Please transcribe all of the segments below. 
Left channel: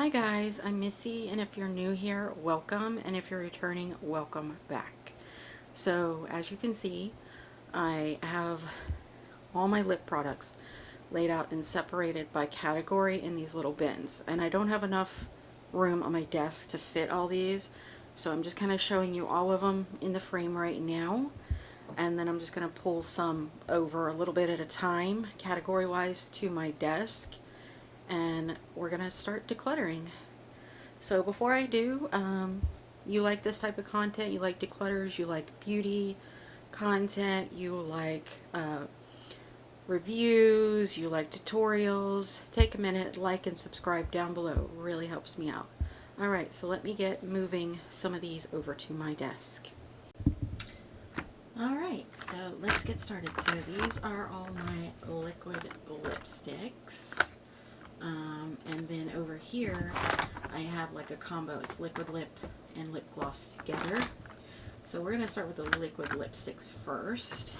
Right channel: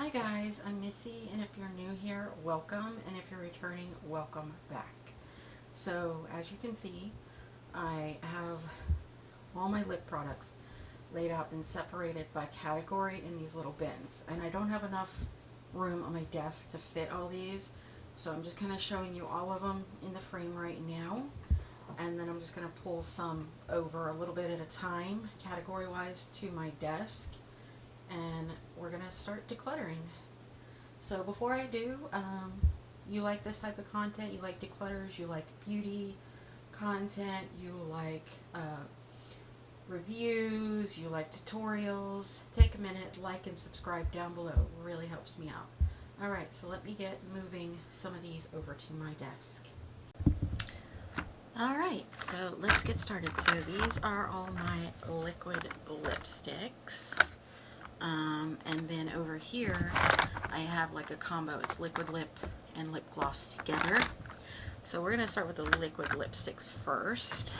Hi guys, I'm Missy, and if you're new here, welcome, and if you're returning, welcome back. So as you can see, I have all my lip products laid out and separated by category in these little bins, and I don't have enough room on my desk to fit all these, so I'm just kind of showing you all of them in the frame right now, and then I'm just going to pull some over a little bit at a time category wise to my desk, and we're gonna start decluttering. So before I do, you like this type of content, you like declutters, you like beauty content, you like reviews, you like tutorials, take a minute, like and subscribe down below. It really helps me out. Alright, so let me get moving some of these over to my desk. Alright, so let's get started. So these are all my liquid lipsticks. And then over here I have like a combo. It's liquid lip and lip gloss together. So we're going to start with the liquid lipsticks first.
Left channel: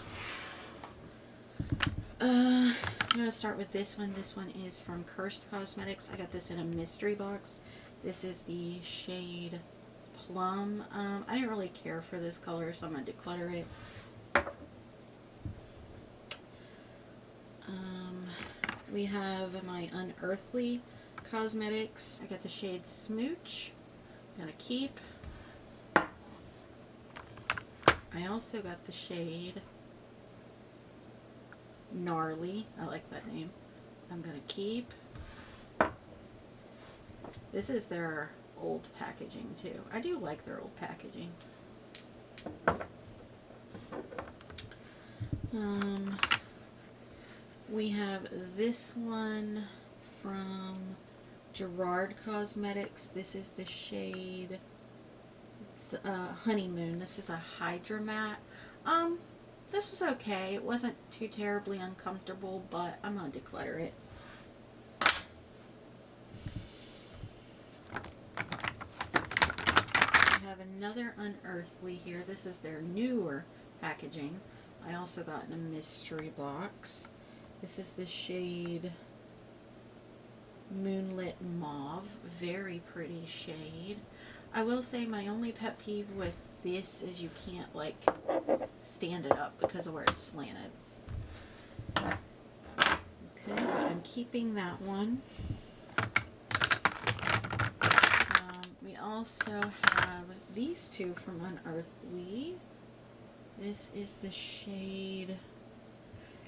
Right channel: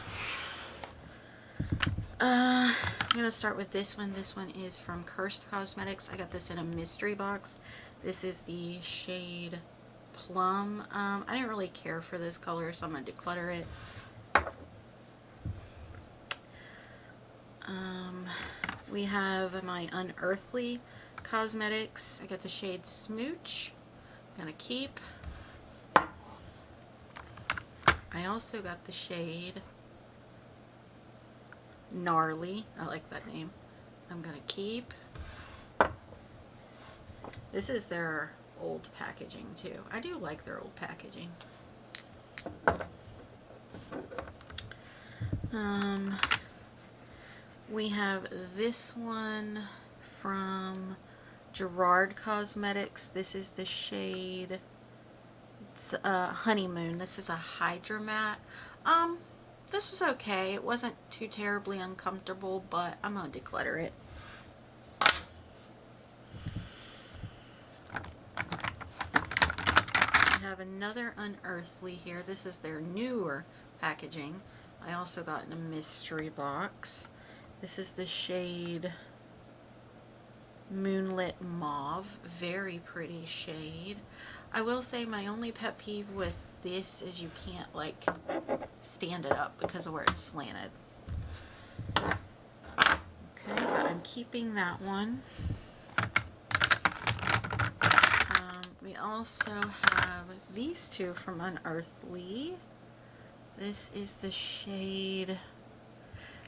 I'm going to start with this one. This one is from Cursed Cosmetics. I got this in a mystery box. This is the shade Plum. I didn't really care for this color, so I'm going to declutter it. We have my Unearthly Cosmetics. I got the shade Smooch. I'm gonna keep. I also got the shade Gnarly. I like that name. I'm gonna keep. This is their old packaging too. I do like their old packaging. We have this one from Gerard Cosmetics. This is the shade Honeymoon. This is a Hydra Matte. This was okay. It wasn't too terribly uncomfortable, but I'm going to declutter it. I have another Unearthly here. This is their newer packaging. I also got in a mystery box. This is the shade Moonlit Mauve. Very pretty shade. I will say my only pet peeve with this is you can't like stand it up because of where it's slanted. Okay, but I'm keeping that one. We also have these two from Unearthly. This is the shade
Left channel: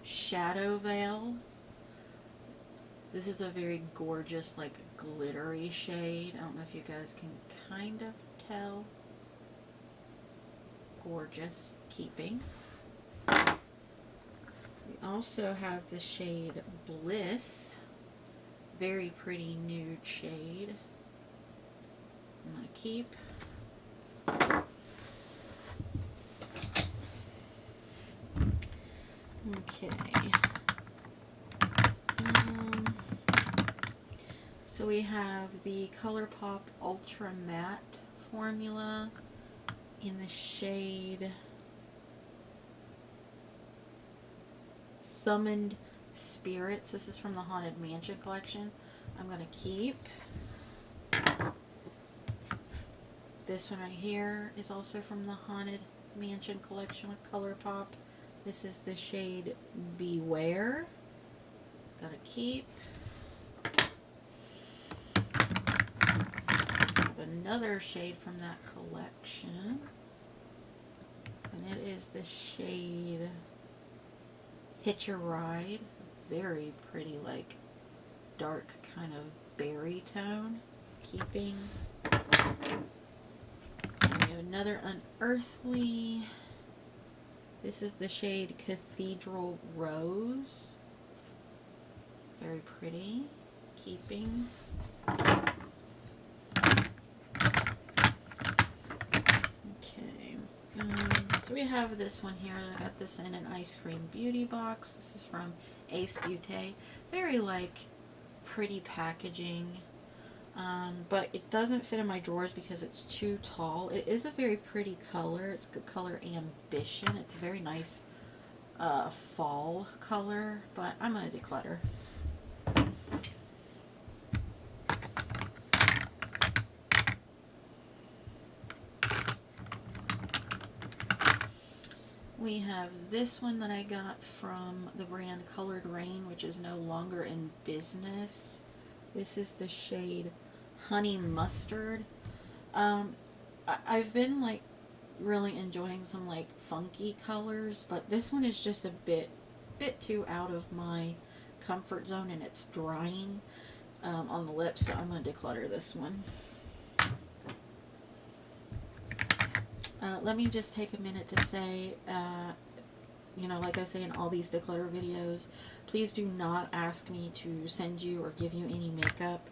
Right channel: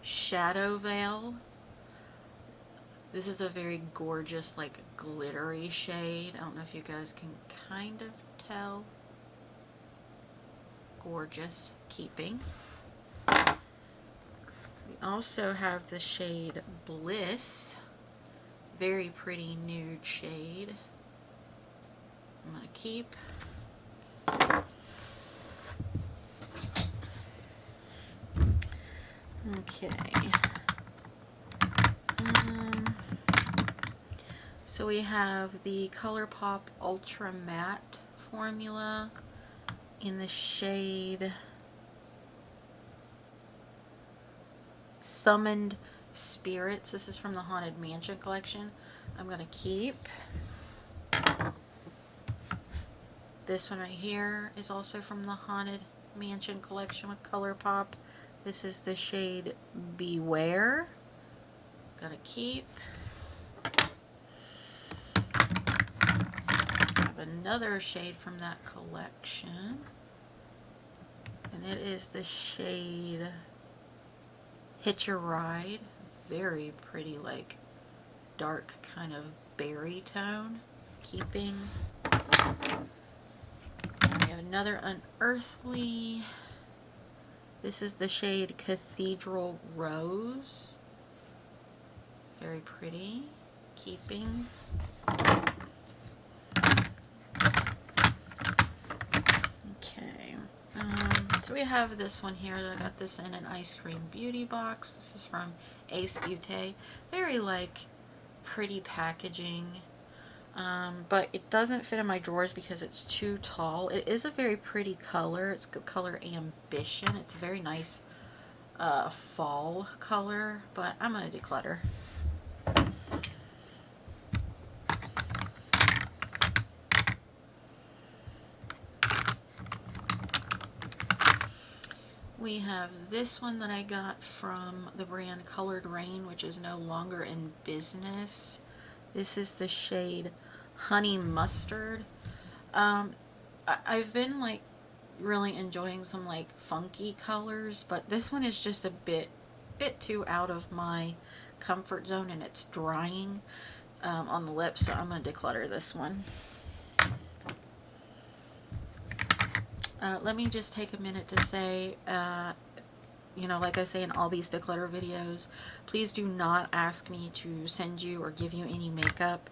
Shadow Veil. This is a very gorgeous, like, glittery shade. I don't know if you guys can kind of tell. Gorgeous. Keeping. We also have the shade Bliss. Very pretty nude shade. I'm going to keep. Okay. So we have the ColourPop Ultra Matte formula in the shade Summoned Spirits. This is from the Haunted Mansion collection. I'm going to keep. This one right here is also from the Haunted Mansion collection with ColourPop. This is the shade Beware. Gotta keep. Have another shade from that collection. And it is the shade Hitch a Ride. Very pretty, like dark kind of berry tone. Keeping. And we have another Unearthly. This is the shade Cathedral Rose. Very pretty. Keeping. Okay. So we have this one here. I got this in an ice cream beauty box. This is from Ace Beauté. Very like pretty packaging. But it doesn't fit in my drawers because it's too tall. It is a very pretty color. It's good color Ambition. It's a very nice fall color, but I'm going to declutter. We have this one that I got from the brand Colored Rain, which is no longer in business. This is the shade Honey Mustard. I've been like really enjoying some like funky colors, but this one is just a bit too out of my comfort zone, and it's drying on the lips, so I'm going to declutter this one. Let me just take a minute to say, you know, like I say in all these declutter videos, please do not ask me to send you or give you any makeup,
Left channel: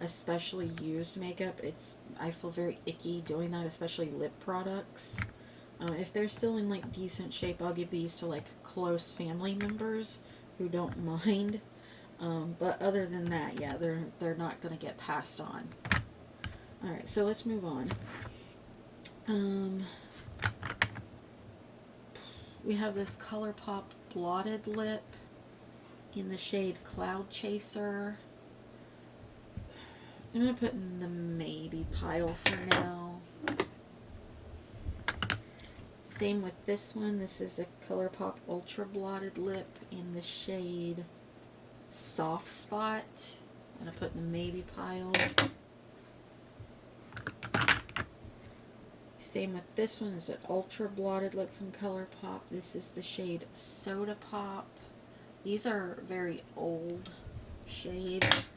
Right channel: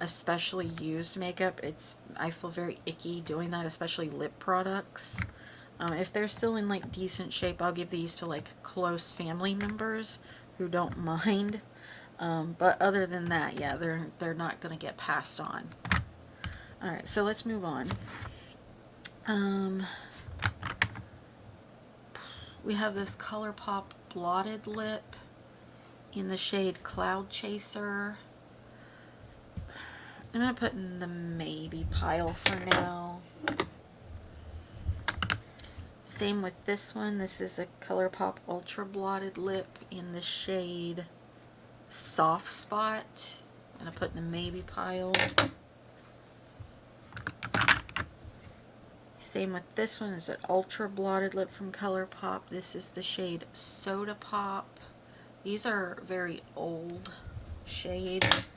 especially used makeup. I feel very icky doing that, especially lip products. If they're still in like decent shape, I'll give these to like close family members who don't mind. But other than that, yeah, they're not going to get passed on. All right, so let's move on. We have this ColourPop blotted lip in the shade Cloud Chaser. I'm going to put in the maybe pile for now. Same with this one. This is a ColourPop Ultra Blotted Lip in the shade Soft Spot. I'm going to put in the maybe pile. Same with this one. Is an Ultra Blotted Lip from ColourPop. This is the shade Soda Pop. These are very old shades.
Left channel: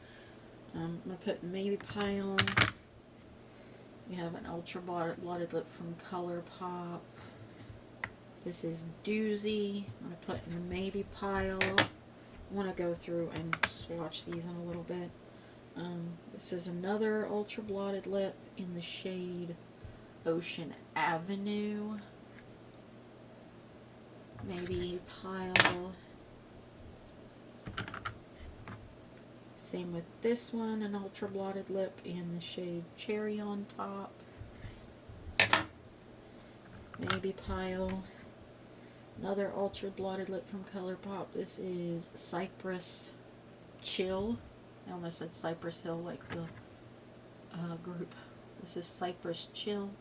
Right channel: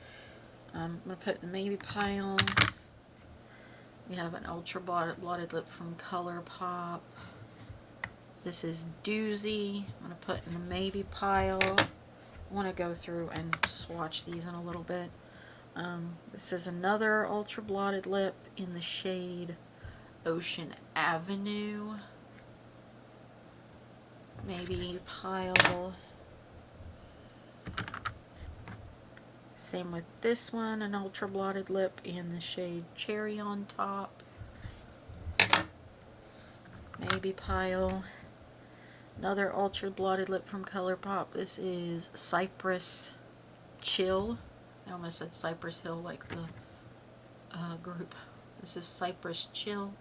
I'm going to put in the maybe pile. We have an Ultra Blotted Lip from ColourPop. This is Doozy. I'm going to put in the maybe pile. I want to go through and swatch these in a little bit. This is another Ultra Blotted Lip in the shade Ocean Avenue. Maybe pile. Same with this one, an Ultra Blotted Lip in the shade Cherry on Top. Maybe pile. Another Ultra Blotted Lip from ColourPop. This is Cypress Chill. I almost said Cypress Hill like the group. This is Cypress Chill.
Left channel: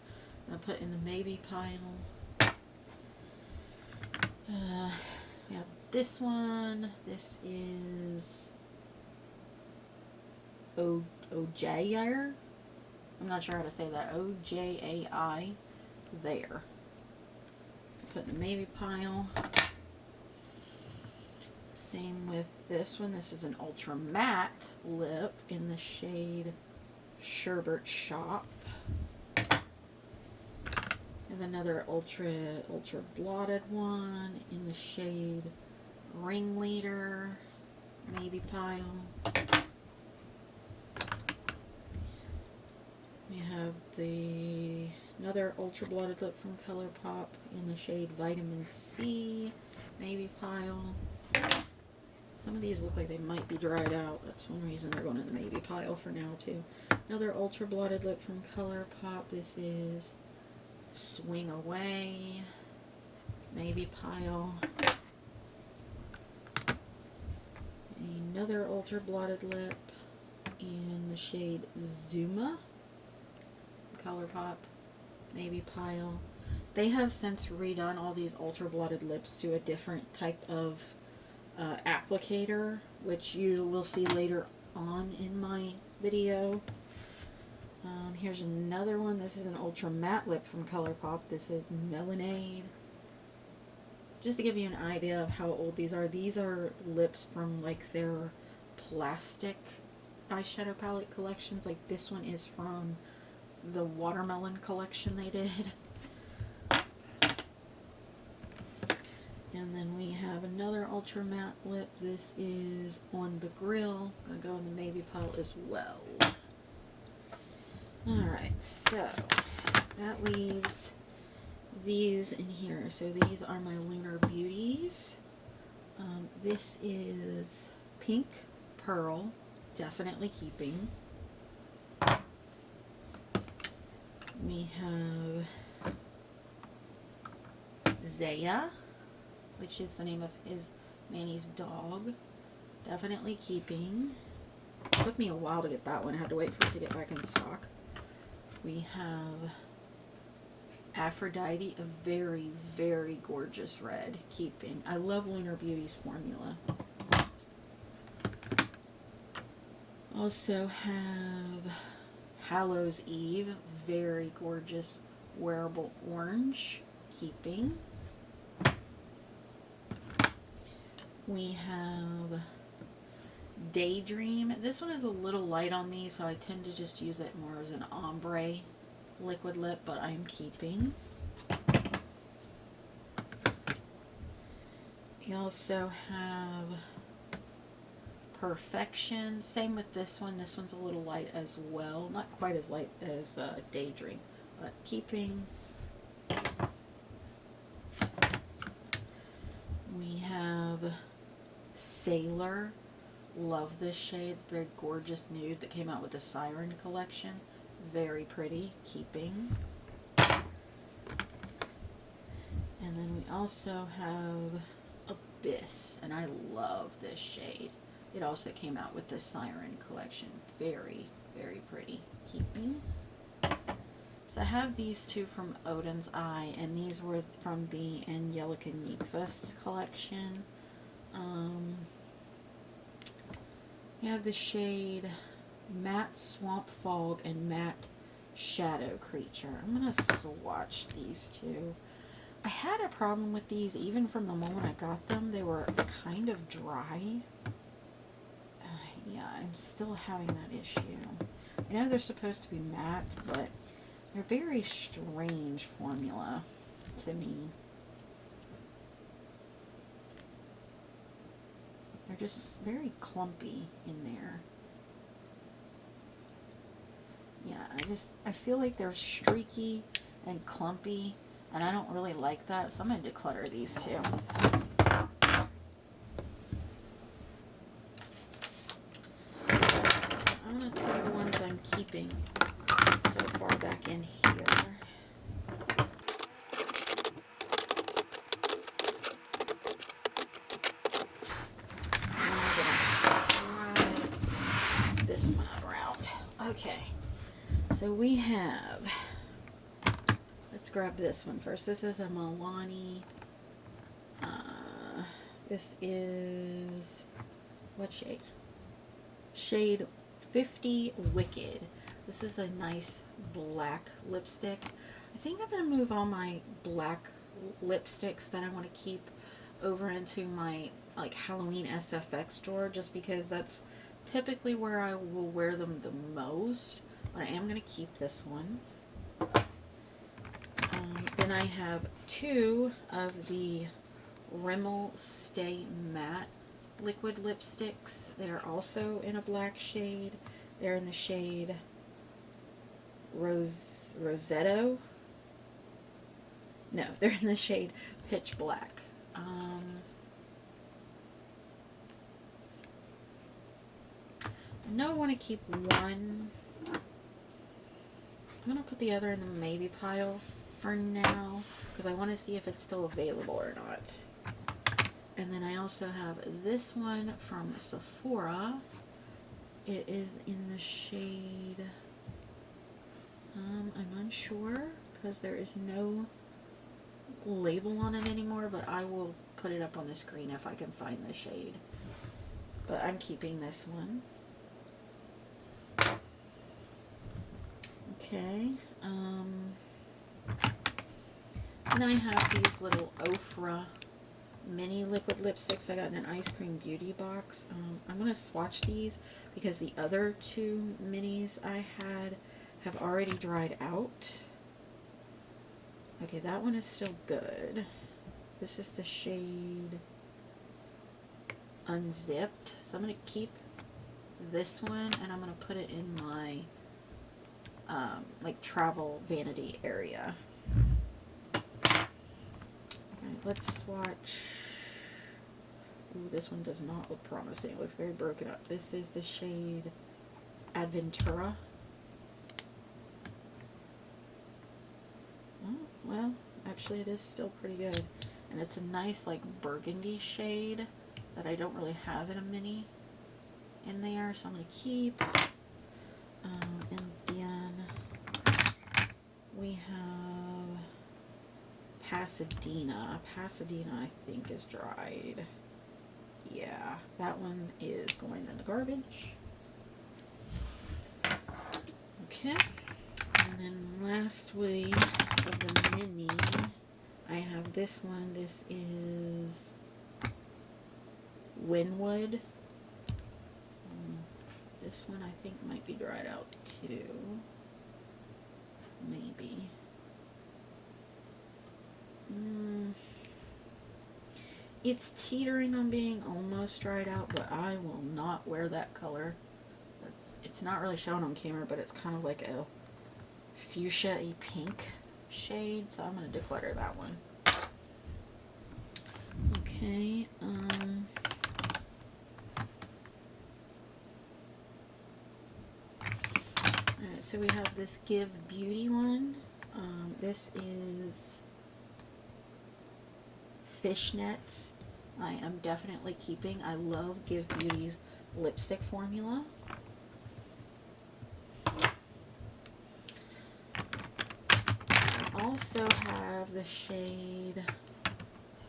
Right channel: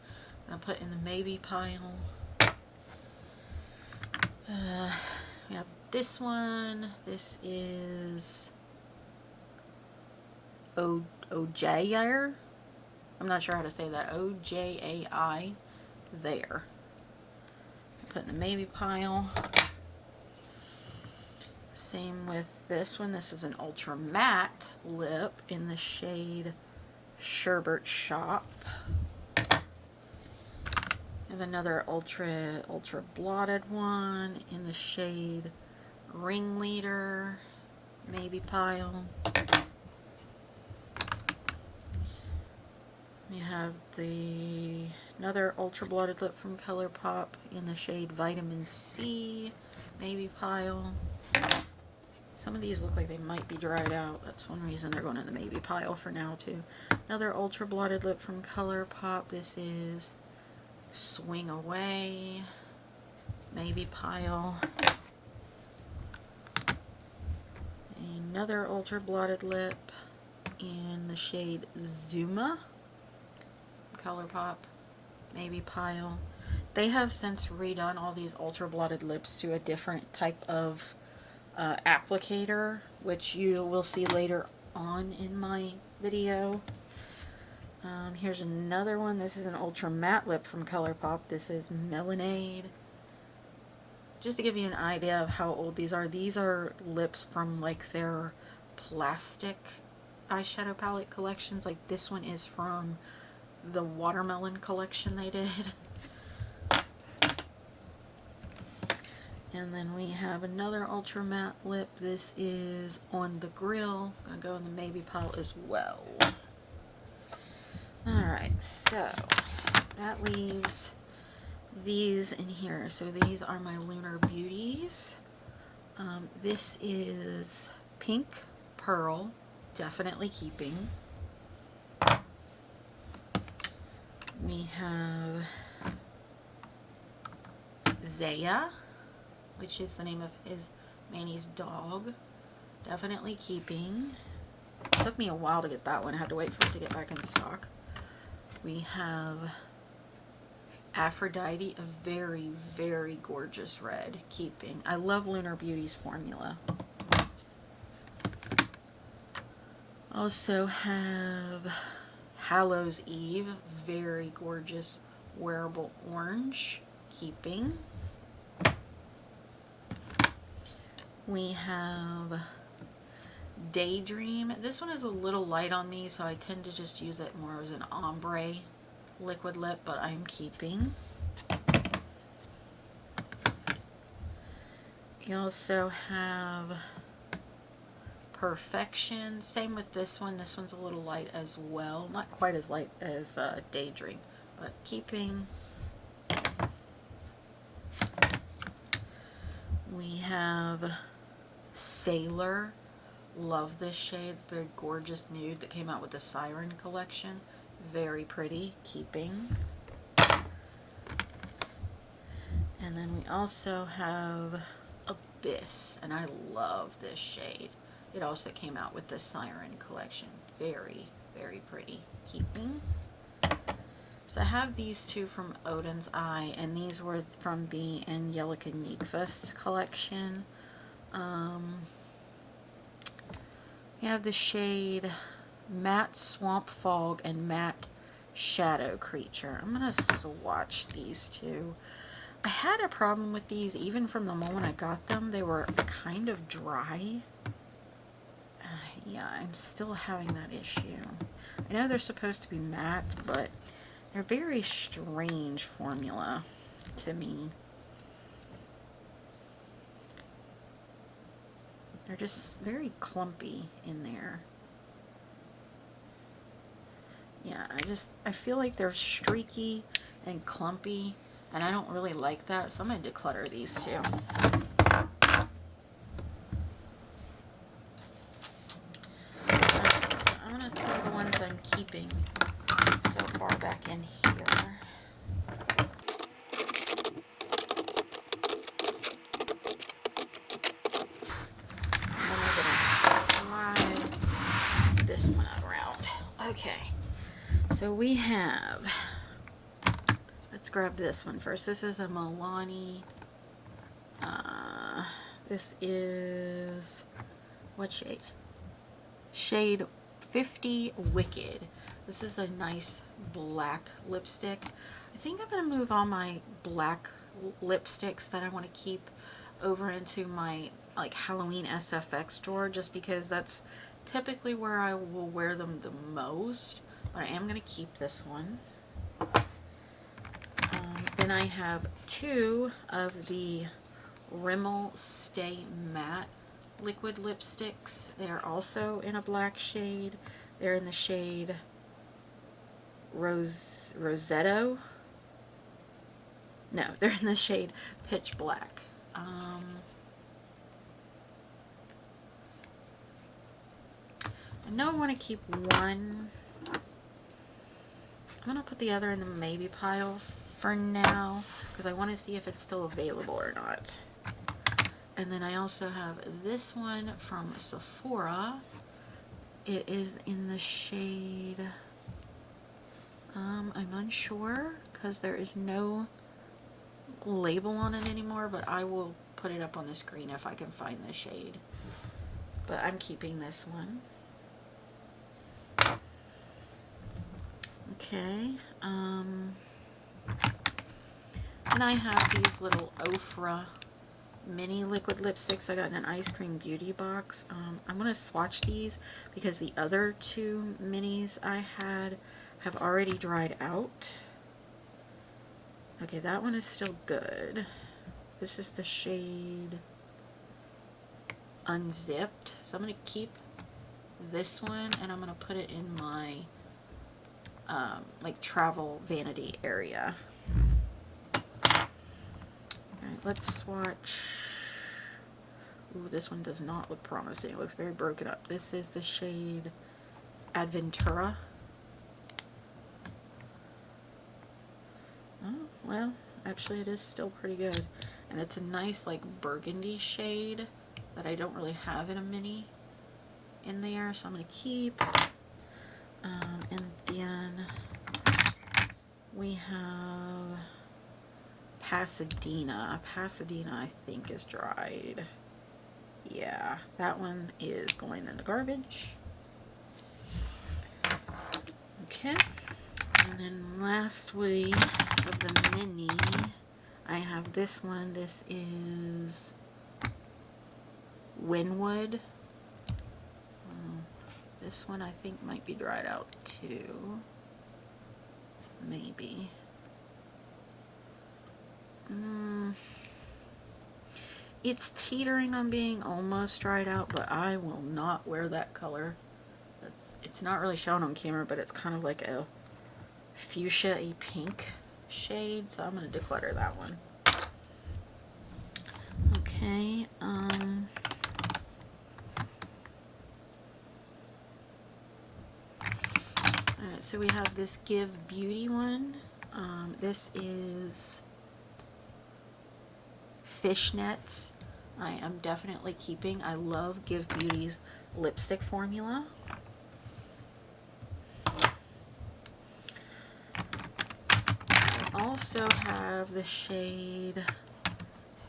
I'm going to put in the maybe pile. We have this one. This is Ojair. I'm not sure how to say that. O-J-A-I. There. Put in the maybe pile. Same with this one. This is an ultra matte lip in the shade Sherbet Shop. I have another ultra blotted one in the shade Ringleader. Maybe pile. We have another ultra blotted lip from ColourPop in the shade Vitamin C. Maybe pile. Some of these look like they might be dried out. That's one reason they're going in the maybe pile for now too. Another ultra blotted lip from ColourPop. This is Swing Away. Maybe pile. Another ultra blotted lip in the shade Zuma. ColourPop. Maybe pile. They have since redone all these ultra blotted lips to a different type of applicator, which you will see later on in my video. Here's another one. This is an ultra matte lip from ColourPop. This is Melonade. Just to give you an idea of how old these are lips from like their plastic eyeshadow palette collections. Like this one is from the watermelon collection they did. And then we have another ultra matte lip. This is On the Grill. I'm going to go in the maybe pile as well. Alright, so that leaves these in here. So these are my Lunar Beauties. This is Pink Pearl, definitely keeping. We have Zaya, which is the name of Manny's dog. Definitely keeping. It took me a while to get that one. I had to wait for it to get back in stock. We have Aphrodite, a very, very gorgeous red. Keeping. I love Lunar Beauty's formula. Also have Hallows Eve, very gorgeous wearable orange. Keeping. We have Daydream. This one is a little light on me, so I tend to just use it more as an ombre liquid lip, but I'm keeping. You also have Perfection. Same with this one. This one's a little light as well. Not quite as light as Daydream, but keeping. We have Sailor. Love this shade. It's a very gorgeous nude that came out with the Siren collection. Very pretty. Keeping. And then we also have Abyss, and I love this shade. It also came out with the Siren collection. Very, very pretty. Keeping. So I have these two from Odin's Eye, and these were from the Angelica Nyqvist collection. We have the shade Matte Swamp Fog and Matte Shadow Creature. I'm going to swatch these two. I had a problem with these even from the moment I got them. They were kind of dry. Yeah, I'm still having that issue. I know they're supposed to be matte, but they're very strange formula to me. They're just very clumpy in there. Yeah, I feel like they're streaky and clumpy, and I don't really like that, so I'm going to declutter these two. So I'm going to throw the ones I'm keeping so far back in here. This one around. Okay, so we have, let's grab this one first. This is a Milani. This is, what shade? Shade 50 Wicked. This is a nice black lipstick. I think I'm going to move all my black lipsticks that I want to keep over into my like Halloween SFX drawer, just because that's typically where I will wear them the most. But I am going to keep this one. Then I have two of the Rimmel Stay Matte liquid lipsticks. They are also in a black shade. They're in the shade Rosetto. No, they're in the shade Pitch Black. I know I want to keep one. I'm going to put the other in the maybe pile for now, because I want to see if it's still available or not. And then I also have this one from Sephora. It is in the shade, I'm unsure because there is no label on it anymore, but I will put it up on the screen if I can find the shade. But I'm keeping this one. Okay, and I have these little Ofra mini liquid lipsticks I got in an Ice Cream Beauty box. I'm going to swatch these because the other two minis I had have already dried out. Okay, that one is still good. This is the shade Unzipped. So I'm going to keep this one, and I'm going to put it in my like travel vanity area. Alright, let's swatch. Ooh, this one does not look promising. It looks very broken up. This is the shade Adventura. Oh, well, actually it is still pretty good. And it's a nice like burgundy shade that I don't really have in a mini in there, so I'm going to keep. And then we have Pasadena. Pasadena, I think, is dried. Yeah, that one is going in the garbage. Okay. And then lastly, of the mini, I have this one. This is Winwood. This one I think might be dried out too. Maybe. It's teetering on being almost dried out, but I will not wear that color. It's not really shown on camera, but it's kind of like a fuchsia-y pink shade, so I'm going to declutter that one. Okay, alright, so we have this Give Beauty one. This is fishnets. I am definitely keeping. I love Give Beauty's lipstick formula. I also have the shade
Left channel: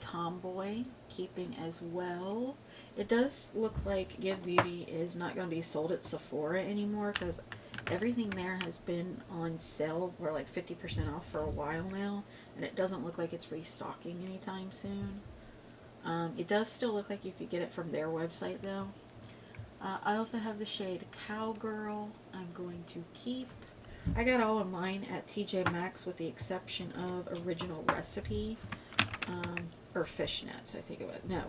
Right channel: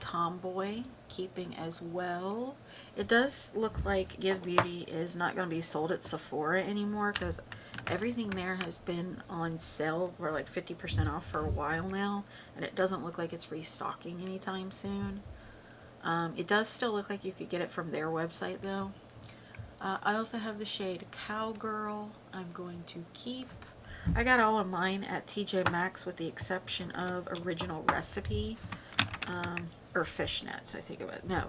Tomboy, keeping as well. It does look like Give Beauty is not going to be sold at Sephora anymore because everything there has been on sale for like 50% off for a while now, and it doesn't look like it's restocking anytime soon. It does still look like you could get it from their website though. I also have the shade Cowgirl. I'm going to keep. I got all of mine at TJ Maxx with the exception of Original Recipe, or Fishnets, I think it was. No,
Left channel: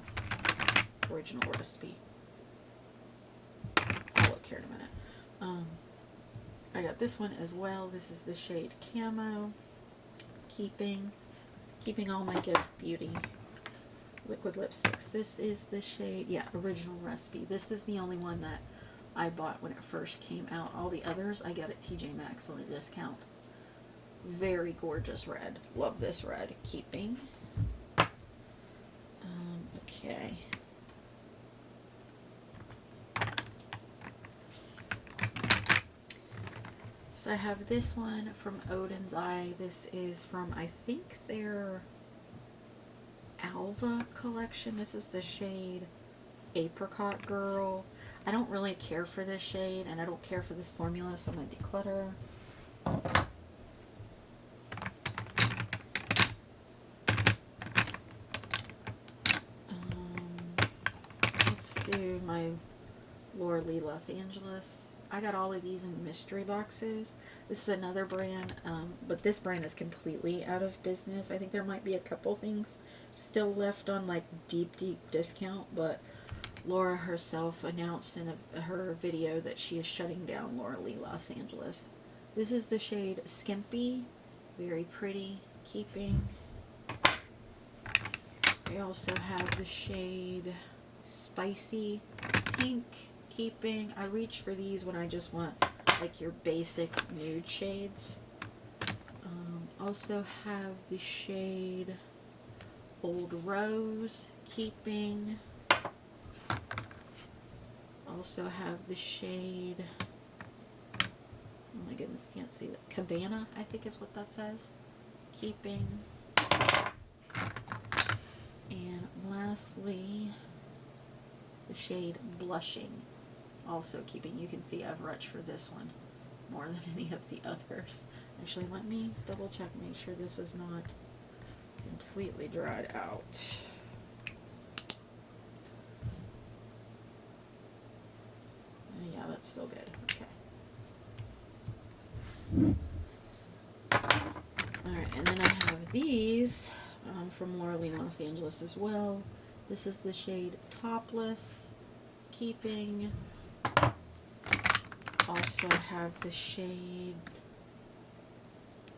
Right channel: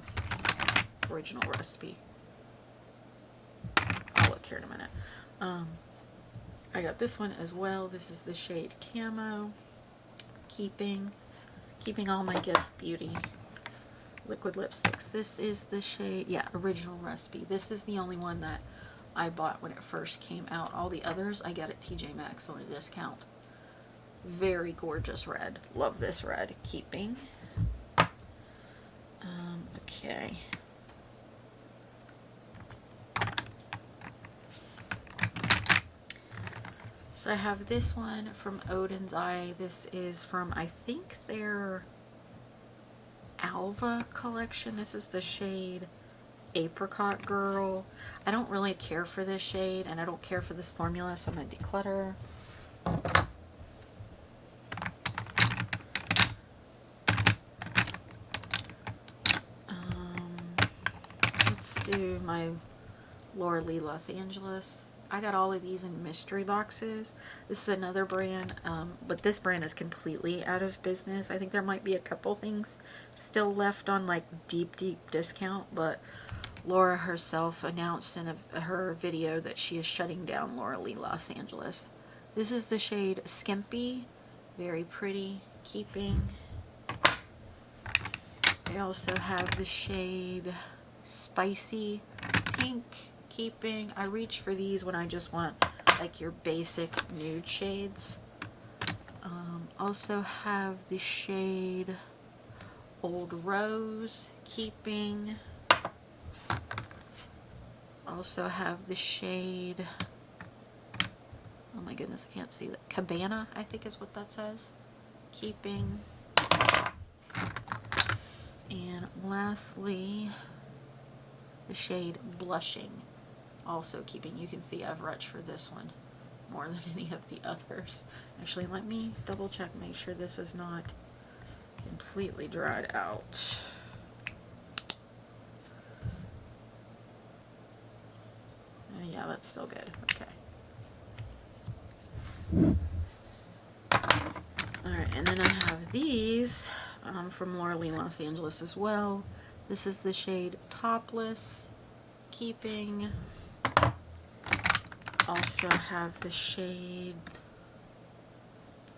Original Recipe. I'll look here in a minute. I got this one as well. This is the shade Camo. Keeping all my Give Beauty liquid lipsticks. This is the shade, yeah, Original Recipe. This is the only one that I bought when it first came out. All the others I got at TJ Maxx on a discount. Very gorgeous red. Love this red. Keeping. Okay. So I have this one from Odin's Eye. This is from, I think, their Alva collection. This is the shade Apricot Girl. I don't really care for this shade, and I don't care for this formula, so I'm going to declutter. Let's do my Laura Lee Los Angeles. I got all of these in mystery boxes. This is another brand, but this brand is completely out of business. I think there might be a couple things still left on like deep discount, but Laura herself announced in her video that she is shutting down Laura Lee Los Angeles. This is the shade Skimpy. Very pretty. Keeping. I also have the shade Spicy Pink. Keeping. I reach for these when I just want like your basic nude shades. Also have the shade Old Rose. Keeping. Also have the shade, oh my goodness, I can't see that, Cabana, I think is what that says. Keeping. And lastly, the shade Blushing. Also keeping. You can see I've reached for this one more than any of the others. Actually, let me double check, make sure this is not completely dried out. Yeah, that's still good. Okay. Alright, and then I have these from Laura Lee Los Angeles as well. This is the shade Topless. Keeping. Also have the shade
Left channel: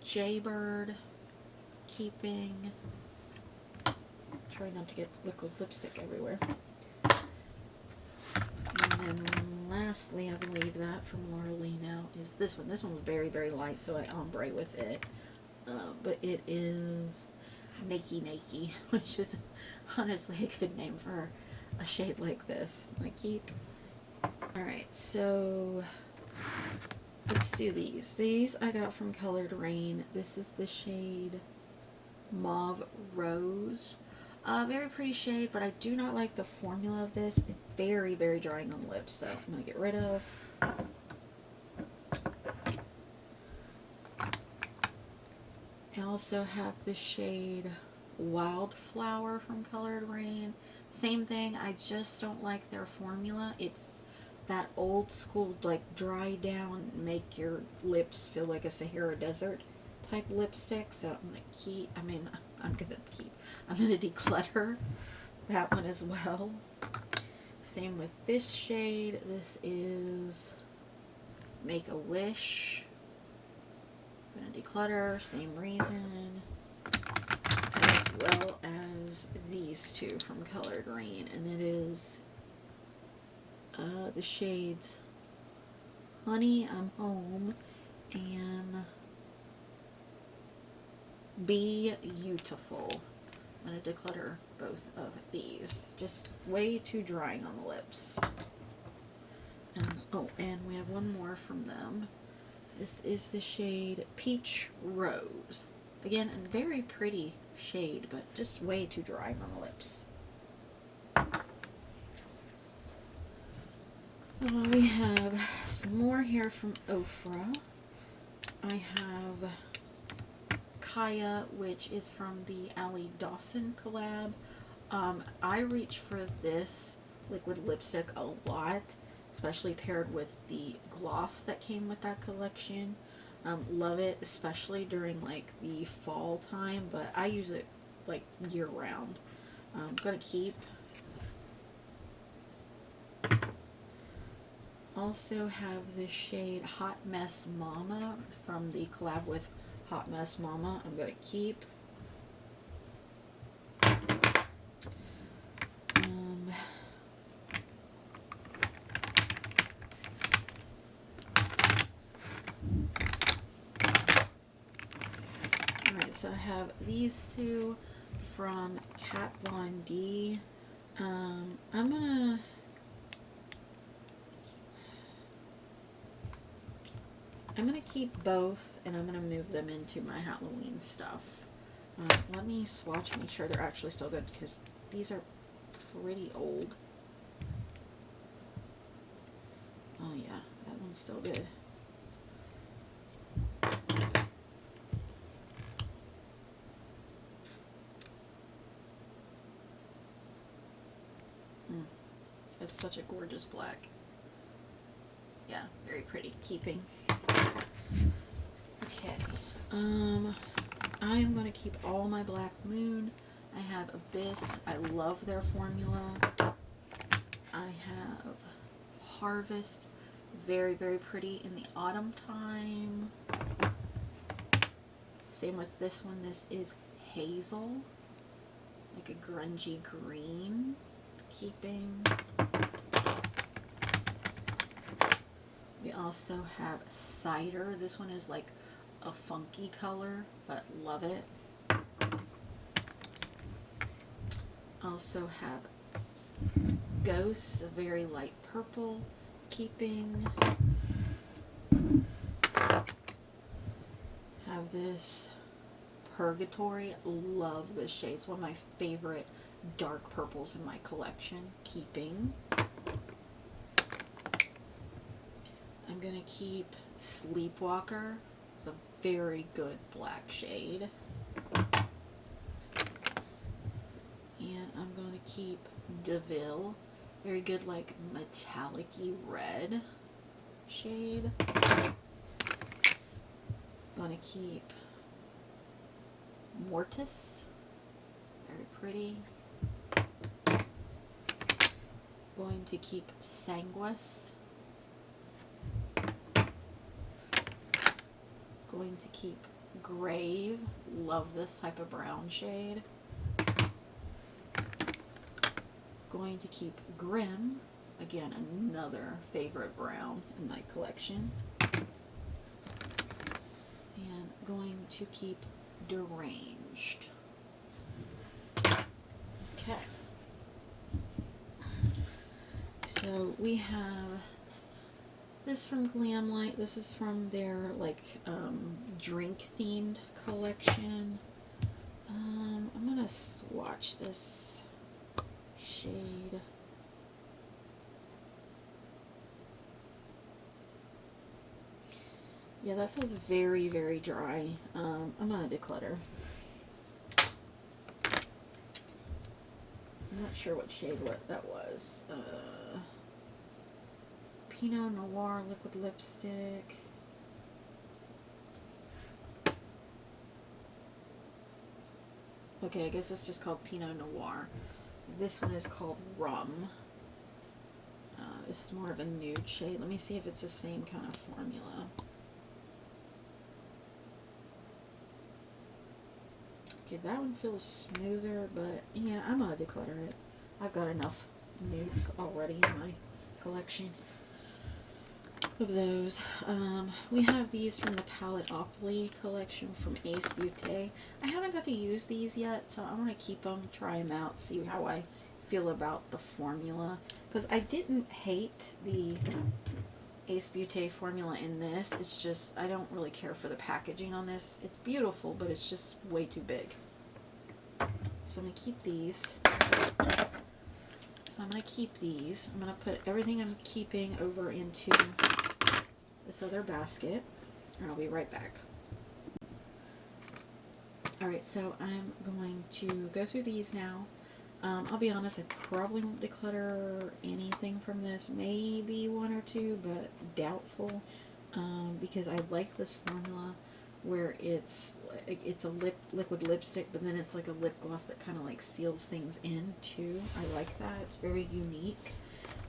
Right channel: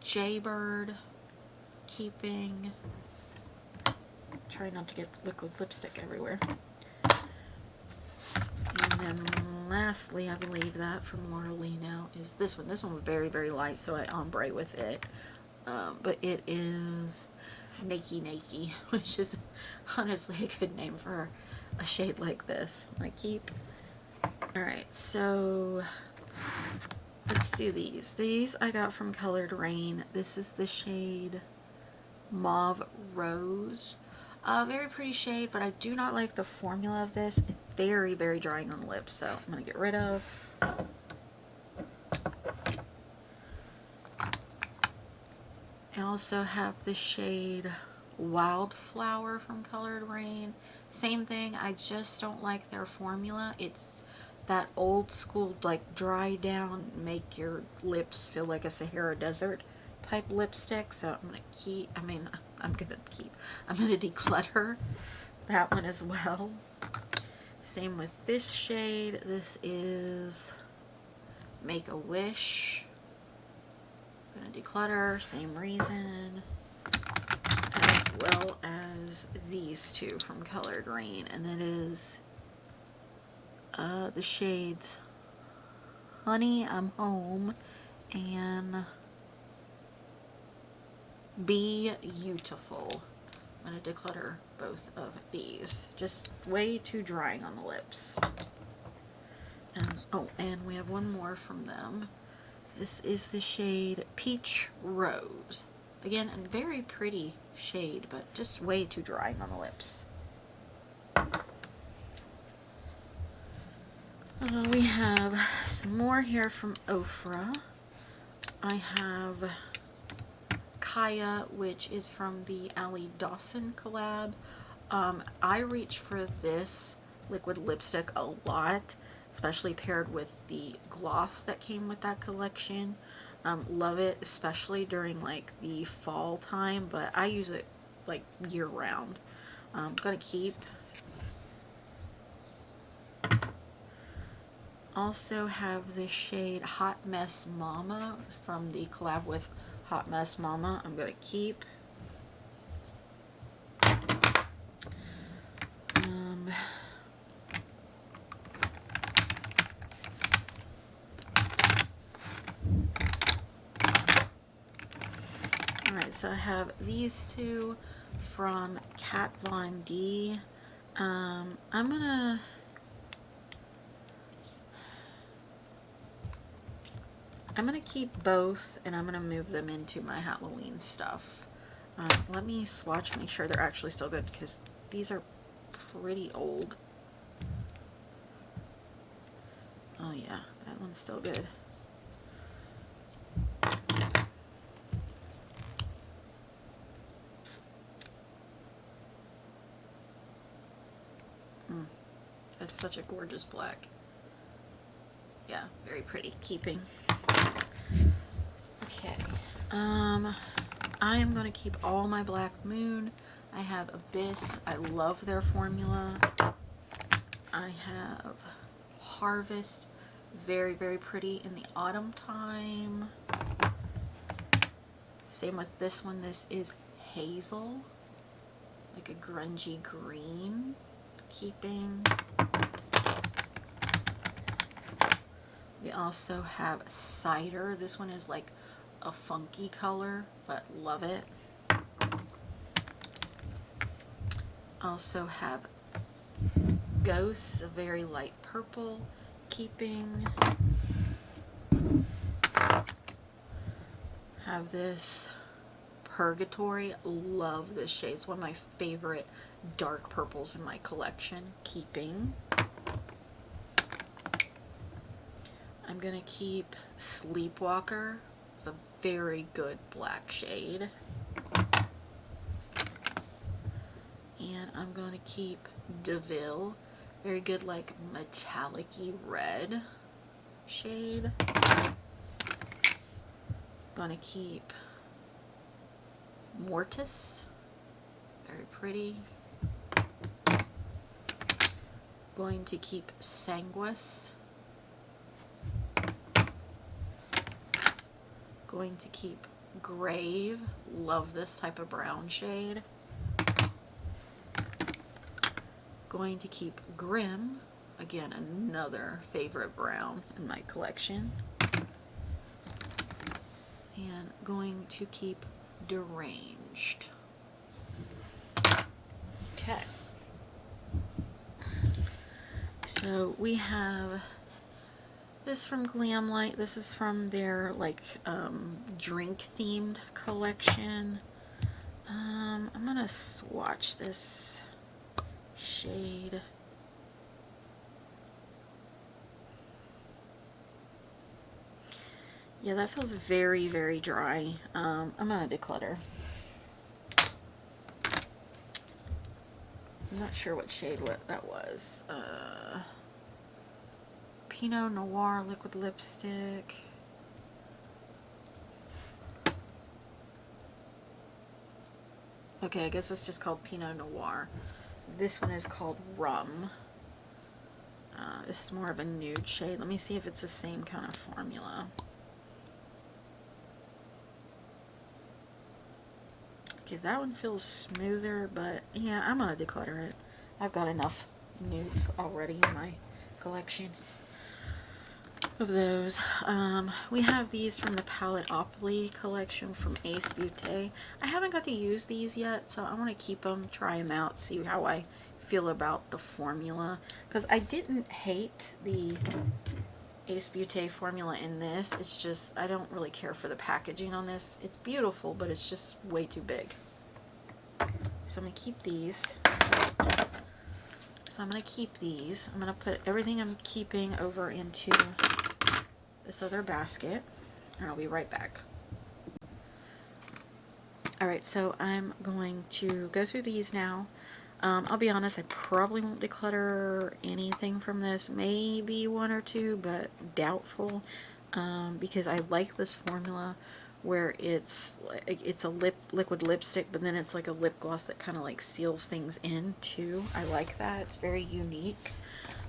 Jaybird. Keeping. Try not to get liquid lipstick everywhere. And then lastly, I believe that from Laura Lee now is this one. This one was very, very light, so I ombre with it. But it is Nakey, which is honestly a good name for a shade like this. I keep. Alright, so let's do these. These I got from Colored Rain. This is the shade Mauve Rose. Very pretty shade, but I do not like the formula of this. It's very, very drying on the lips, so I'm going to get rid of. I also have the shade Wildflower from Colored Rain. Same thing, I just don't like their formula. It's that old school, like, dry down, make your lips feel like a Sahara Desert type lipstick. So I'm going to keep, I'm going to declutter that one as well. Same with this shade. This is Make a Wish. I'm going to declutter, same reason, as well as these two from Colored Rain, and that is the shades Honey, I'm Home, and Be Beautiful. I'm going to declutter both of these. Just way too drying on the lips. And, oh, and we have one more from them. This is the shade Peach Rose. Again, a very pretty shade, but just way too drying on the lips. We have some more here from Ofra. I have Kaya, which is from the Allie Dawson collab. I reach for this liquid lipstick a lot, especially paired with the gloss that came with that collection. Love it, especially during like the fall time, but I use it like year round. I'm gonna keep. Also have the shade Hot Mess Mama from the collab with Hot Mess Mama. I'm gonna keep. Alright, so I have these two from Kat Von D. I'm gonna keep both, and I'm gonna move them into my Halloween stuff. Let me swatch, make sure they're actually still good, because these are pretty old. Oh yeah, that one's still good. That's such a gorgeous black. Yeah, very pretty. Keeping. Okay. I am going to keep all my Black Moon. I have Abyss. I love their formula. I have Harvest. Very, very pretty in the autumn time. Same with this one. This is Hazel. Like a grungy green. Keeping. We also have Cider. This one is like a funky color, but love it. Also have Ghosts, a very light purple. Keeping. Have this Purgatory. Love this shade. It's one of my favorite dark purples in my collection. Keeping. I'm going to keep Sleepwalker. It's a very good black shade. And I'm going to keep DeVille. Very good, like, metallic-y red shade. Going to keep Mortis. Very pretty. Going to keep Sanguis. Going to keep Grave. Love this type of brown shade. Going to keep Grim. Again, another favorite brown in my collection. And going to keep Deranged. Okay. So we have this from Glamlight. This is from their like drink themed collection. I'm gonna swatch this shade. Yeah, that feels very, very dry. I'm gonna declutter. I'm not sure what shade that was. Pinot Noir liquid lipstick. Okay, I guess it's just called Pinot Noir. This one is called Rum. This is more of a nude shade. Let me see if it's the same kind of formula. Okay, that one feels smoother, but yeah, I'm gonna declutter it. I've got enough nudes already in my collection of those. We have these from the Palettopoly collection from Ace Beauté. I haven't got to use these yet, so I want to keep them, try them out, see how I feel about the formula. Because I didn't hate the Ace Beauté formula in this. It's just, I don't really care for the packaging on this. It's beautiful, but it's just way too big. So I'm going to keep these. I'm going to put everything I'm keeping over into this other basket, and I'll be right back. Alright, so I'm going to go through these now. I'll be honest, I probably won't declutter anything from this. Maybe one or two, but doubtful, because I like this formula where it's a liquid lipstick, but then it's like a lip gloss that kind of like seals things in too. I like that. It's very unique.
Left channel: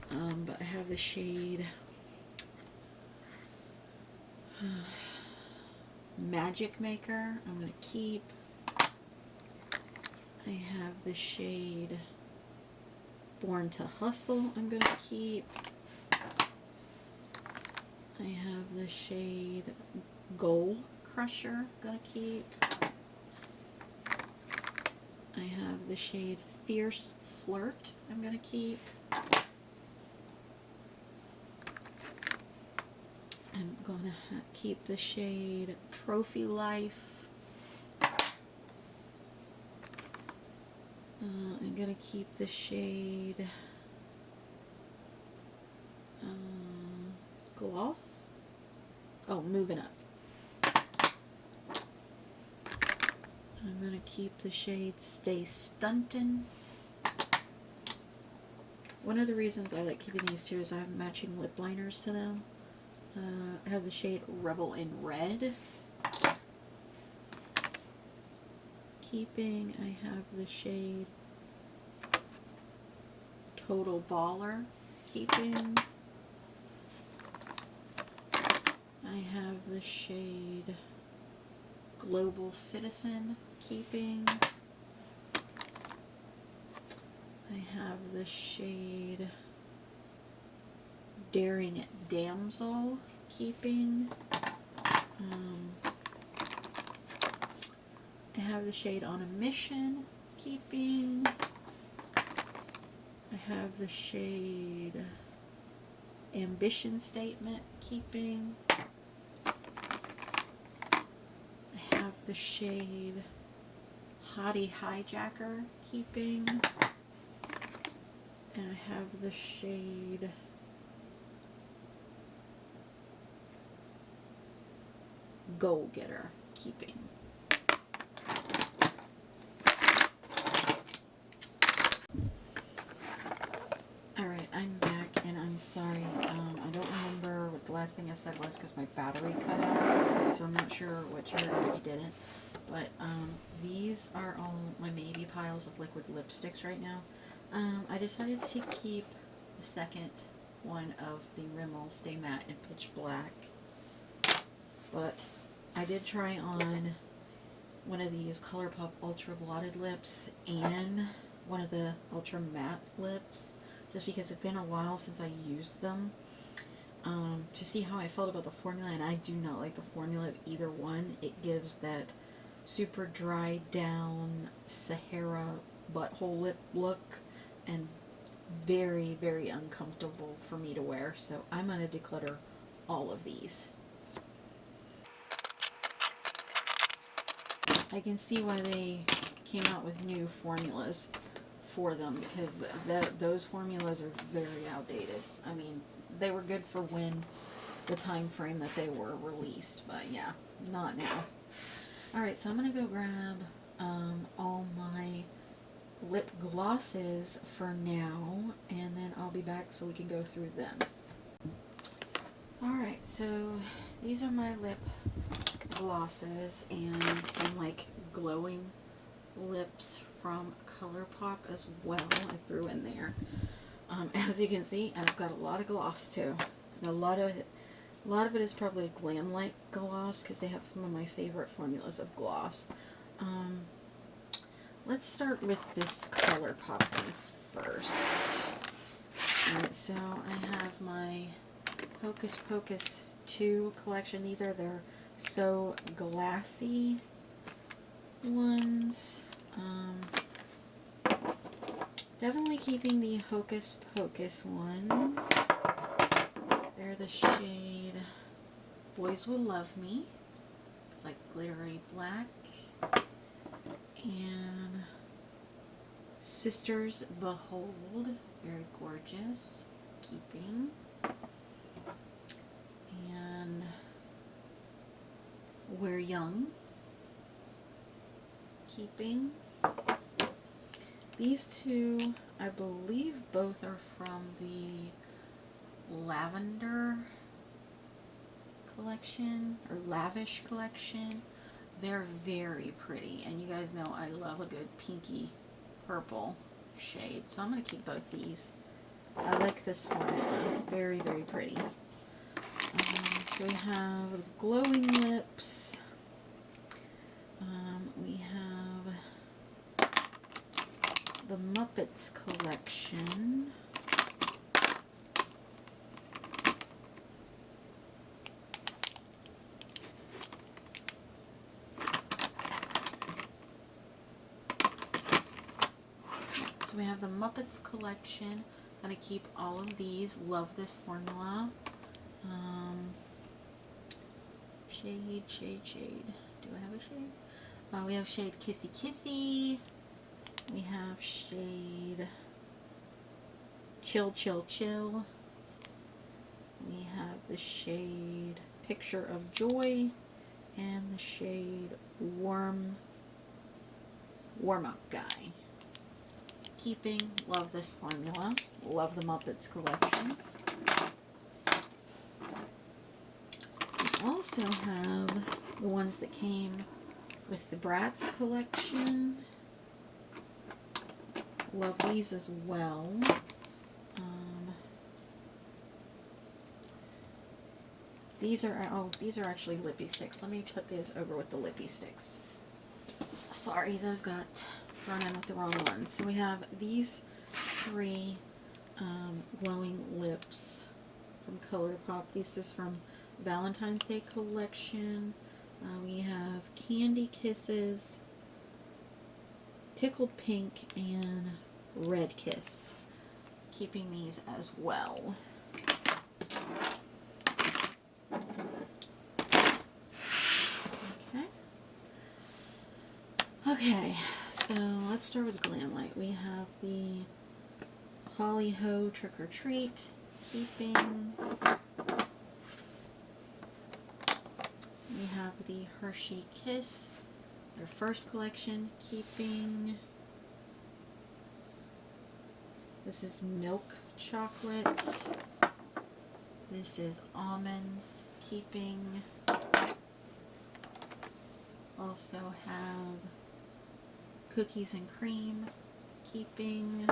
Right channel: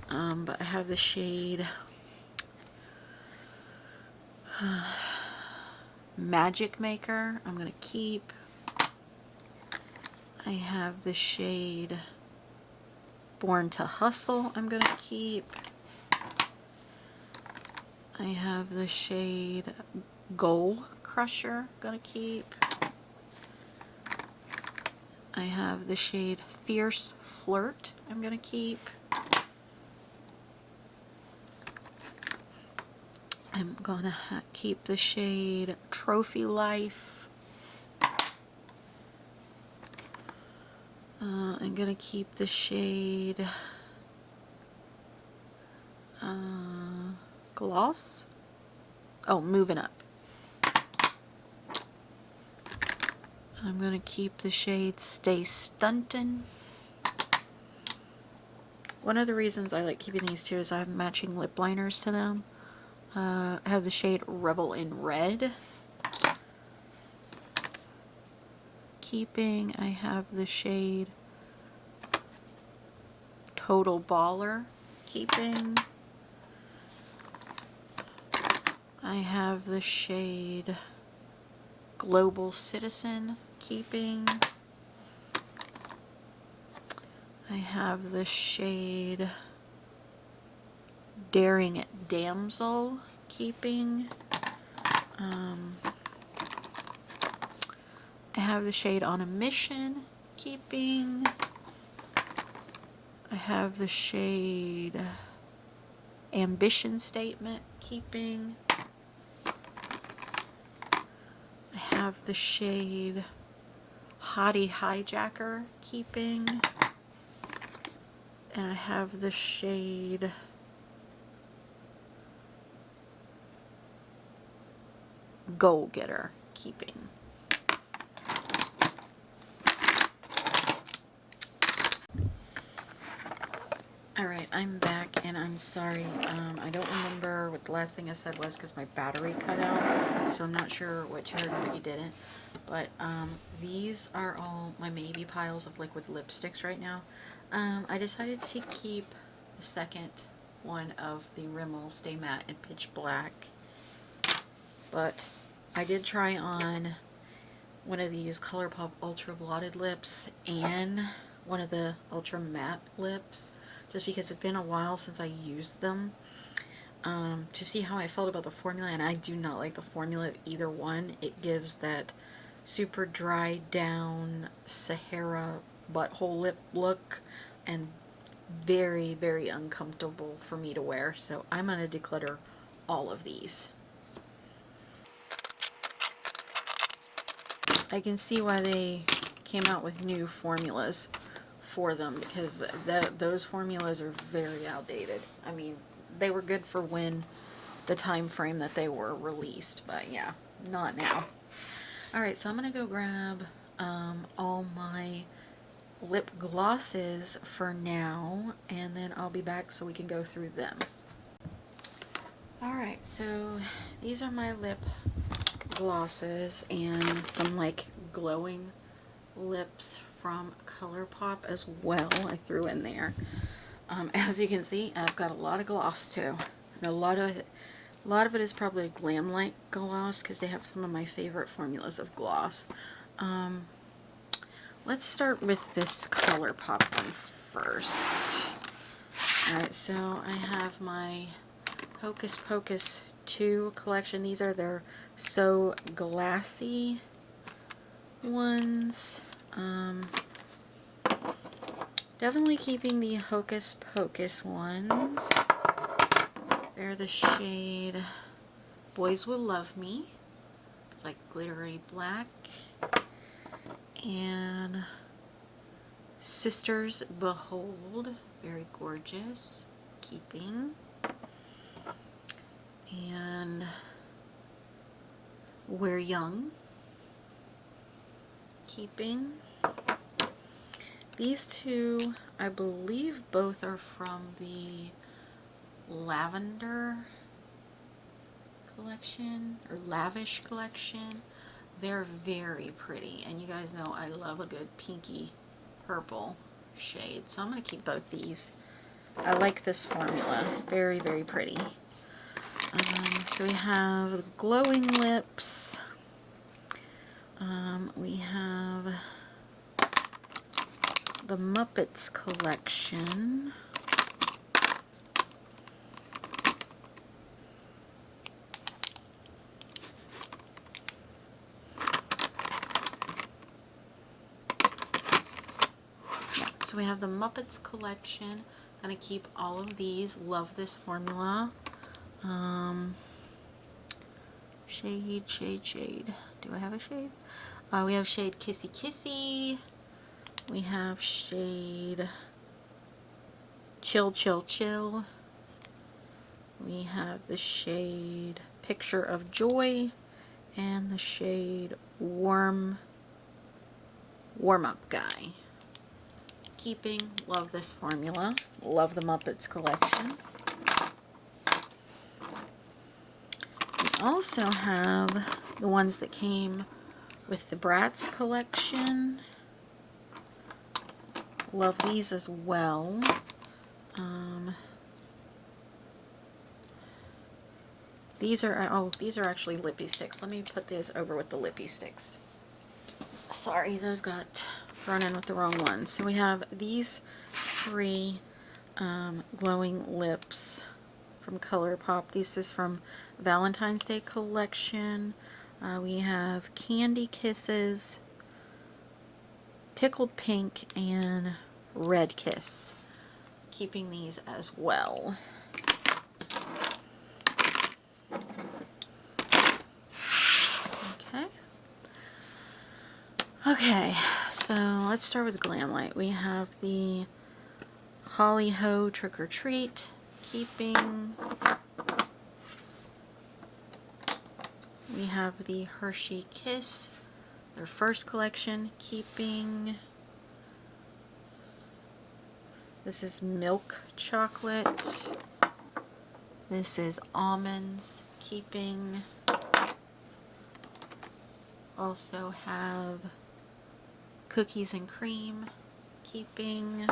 But I have the shade Magic Maker. I'm going to keep. I have the shade Born to Hustle. I'm going to keep. I have the shade Goal Crusher. Going to keep. I have the shade Fierce Flirt. I'm going to keep. I'm going to keep the shade Trophy Life. I'm going to keep the shade Gloss. Oh, Moving Up. I'm going to keep the shade Stay Stuntin'. One of the reasons I like keeping these two is I have matching lip liners to them. I have the shade Rebel in Red. Keeping, I have the shade Total Baller. Keeping, I have the shade Global Citizen. Keeping, I have the shade Daring Damsel. Keeping, I have the shade On a Mission. Keeping, I have the shade Ambition Statement. Keeping, I have the shade Hottie Hijacker. Keeping, and I have the shade Goal Getter. Keeping. Alright, I'm back, and I'm sorry, I don't remember what the last thing I said was because my battery cut out, so I'm not sure what you heard or what you didn't, but these are all my maybe piles of liquid lipsticks right now. I decided to keep the second one of the Rimmel Stay Matte in Pitch Black, but I did try on one of these ColourPop Ultra Blotted Lips and one of the Ultra Matte Lips, just because it's been a while since I used them, to see how I felt about the formula, and I do not like the formula of either one. It gives that super dry down Sahara butthole lip look, and very, very uncomfortable for me to wear, so I'm going to declutter all of these. I can see why they came out with new formulas for them, because those formulas are very outdated. I mean, they were good for when the time frame that they were released, but yeah, not now. Alright, so I'm going to go grab all my lip glosses for now, and then I'll be back so we can go through them. Alright, so these are my lip glosses and some like glowing lips from ColourPop as well. I threw in there. As you can see, I've got a lot of gloss too. And a lot of it is probably a glam light gloss, because they have some of my favorite formulas of gloss. Let's start with this ColourPop one first. Alright, so I have my Hocus Pocus 2 collection. These are their So Glassy ones. Definitely keeping the Hocus Pocus ones. They're the shade Boys Will Love Me. It's like glittery black. And Sisters Behold. Very gorgeous. Keeping. And We're Young. Keeping. These two, I believe both are from the Lavender collection, or Lavish collection. They're very pretty, and you guys know I love a good pinky purple shade, so I'm going to keep both these. I like this formula. Very, very pretty. So we have glowing lips. We have the Muppets collection. So we have the Muppets collection. Gonna keep all of these. Love this formula. Shade. Do I have a shade? We have shade Kissy Kissy. We have shade Chill Chill Chill. We have the shade Picture of Joy, and the shade Warm Up Guy. Keeping. Love this formula. Love the Muppets collection. We also have the ones that came with the Bratz collection. Love these as well. These are actually lippy sticks. Let me put these over with the lippy sticks. Sorry, those got thrown in with the wrong ones. So we have these three glowing lips from ColourPop. This is from Valentine's Day collection. We have Candy Kisses, Tickled Pink, and Red Kiss. Keeping these as well. Okay, so let's start with Glam Light. We have the Holly Ho Trick or Treat. Keeping. We have the Hershey Kiss, their first collection. Keeping. This is milk chocolate. This is almonds. Keeping. Also have cookies and cream. Keeping.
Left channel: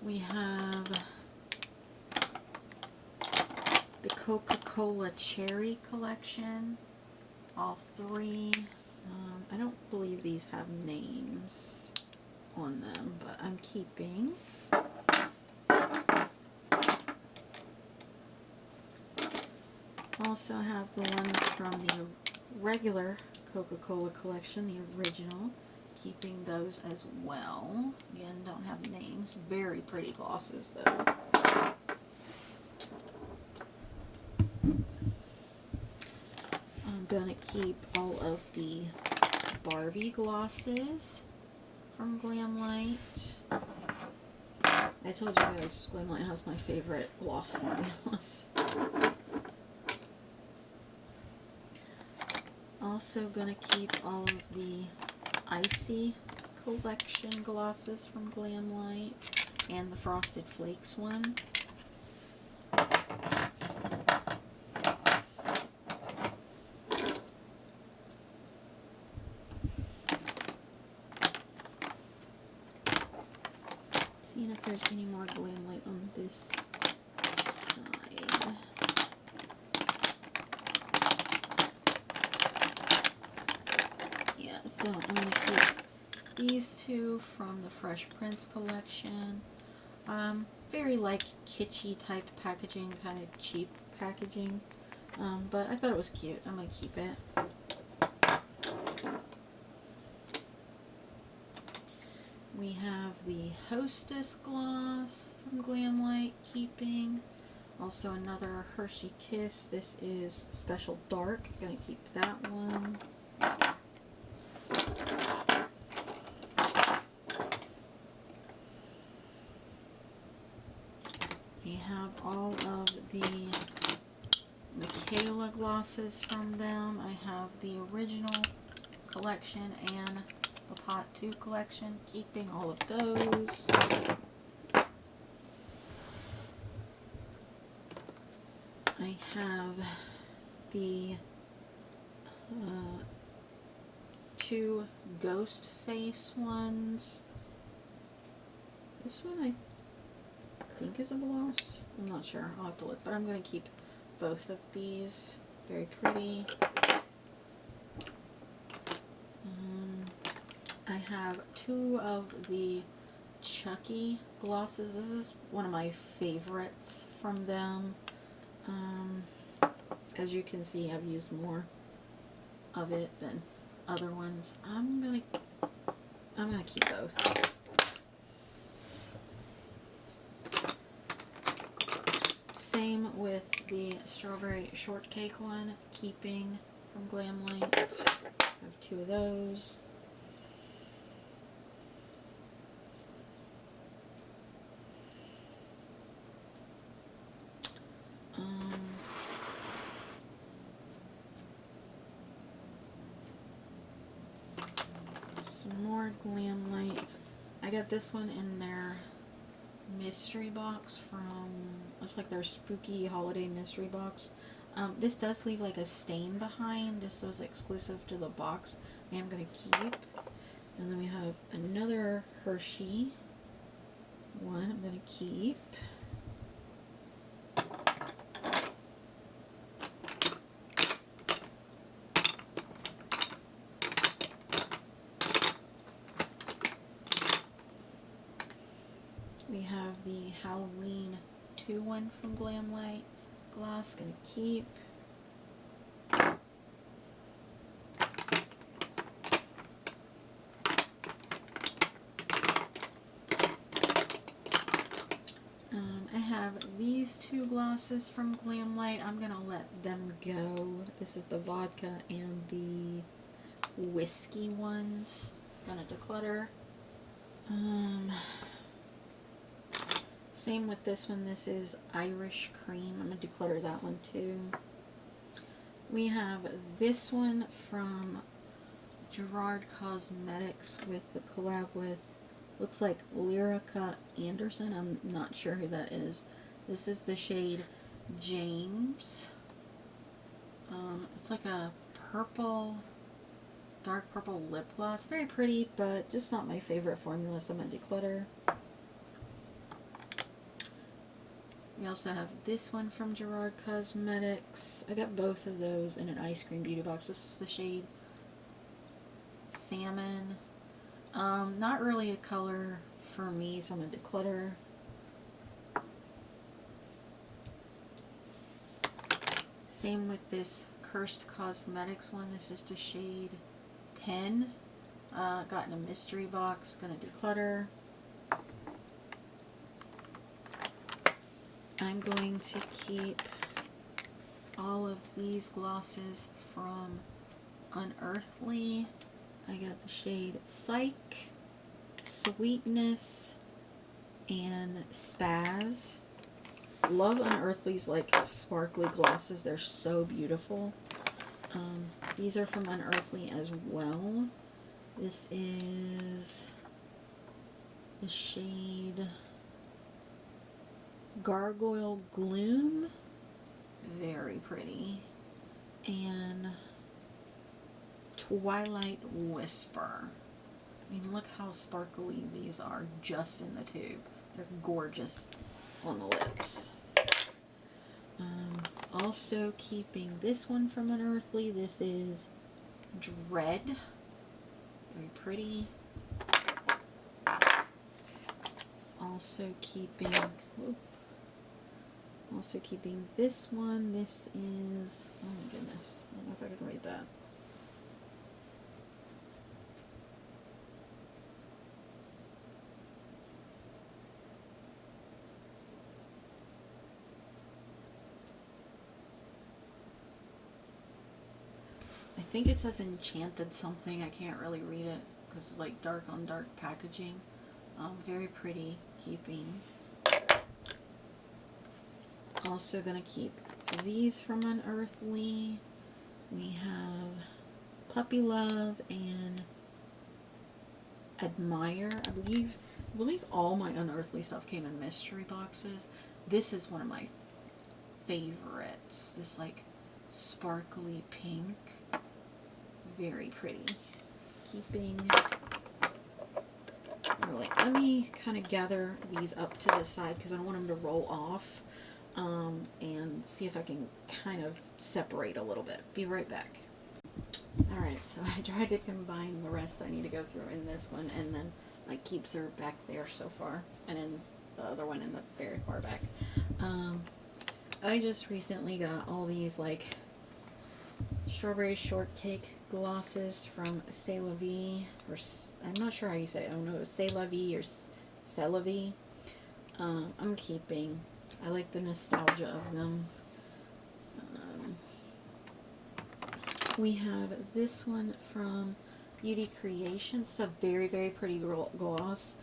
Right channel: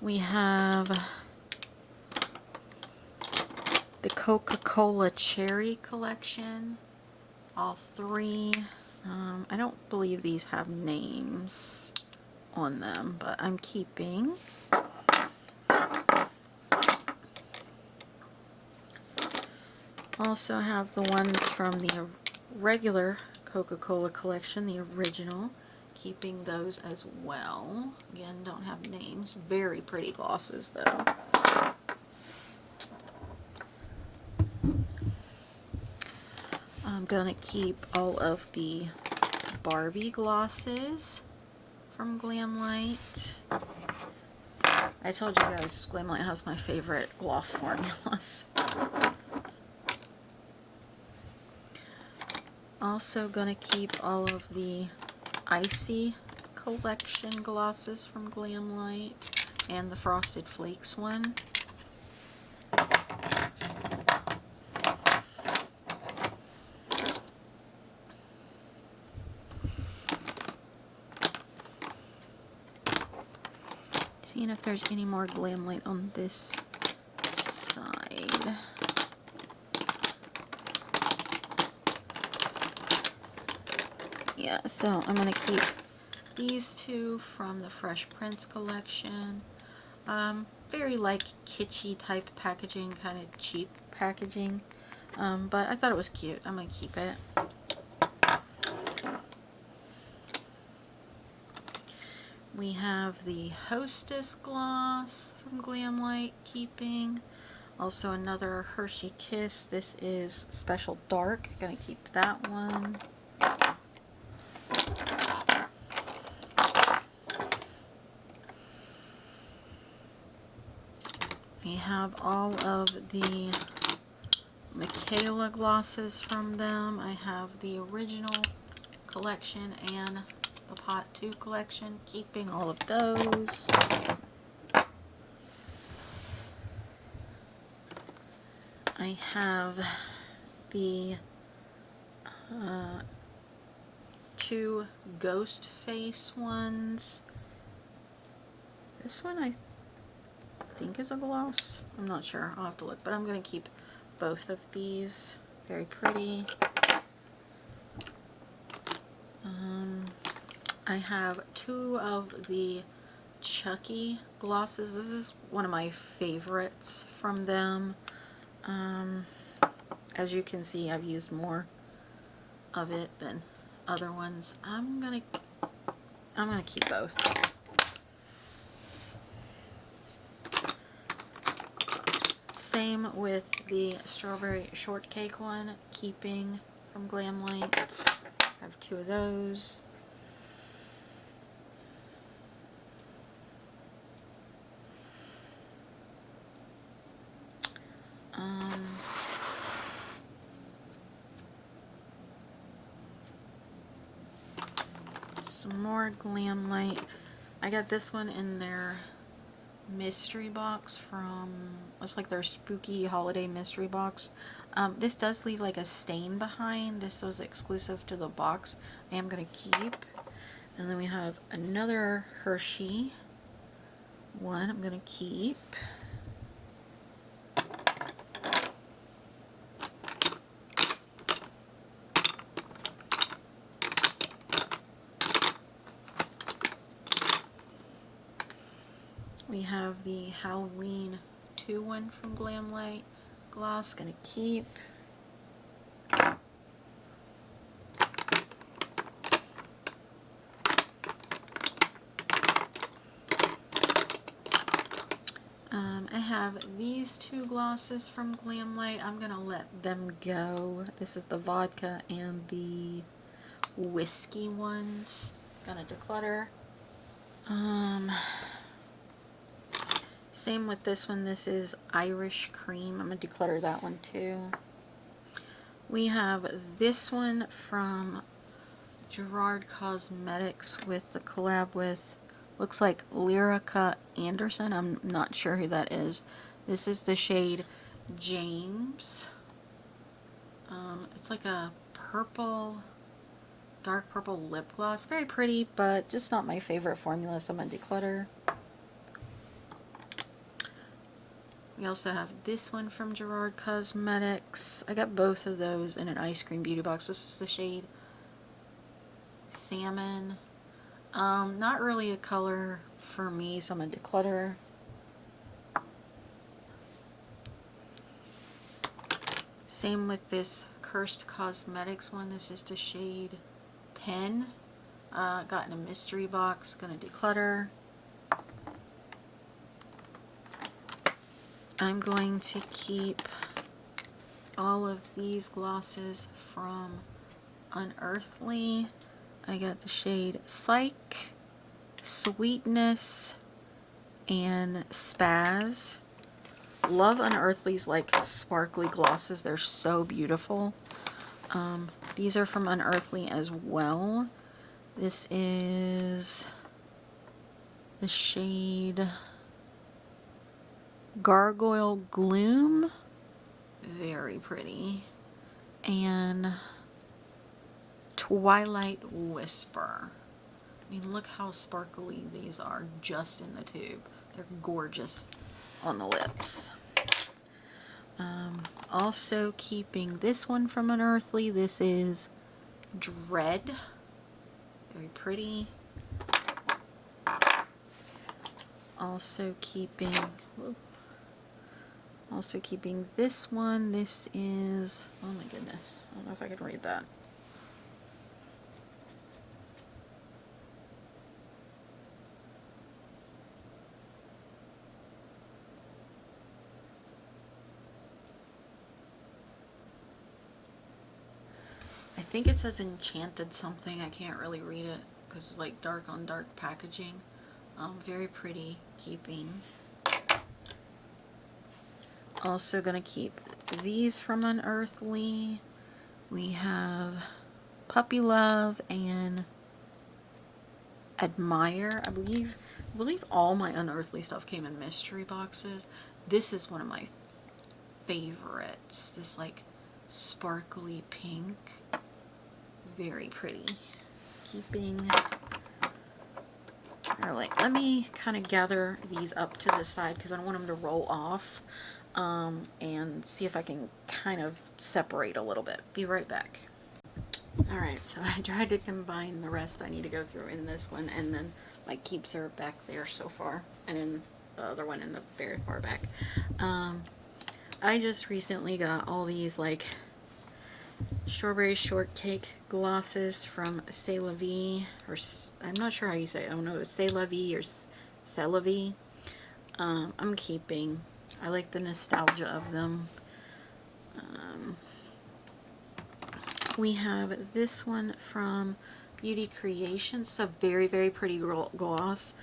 We have the Coca-Cola Cherry collection. All three. I don't believe these have names on them, but I'm keeping. Also have the ones from the regular Coca-Cola collection, the original. Keeping those as well. Again, don't have names. Very pretty glosses though. gonna keep all of the Barbie glosses from Glamlight. I told you guys Glamlight has my favorite gloss formulas. Also gonna keep all of the Icy collection glosses from Glamlight and the Frosted Flakes one. Seeing if there's any more Glamlight on this side. Yeah, so I'm going to keep these two from the Fresh Prince collection. Very like kitschy type packaging, kind of cheap packaging. But I thought it was cute. I'm going to keep it. We have the Hostess gloss from Glamlight, keeping. Also another Hershey Kiss. This is Special Dark. Gonna keep that one. We have all of the Michaela glosses from them. I have the original collection and the Pot 2 collection, keeping all of those. I have the two Ghost Face ones. This one I think is a gloss. I'm not sure. I'll have to look, but I'm going to keep both of these. Very pretty. I have two of the Chucky glosses. This is one of my favorites from them. As you can see, I've used more of it than other ones. I'm gonna keep both. Same with the Strawberry Shortcake one, keeping from Glamlight. I have two of those. Some more Glamlight. I got this one in their mystery box from, it's like their spooky holiday mystery box. This does leave like a stain behind. This was exclusive to the box. I am going to keep. And then we have another Hershey one I'm going to keep. We have the Halloween 2 one from Glamlight gloss, gonna keep. I have these two glosses from Glamlight. I'm gonna let them go. This is the vodka and the whiskey ones. Gonna declutter. Same with this one. This is Irish Cream. I'm going to declutter that one too. We have this one from Gerard Cosmetics with the collab with, looks like Lyrica Anderson. I'm not sure who that is. This is the shade James. It's like a purple, dark purple lip gloss. Very pretty, but just not my favorite formula, so I'm going to declutter. We also have this one from Gerard Cosmetics. I got both of those in an ice cream beauty box. This is the shade Salmon. Not really a color for me, so I'm going to declutter. Same with this Cursed Cosmetics one. This is the shade 10. Got in a mystery box. Going to declutter. I'm going to keep all of these glosses from Unearthly. I got the shade Psych, Sweetness, and Spaz. Love Unearthly's like sparkly glosses. They're so beautiful. These are from Unearthly as well. This is the shade Gargoyle Gloom. Very pretty. And Twilight Whisper. I mean, look how sparkly these are just in the tube. They're gorgeous on the lips. Also keeping this one from Unearthly. This is Dread. Very pretty. Also keeping this one. This is, oh my goodness, I don't know if I can read that. I think it says Enchanted something. I can't really read it because it's like dark on dark packaging. Very pretty keeping. Also gonna keep these from Unearthly. We have Puppy Love and Admire. I believe all my Unearthly stuff came in mystery boxes. This is one of my favorites. This like sparkly pink. Very pretty. Keeping, or like, let me kind of gather these up to this side because I don't want them to roll off, and see if I can kind of separate a little bit. Be right back. Alright, so I tried to combine the rest I need to go through in this one, and then my keeps are back there so far, and then the other one in the very far back. I just recently got all these like strawberry shortcake glosses from C'est La Vie, or I'm not sure how you say it. I don't know, it's C'est La Vie or C'est La Vie. I'm keeping. I like the nostalgia of them. We have this one from Beauty Creations. It's a very, very pretty gloss.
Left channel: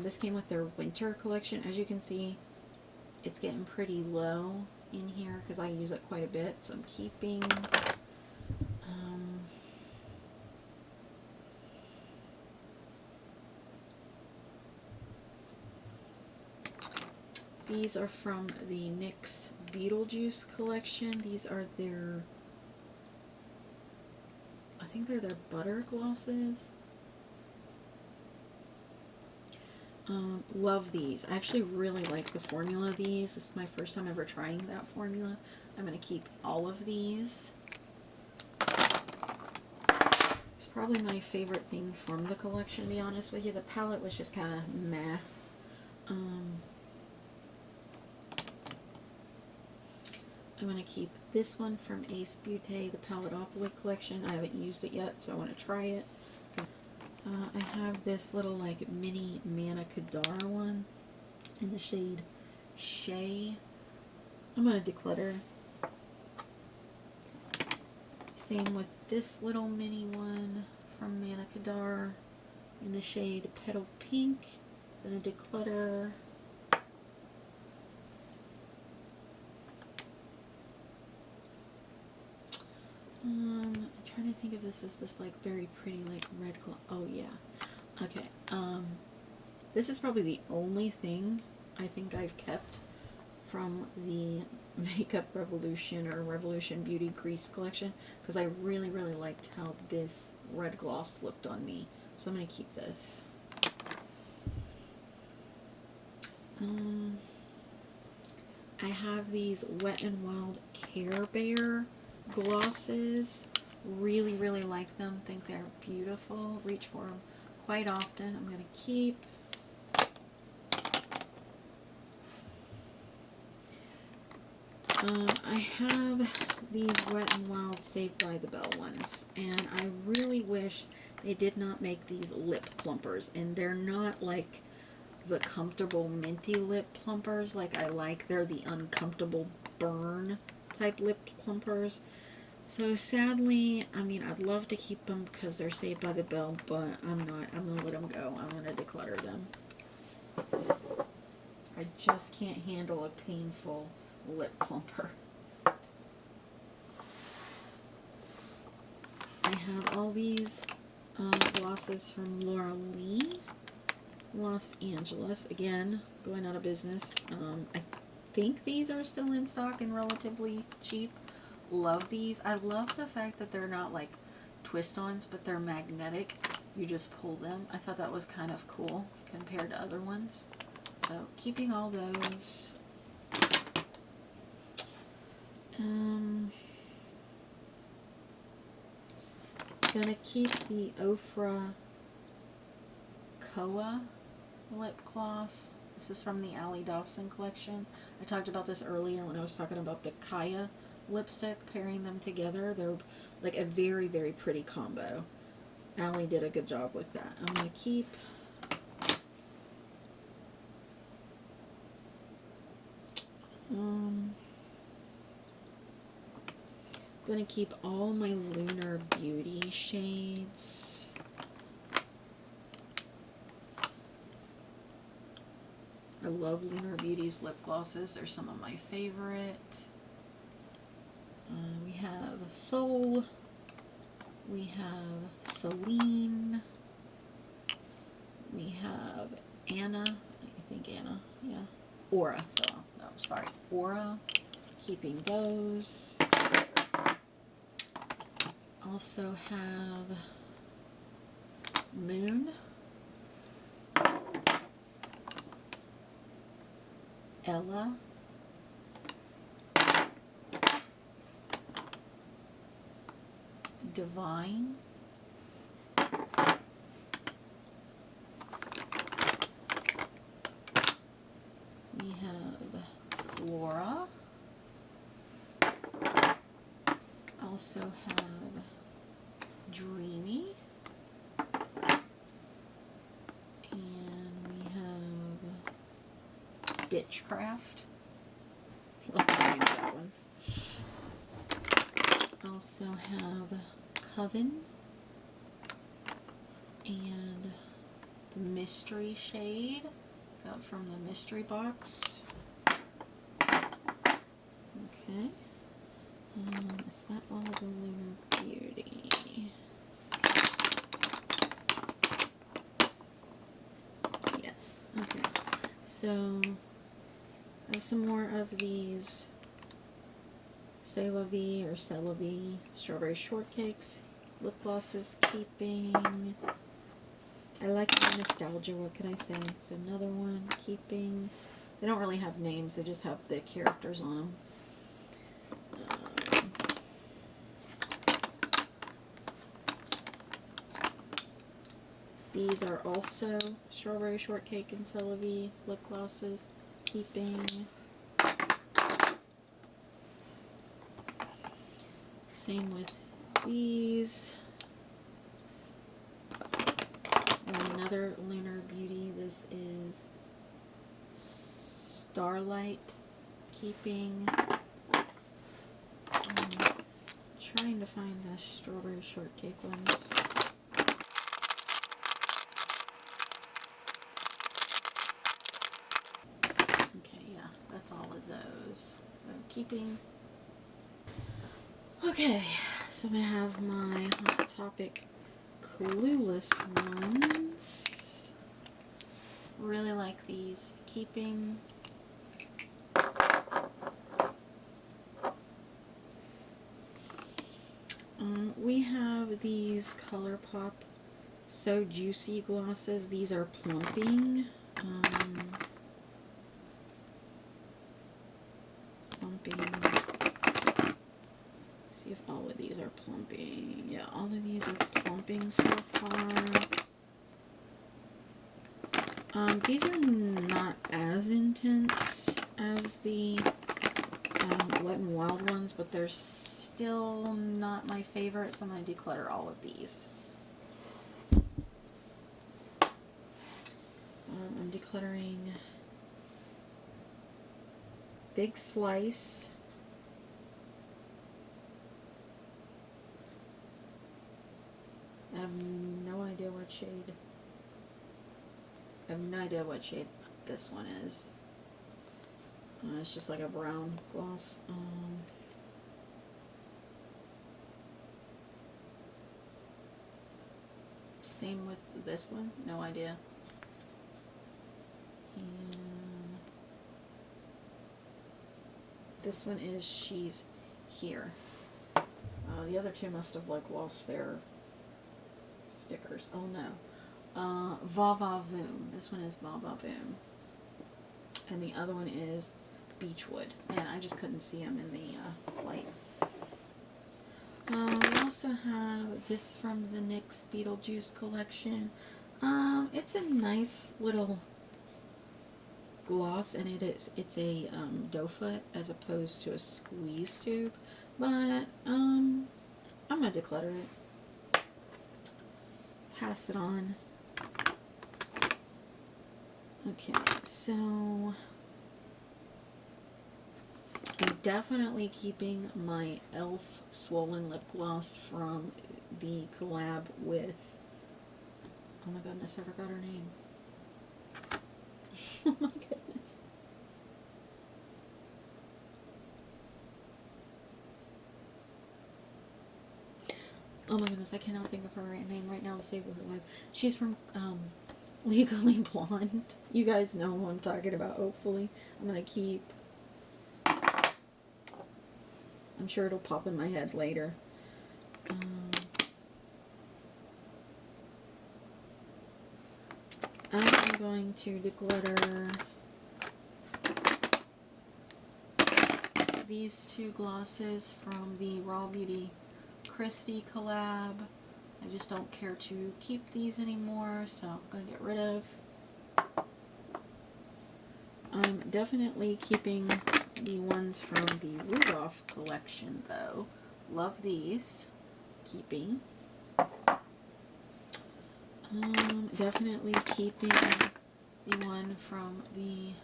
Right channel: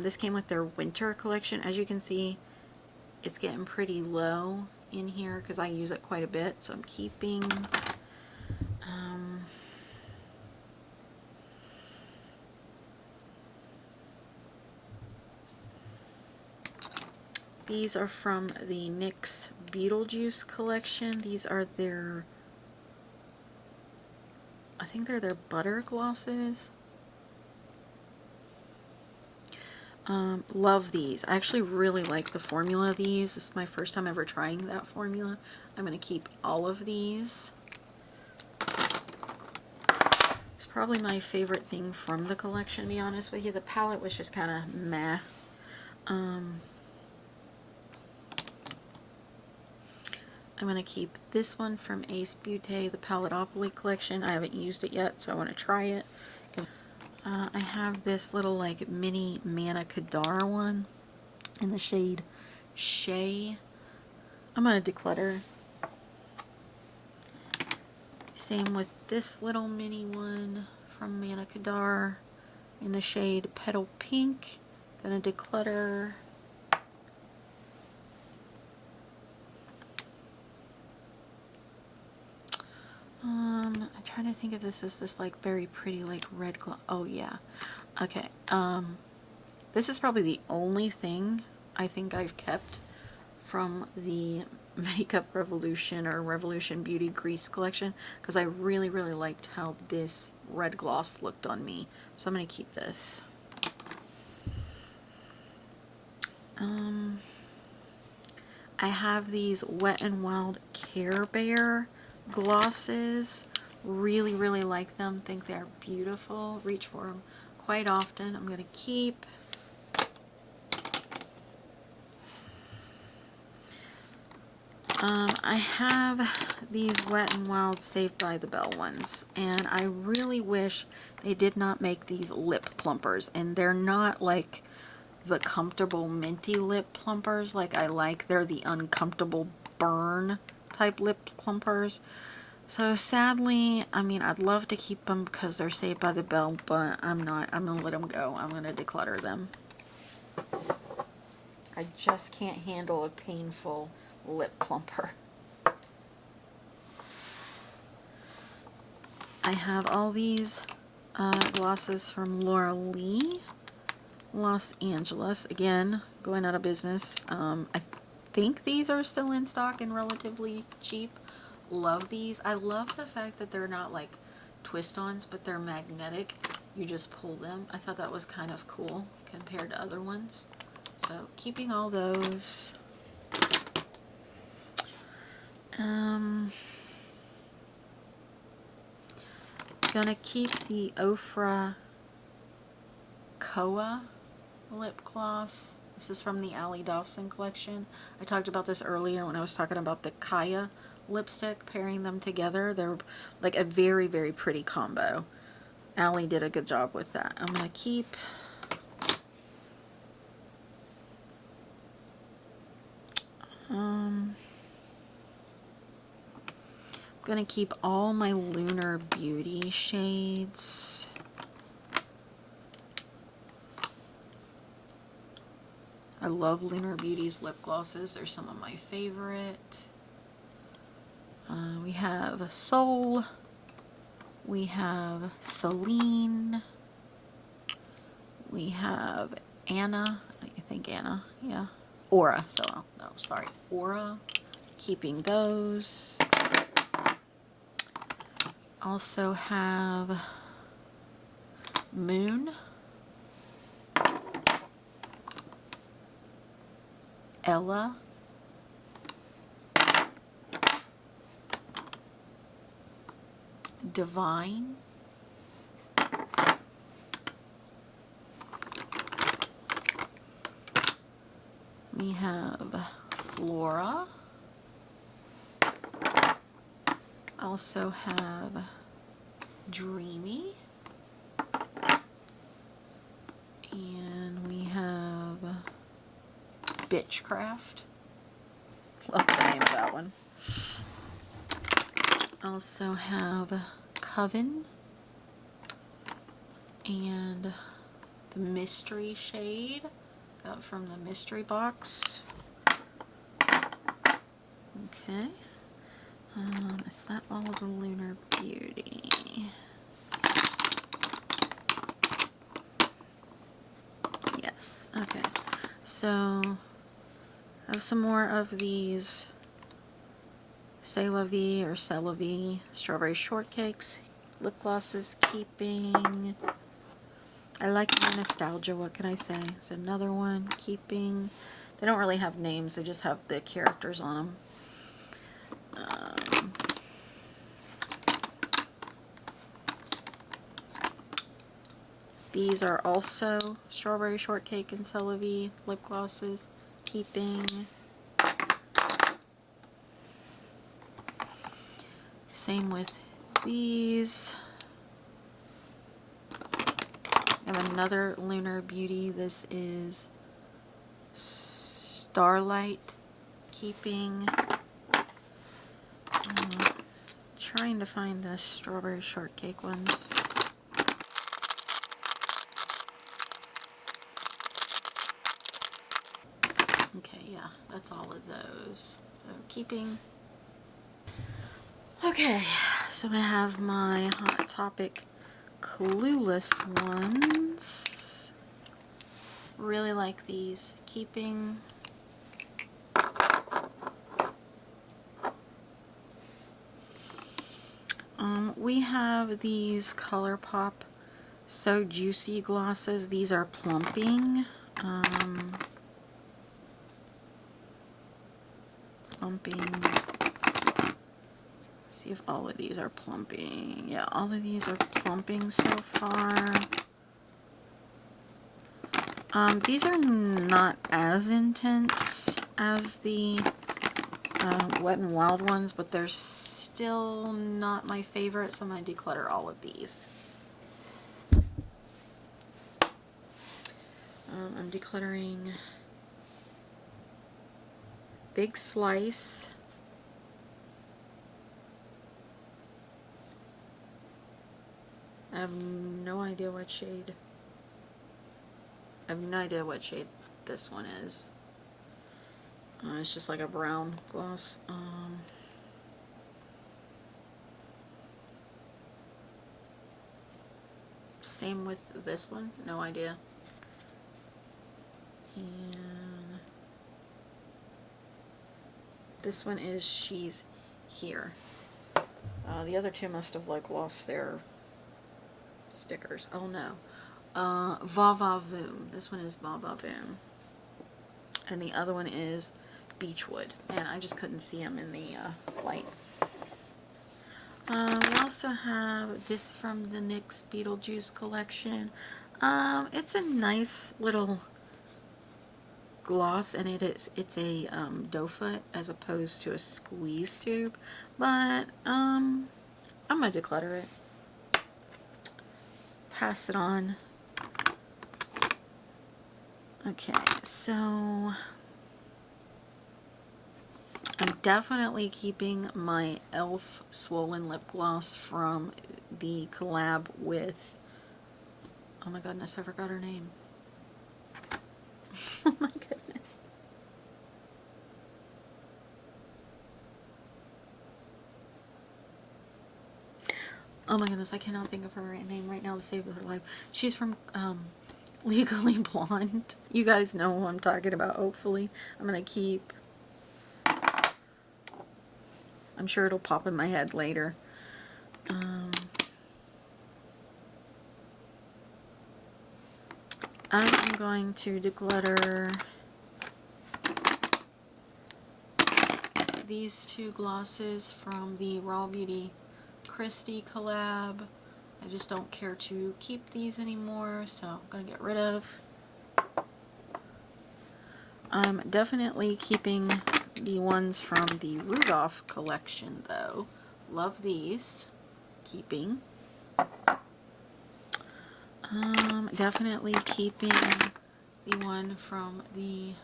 This came with their winter collection. As you can see, it's getting pretty low in here because I use it quite a bit, so I'm keeping. These are from the NYX Beetlejuice collection. These are their, I think they're their butter glosses. Love these. I actually really like the formula of these. This is my first time ever trying that formula. I'm going to keep all of these. It's probably my favorite thing from the collection, to be honest with you. The palette was just kind of meh. I'm going to keep this one from Ace Beauté, the Paletopoly collection. I haven't used it yet, so I want to try it. I have this little like mini Manna Kadar one in the shade Shea. I'm going to declutter. Same with this little mini one from Manna Kadar in the shade Petal Pink. Going to declutter. I'm trying to think if this is this like very pretty like red glow. Oh yeah. Okay. This is probably the only thing I think I've kept from the Makeup Revolution or Revolution Beauty Grease collection because I really, really liked how this red gloss looked on me. So I'm going to keep this. I have these Wet n Wild Care Bear glosses. Really, really like them. Think they're beautiful. Reach for them quite often. I'm going to keep. I have these Wet n Wild Saved by the Bell ones, and I really wish they did not make these lip plumpers, and they're not like the comfortable minty lip plumpers like I like. They're the uncomfortable burn type lip plumpers. So sadly, I mean, I'd love to keep them because they're Saved by the Bell, but I'm not. I'm going to let them go. I'm going to declutter them. I just can't handle a painful lip plumper. I have all these glosses from Laura Lee, Los Angeles. Again, going out of business. I think these are still in stock and relatively cheap. Love these. I love the fact that they're not like twist-ons, but they're magnetic. You just pull them. I thought that was kind of cool compared to other ones. So keeping all those. Gonna keep the Ofra Koa lip gloss. This is from the Allie Dawson collection. I talked about this earlier when I was talking about the Kaya lipstick, pairing them together. They're like a very, very pretty combo. Allie did a good job with that. I'm gonna keep gonna keep all my Lunar Beauty shades. I love Lunar Beauty's lip glosses. They're some of my favorite. We have Soul. We have Celine. We have Anna. I think Anna. Yeah. Aura. So, no, sorry. Aura. Keeping those. Also have Moon, Ella, Divine, we have Flora, also have Dreamy, and we have Bitchcraft. Love the name of that one. Also have Coven and the Mystery shade. Got from the mystery box. Okay. Is that all of the Lunar Beauty? Yes. Okay. So I have some more of these C'est La Vie or C'est La Vie strawberry shortcakes, lip glosses, keeping. I like the nostalgia, what can I say? It's another one, keeping. They don't really have names, they just have the characters on them. These are also strawberry shortcake and C'est La Vie lip glosses, keeping. Same with these. And another Lunar Beauty. This is Starlight, keeping. Trying to find the strawberry shortcake ones. Okay, yeah, that's all of those. So keeping. Okay, so I have my Hot Topic Clueless ones. Really like these. Keeping. We have these ColourPop So Juicy glosses. These are plumping. See if all of these are plumping. Yeah, all of these are plumping so far. These are not as intense as the Wet n Wild ones, but they're still not my favorite, so I'm going to declutter all of these. I'm decluttering Big Slice, have no idea what shade. I have no idea what shade this one is. It's just like a brown gloss. Same with this one, no idea. And this one is She's Here. The other two must have like lost their stickers. Oh no. Va Va Voom. This one is Va Va Voom. And the other one is Beechwood. And I just couldn't see them in the light. We also have this from the NYX Beetlejuice collection. It's a nice little gloss, and it's a doe foot as opposed to a squeeze tube. But I'm gonna declutter it. Pass it on. Okay, so I'm definitely keeping my e.l.f. Swollen Lip Gloss from the collab with, oh my goodness, I forgot her name. Oh my goodness. Oh my goodness, I cannot think of her name right now to save her life. She's from Legally Blonde. You guys know who I'm talking about, hopefully. I'm going to keep... I'm sure it'll pop in my head later. I'm going to declutter these two glosses from the Raw Beauty Christie collab. I just don't care to keep these anymore, so I'm going to get rid of. I'm definitely keeping the ones from the Rudolph collection, though. Love these. Keeping. Definitely keeping the one from the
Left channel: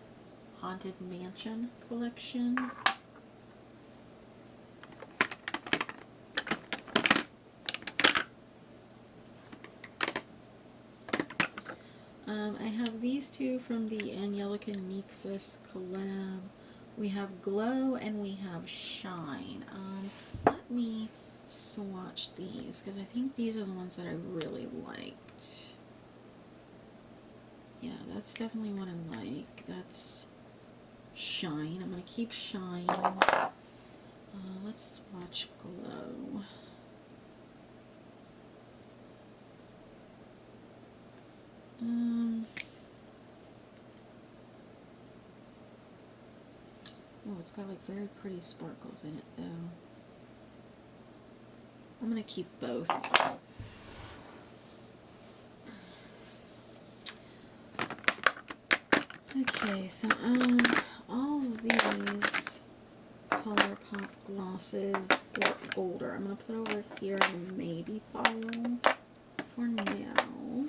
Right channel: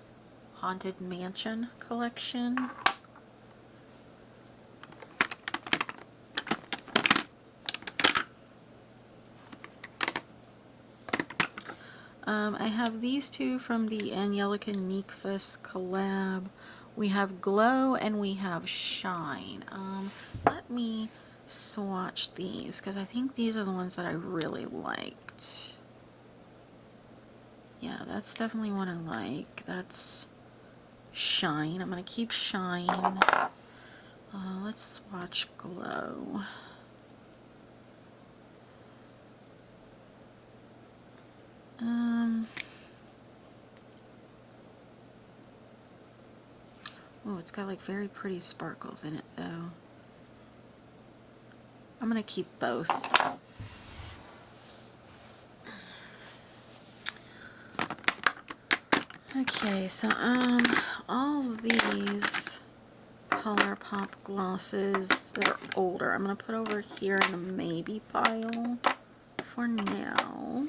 Haunted Mansion collection. I have these two from the Angelica Nyquist collab. We have Glow and we have Shine. Let me swatch these because I think these are the ones that I really liked. Yeah, that's definitely one I like. That's Shine. I'm going to keep Shine. Let's swatch Glow. Oh, it's got like very pretty sparkles in it though. I'm gonna keep both. Okay, so all these ColourPop glosses that are older, I'm gonna put over here in the maybe pile for now,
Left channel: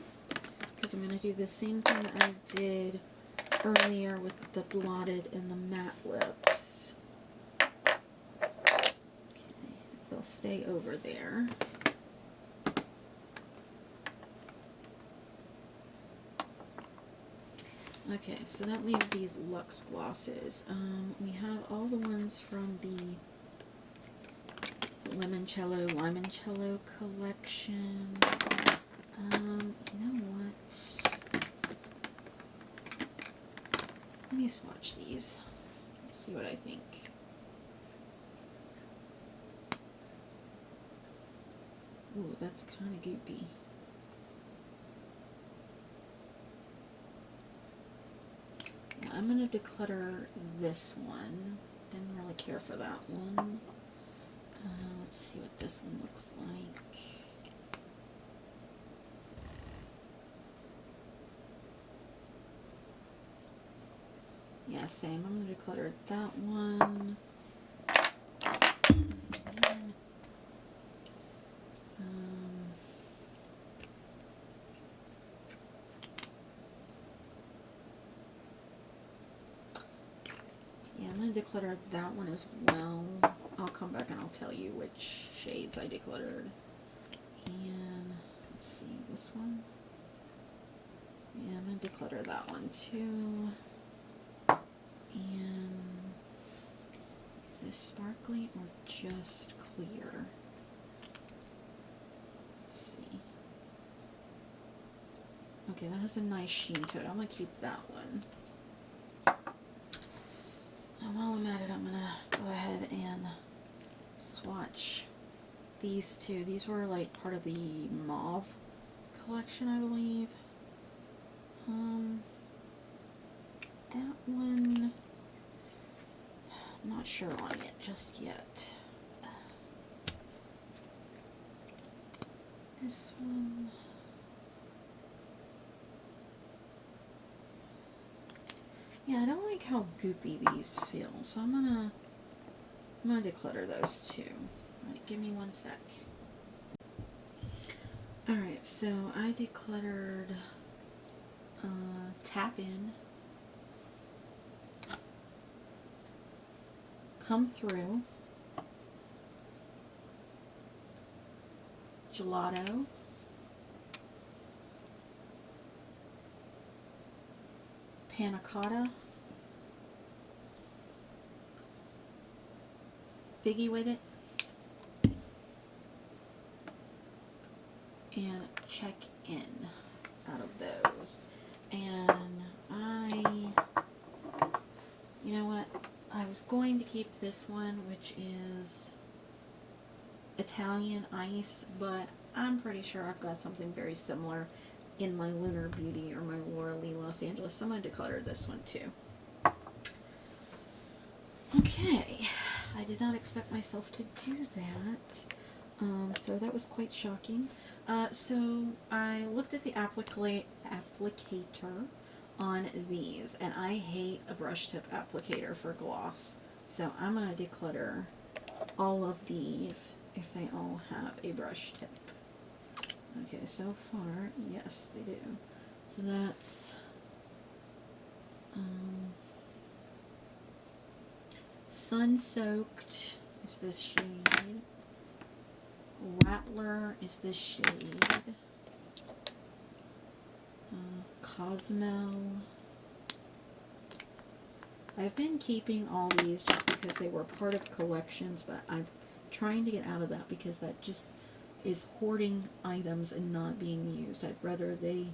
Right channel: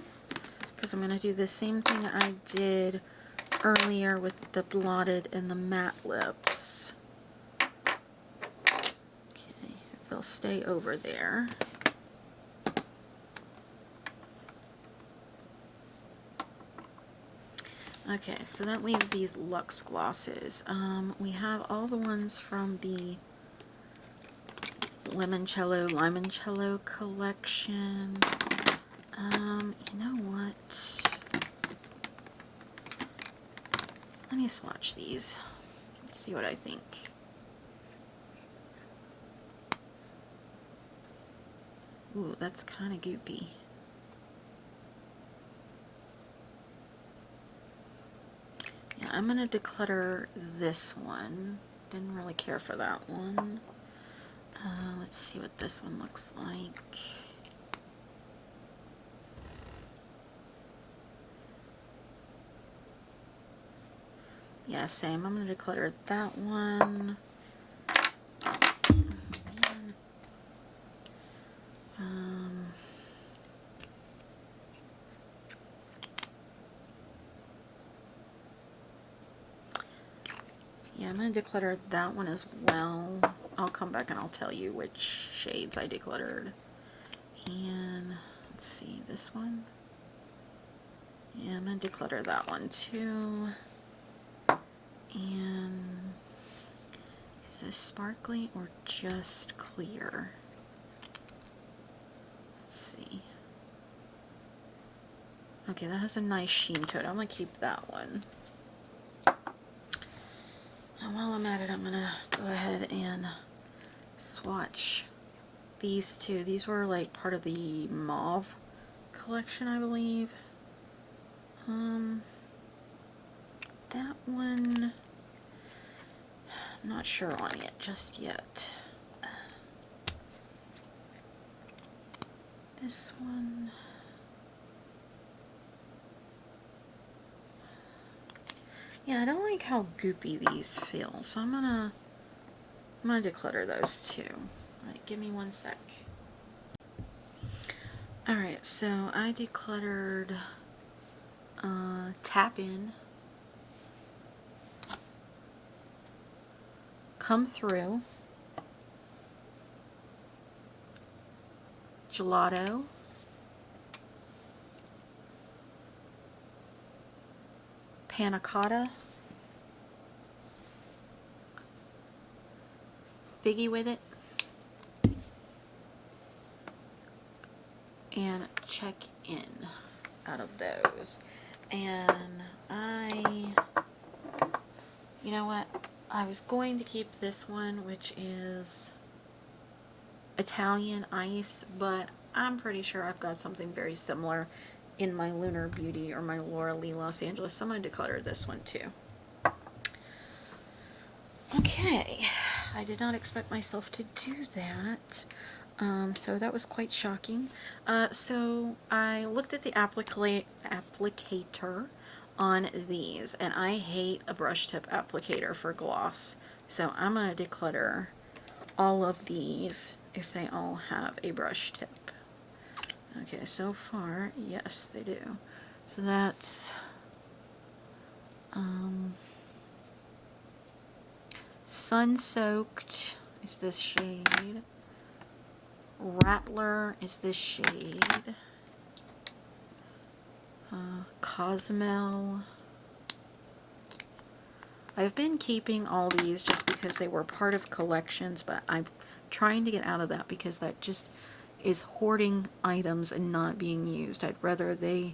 because I'm gonna do the same thing I did earlier with the blotted and the matte lips. Okay, if they'll stay over there. Okay, so that leaves these Luxe glosses. We have all the ones from the Limoncello collection. You know what? Let me swatch these. Let's see what I think. Ooh, that's kind of goopy. Yeah, I'm going to declutter this one. Didn't really care for that one. Let's see what this one looks like. Yeah, same. I'm going to declutter that one. Yeah, I'm going to declutter that one as well. I'll come back and I'll tell you which shades I decluttered. And let's see, this one. Yeah, I'm going to declutter that one too. And is this sparkly or just clear? Let's see. Okay, that has a nice sheen to it. I'm going to keep that one. And while I'm at it, I'm going to go ahead and swatch these two. These were like part of the mauve collection, I believe. That one, I'm not sure on it just yet. This one, yeah, I don't like how goopy these feel, so I'm gonna declutter those too. Alright, give me one sec. Alright, so I decluttered Tap In, Come Through, Gelato, Panna Cotta, Figgy With It, and Check In out of those. And you know what? I was going to keep this one, which is Italian Ice, but I'm pretty sure I've got something very similar in my Lunar Beauty or my Laura Lee Los Angeles, so I'm going to declutter this one too. Okay, I did not expect myself to do that, so that was quite shocking. So I looked at the applicator on these, and I hate a brush tip applicator for gloss, so I'm going to declutter all of these if they all have a brush tip. Okay, so far, yes, they do. So that's Sun Soaked is this shade. Rattler is this shade. Cosmel. I've been keeping all these just because they were part of collections, but I'm trying to get out of that because that just is hoarding items and not being used. I'd rather they,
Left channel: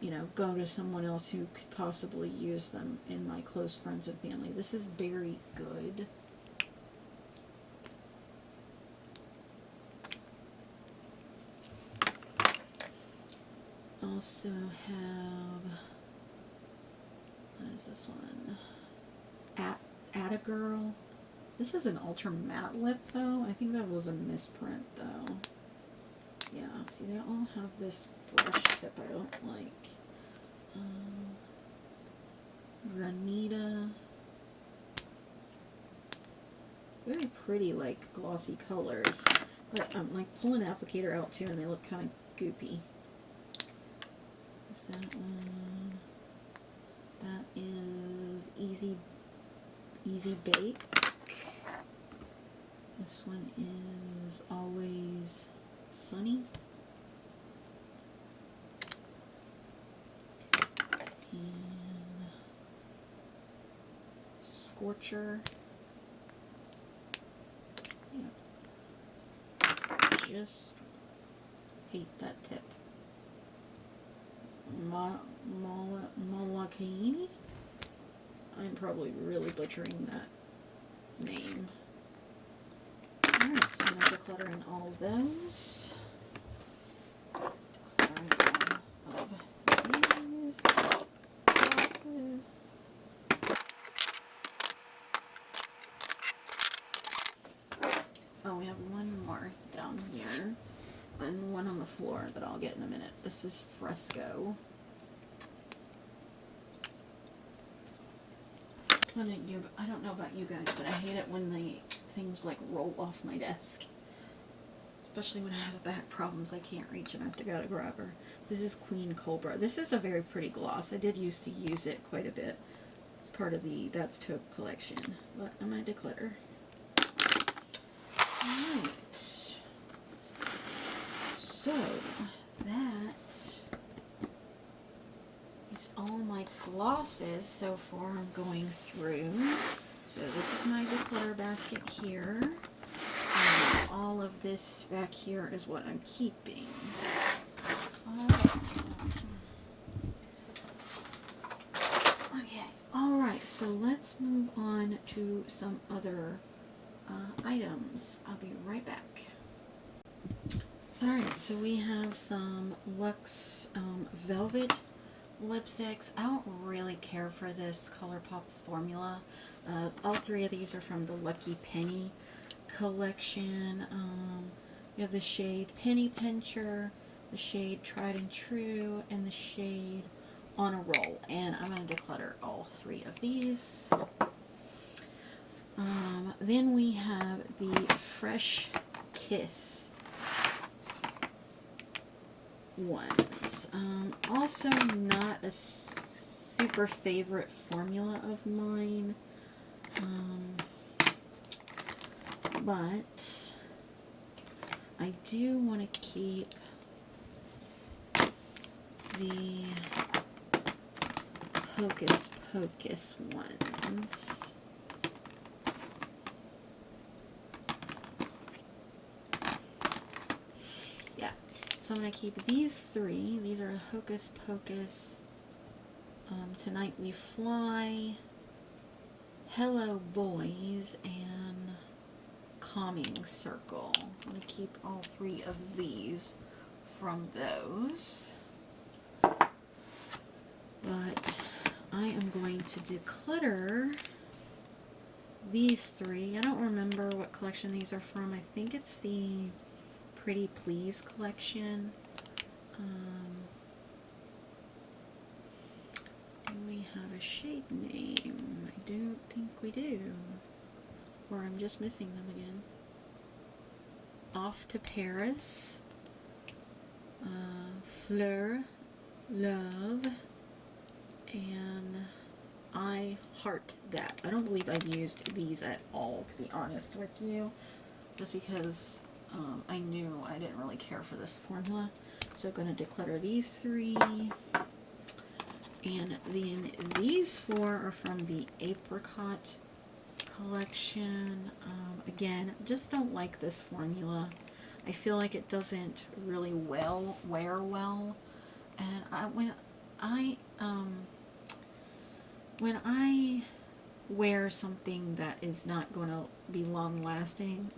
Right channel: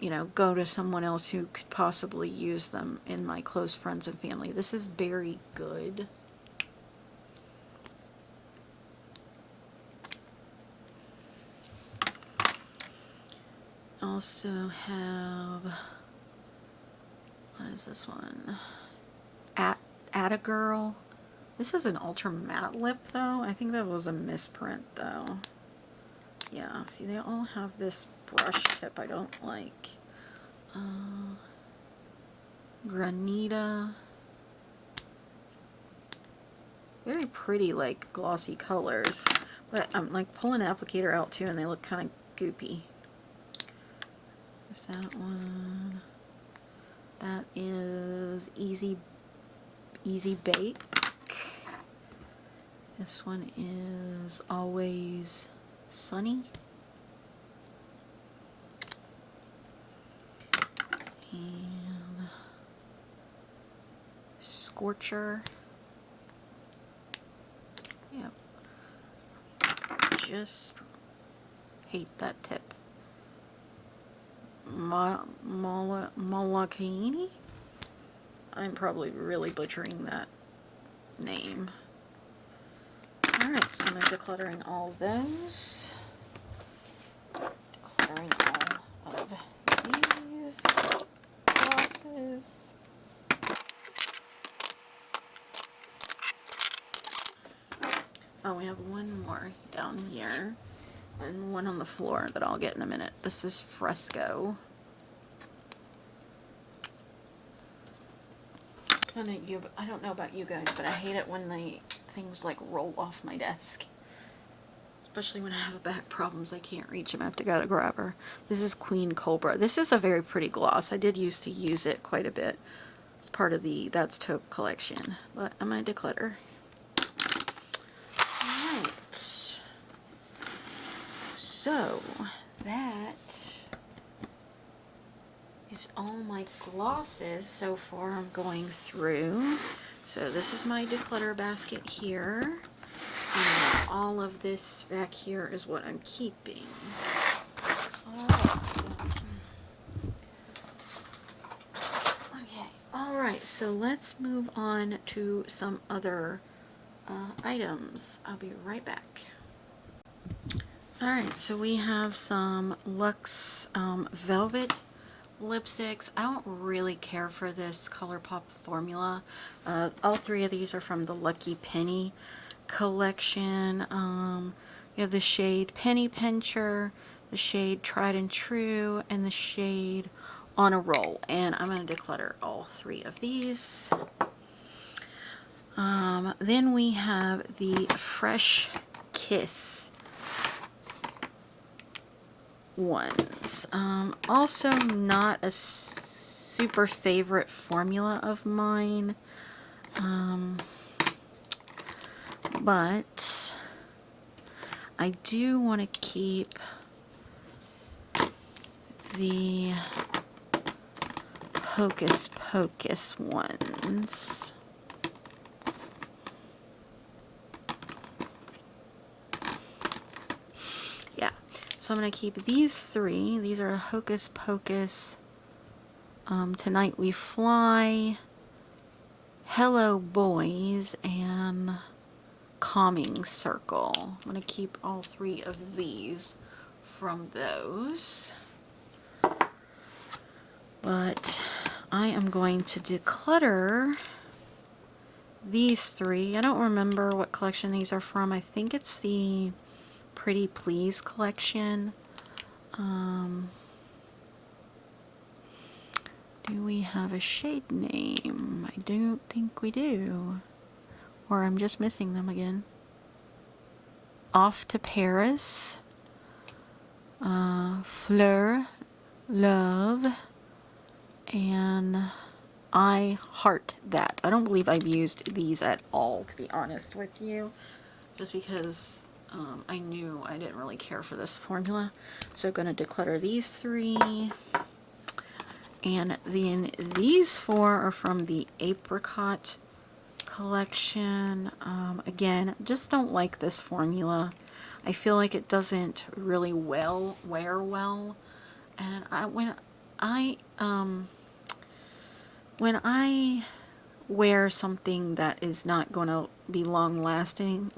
you know, go to someone else who could possibly use them in my close friends and family. This is very good. Also have, what is this one? At a Girl. This is an ultra matte lip though. I think that was a misprint though. Yeah, see, they all have this brush tip I don't like. Granita. Very pretty, like, glossy colors. But I'm, like, pulling an applicator out, too, and they look kind of goopy. There's that one. That is Easy Bake. This one is Always Sunny. And Scorcher. Yep. Just hate that tip. Malakini? I'm probably really butchering that name. Alright, so I'm decluttering all of those. Decluttering all of these glosses. Oh, we have one more down here. And one on the floor that I'll get in a minute. This is Fresco. I don't know about you guys, but I hate it when things like roll off my desk. Especially when I have back problems, I can't reach them. I have to go to grab her. This is Queen Cobra. This is a very pretty gloss. I did used to use it quite a bit. It's part of the That's Taupe collection. But I'm going to declutter. Alright. So, is all my glosses so far I'm going through. So this is my declutter basket here. And all of this back here is what I'm keeping. Okay, alright, so let's move on to some other items. I'll be right back. Alright, so we have some Luxe Velvet lipsticks. I don't really care for this ColourPop formula. All three of these are from the Lucky Penny collection. We have the shade Penny Pincher, the shade Tried and True, and the shade On a Roll. And I'm going to declutter all three of these. Then we have the Fresh Kiss ones. Also not a super favorite formula of mine, but I do want to keep the Hocus Pocus ones. So I'm going to keep these three. These are Hocus Pocus, Tonight We Fly, Hello Boys, and Calming Circle. I'm going to keep all three of these from those. But I am going to declutter these three. I don't remember what collection these are from. I think it's the Pretty Please collection. Do we have a shade name? I don't think we do. Or I'm just missing them again. Off to Paris, Fleur, Love, and I Heart That. I don't believe I've used these at all, to be honest with you, just because I knew I didn't really care for this formula. So I'm going to declutter these three. And then these four are from the Apricot collection. Again, just don't like this formula. I feel like it doesn't really wear well. And when I wear something that is not going to be long lasting,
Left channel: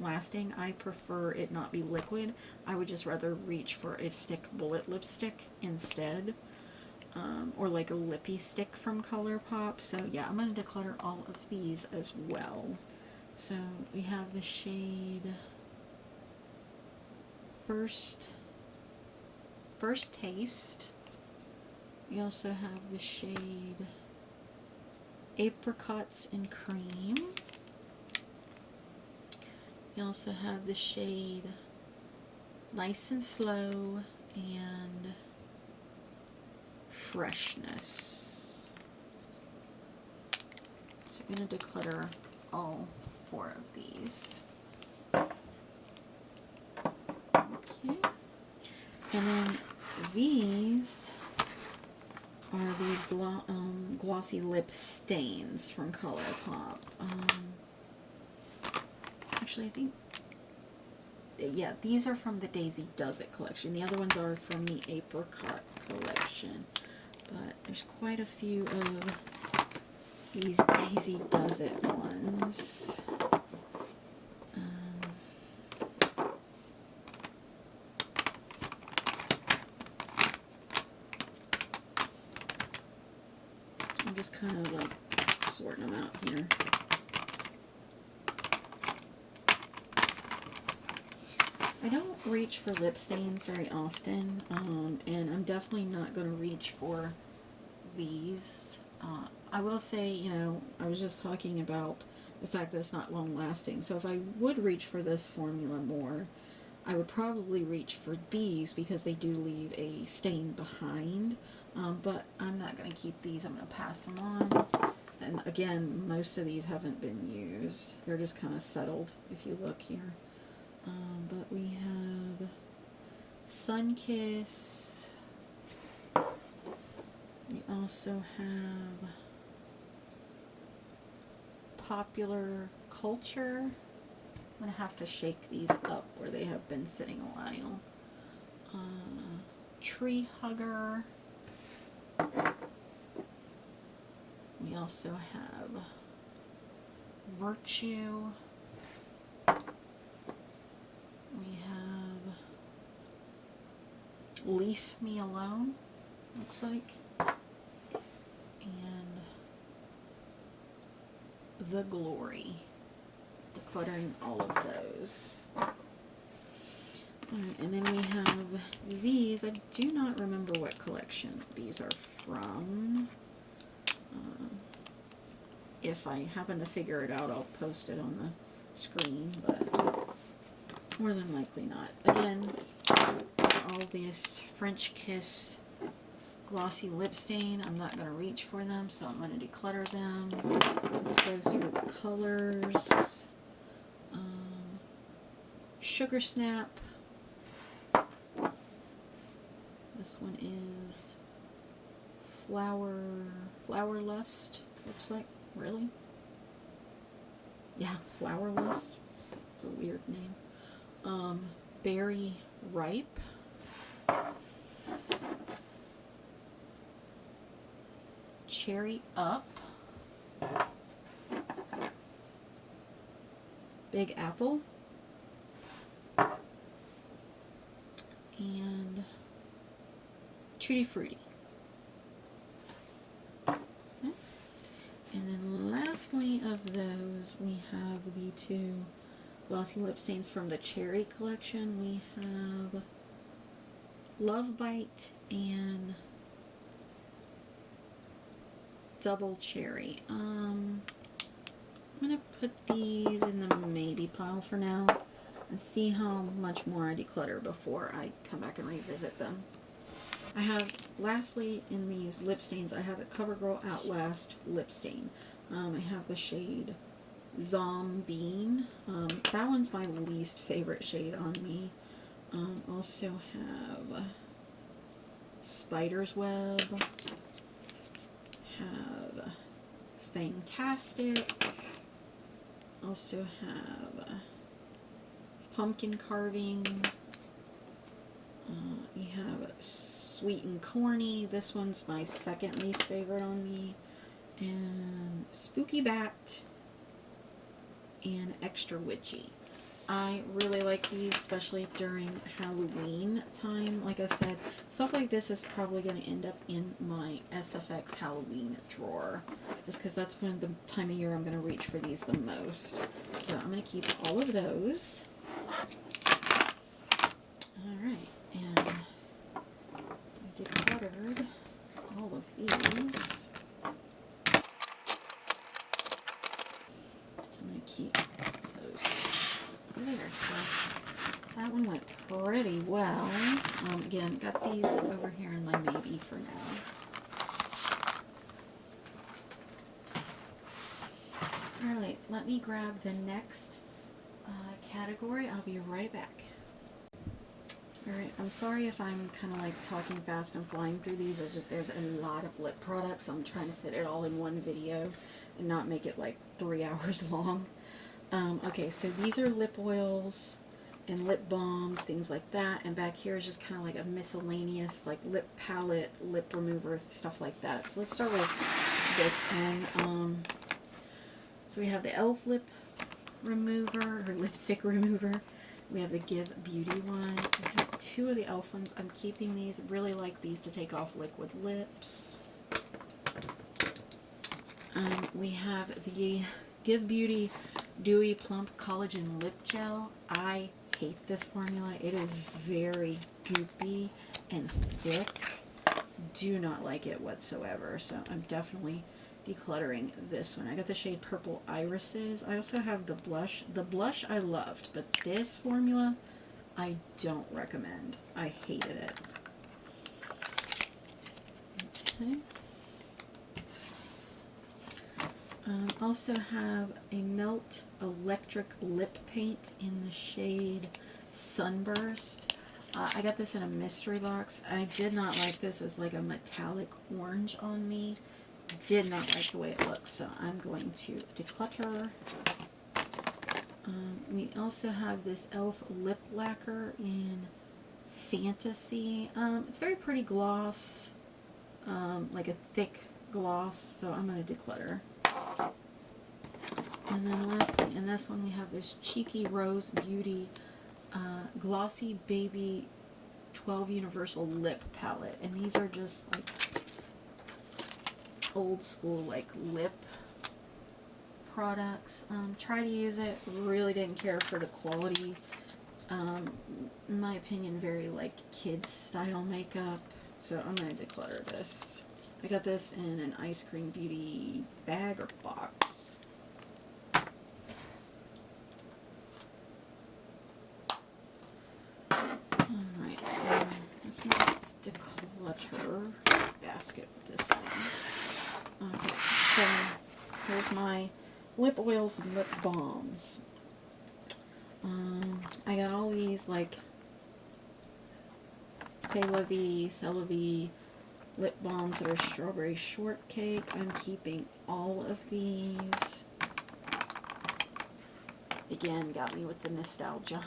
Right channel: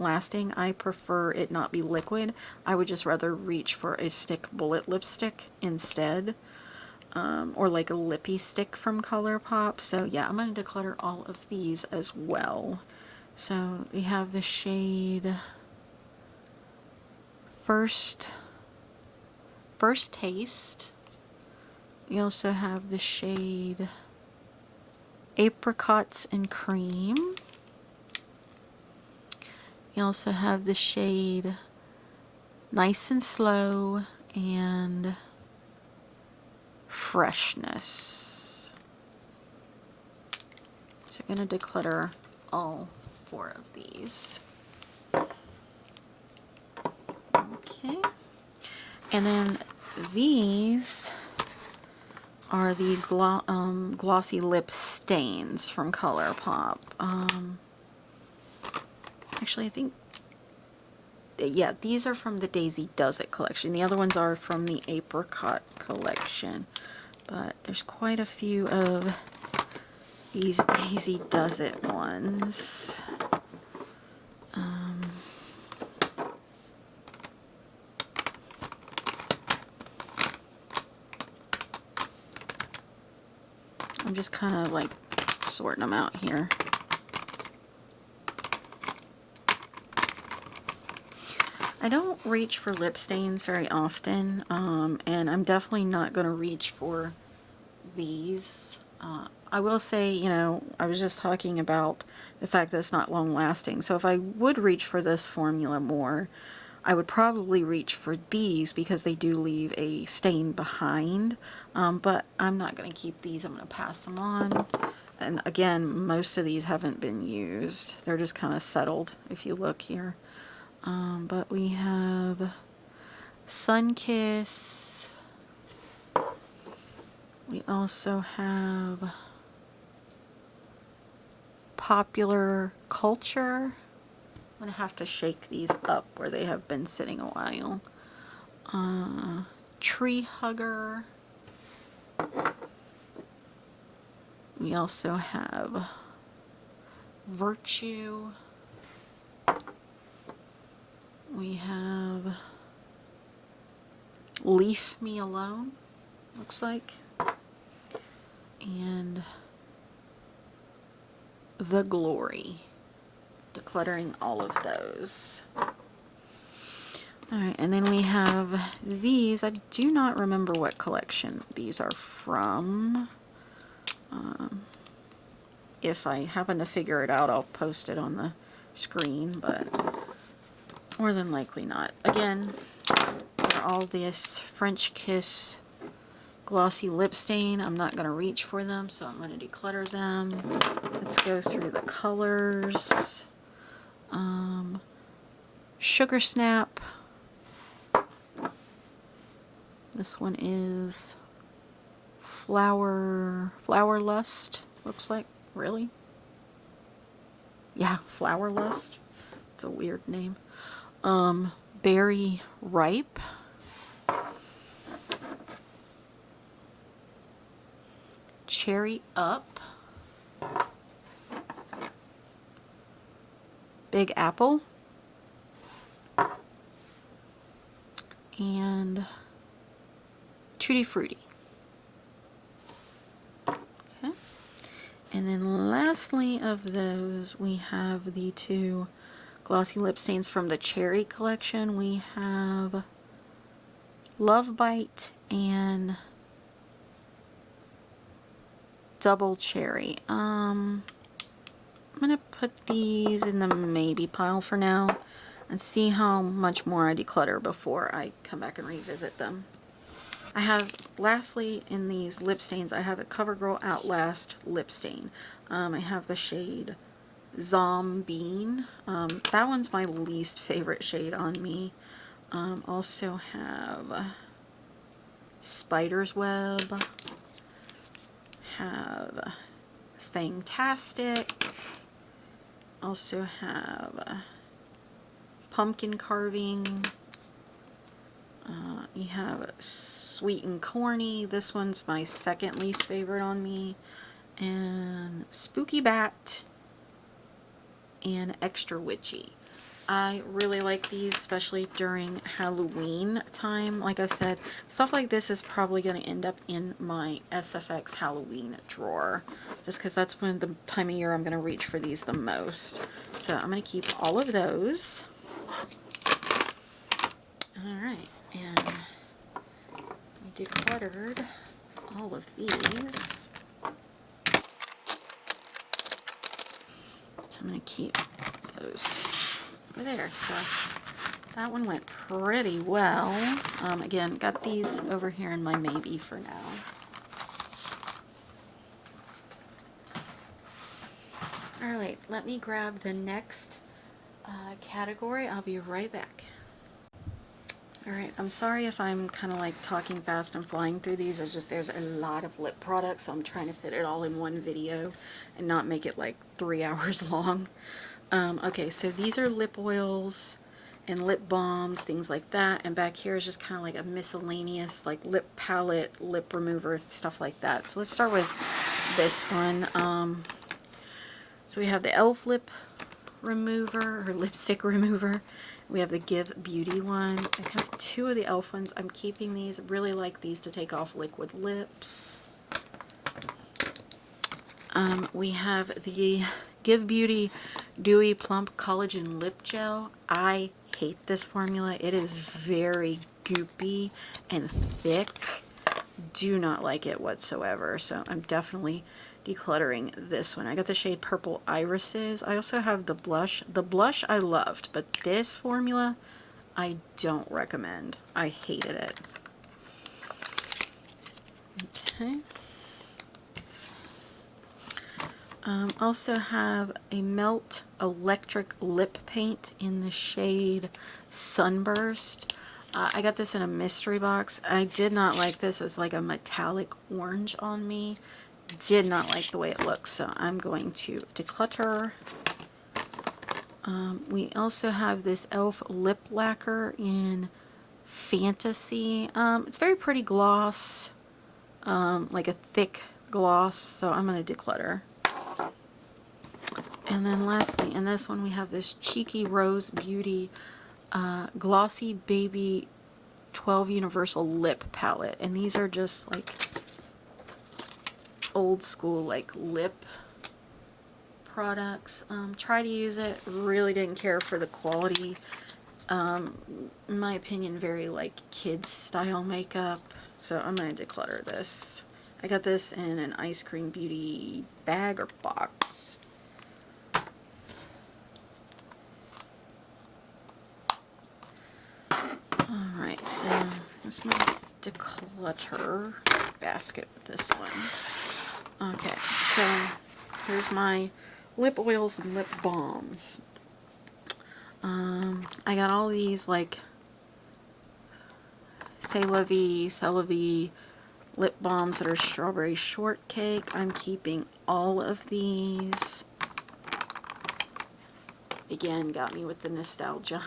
I prefer it not be liquid. I would just rather reach for a stick bullet lipstick instead, or like a lippy stick from ColourPop. So yeah, I'm going to declutter all of these as well. So we have the shade First Taste. You also have the shade Apricots and Cream. You also have the shade Nice and Slow and Freshness. So I'm going to declutter all four of these. Okay. And then these are the glossy lip stains from ColourPop. Actually, I think, yeah, these are from the Daisy Does It collection. The other ones are from the Apricot collection. But there's quite a few of these Daisy Does It ones. I'm just kind of like sorting them out here. I don't reach for lip stains very often, and I'm definitely not going to reach for these. I will say, you know, I was just talking about the fact that it's not long lasting. So if I would reach for this formula more, I would probably reach for these because they do leave a stain behind. But I'm not going to keep these. I'm going to pass them on. And again, most of these haven't been used. They're just kind of settled if you look here. But we have Sunkiss, We also have Popular Culture. I'm going to have to shake these up where they have been sitting a while. Tree Hugger. We also have Virtue. We have Leave Me Alone, looks like. And The Glory. Decluttering all of those. Alright, and then we have these. I do not remember what collection these are from. If I happen to figure it out, I'll post it on the screen, but more than likely not. Again, all this French Kiss glossy lip stain. I'm not going to reach for them, so I'm going to declutter them. Let's go through the colors. Sugar Snap. This one is Flower Lust, looks like. Really? Yeah, Flower Lust. It's a weird name. Berry Ripe. Cherry Up. Big Apple. And Tutti Frutti. Okay. And then lastly of those, we have the two glossy lip stains from the Cherry collection. We have Love Bite and Double Cherry. I'm gonna put these in the maybe pile for now and see how much more I declutter before I come back and revisit them. I have, lastly, in these lip stains, I have a CoverGirl Outlast lip stain. I have the shade Zombie. That one's my least favorite shade on me. Also have Spider's Web. Have Fantastic. Also have Pumpkin Carving. You have Sweet and Corny. This one's my second least favorite on me. And Spooky Bat and Extra Witchy. I really like these, especially during Halloween time. Like I said, stuff like this is probably going to end up in my SFX Halloween drawer, just because that's when the time of year I'm going to reach for these the most. So I'm going to keep all of those. Alright, and we decluttered all of these. So I'm going to keep those there. So that one went pretty well. Again, got these over here in my maybe for now. Alright, let me grab the next category. I'll be right back. Alright, I'm sorry if I'm kind of like talking fast and flying through these. It's just there's a lot of lip products, so I'm trying to fit it all in one video and not make it like 3 hours long. Okay, so these are lip oils and lip balms, things like that. And back here is just kind of like a miscellaneous like lip palette, lip remover, stuff like that. So let's start with this one. So we have the e.l.f. lip remover or lipstick remover. We have the Give Beauty one. I have two of the e.l.f. ones. I'm keeping these. I really like these to take off liquid lips. We have the Give Beauty Dewy Plump Collagen Lip Gel. I hate this formula. It is very goopy and thick. Do not like it whatsoever. So I'm definitely decluttering this one. I got the shade Purple Irises. I also have the blush. The blush I loved, but this formula I don't recommend. I hated it. Okay. Also have a Melt Electric Lip Paint in the shade Sunburst. I got this in a mystery box. I did not like this as like a metallic orange on me. Did not like the way it looks, so I'm going to declutter. We also have this e.l.f. lip lacquer in Fantasy. It's very pretty gloss, like a thick gloss, so I'm going to declutter. And then lastly, in this one we have this Cheeky Rose Beauty Glossy Baby 12 Universal Lip Palette. And these are just like old school like lip products. Try to use it. Really didn't care for the quality. In my opinion, very like kids style makeup. So I'm going to declutter this. I got this in an Ice Cream Beauty bag or box. Alright, so let's make a declutter basket with this one. Okay, so here's my lip oils and lip balms. I got all these like C'est La Vie lip balms that are strawberry shortcake. I'm keeping all of these. Again, got me with the nostalgia.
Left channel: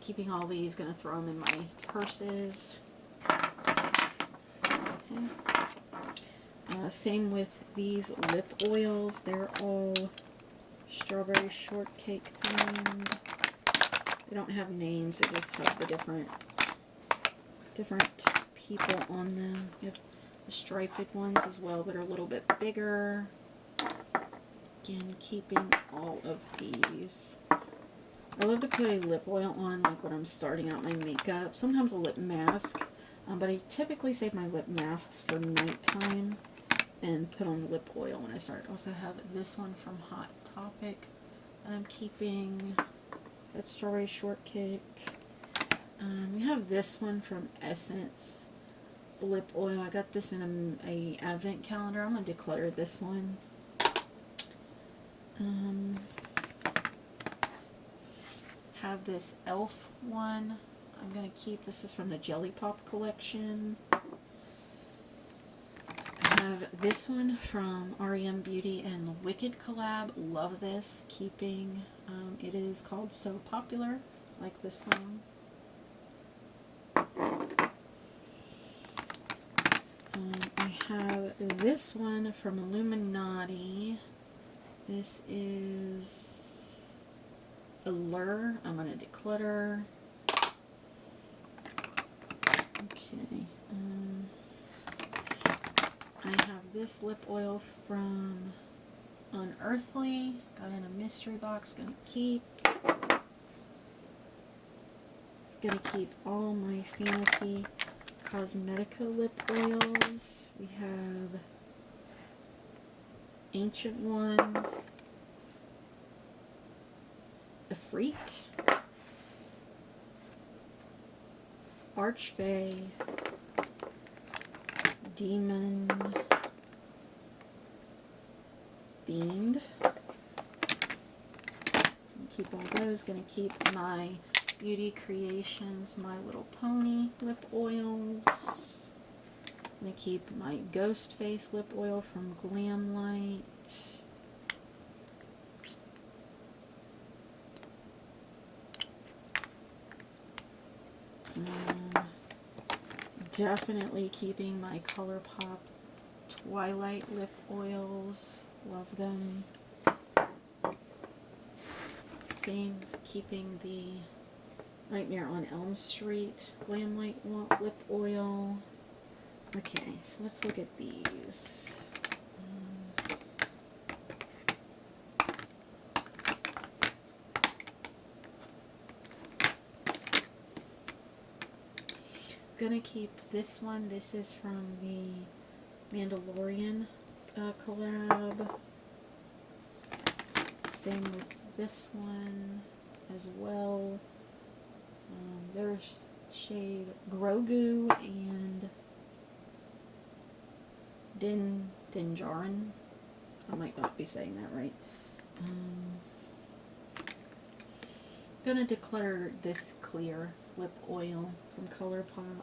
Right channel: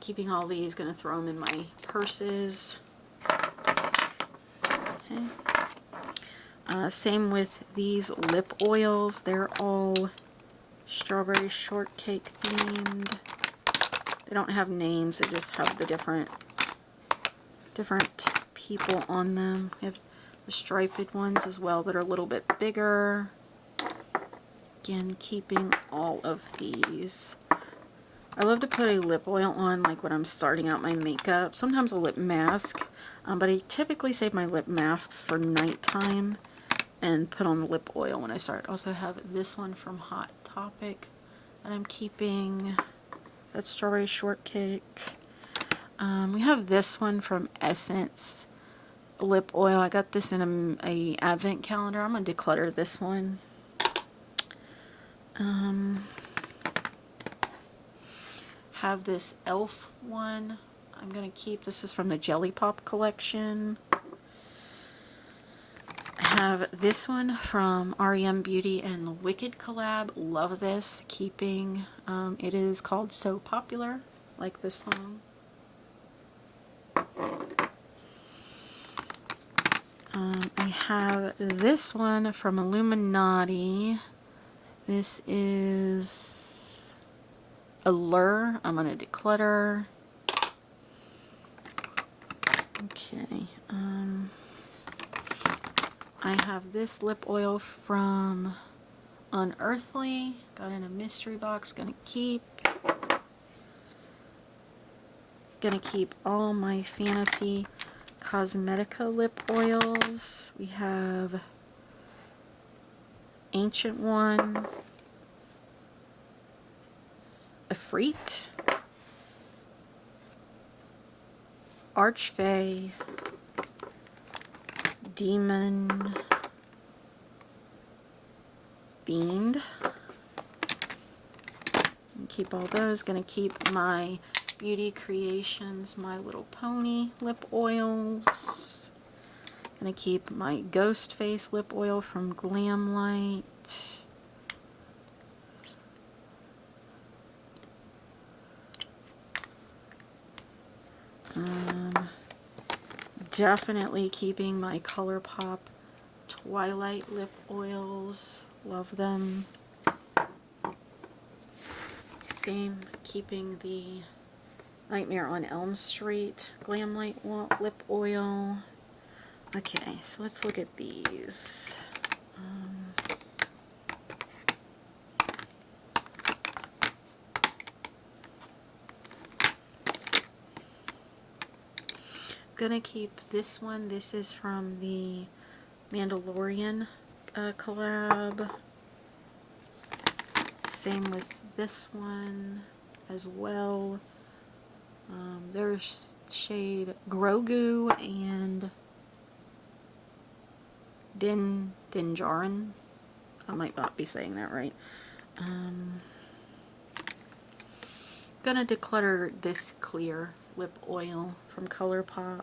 Keeping all these, gonna throw them in my purses. Okay. Same with these lip oils. They're all strawberry shortcake themed. They don't have names, they just have the different people on them. We have the striped ones as well that are a little bit bigger. Again, keeping all of these. I love to put a lip oil on like when I'm starting out my makeup. Sometimes a lip mask, but I typically save my lip masks for nighttime and put on the lip oil when I start. I also have this one from Hot Topic that I'm keeping. That's strawberry shortcake. We have this one from Essence lip oil. I got this in a advent calendar. I'm going to declutter this one. Have this e.l.f. one. I'm going to keep. This is from the Jelly Pop collection. I have this one from REM Beauty and Wicked collab. Love this. Keeping. It is called So Popular. Like this song. I have this one from Illuminati. This is Allure. I'm going to declutter. Okay. I have this lip oil from Unearthly. Got in a mystery box. Gonna keep all my Fantasy Cosmetica lip oils. We have Ancient One, Efreet, Archfey, Demon, Fiend. Keep all those. Gonna keep my Beauty Creations My Little Pony lip oils. Gonna keep my Ghost Face lip oil from Glamlight. Definitely keeping my ColourPop Twilight lip oils. Love them. Same, keeping the Nightmare on Elm Street Glamlight lip oil. Okay, so let's look at these. Gonna keep this one. This is from the Mandalorian collab. Same with this one as well. There's shade Grogu and Dinjarin. I might not be saying that right. Gonna declutter this clear lip oil from ColourPop.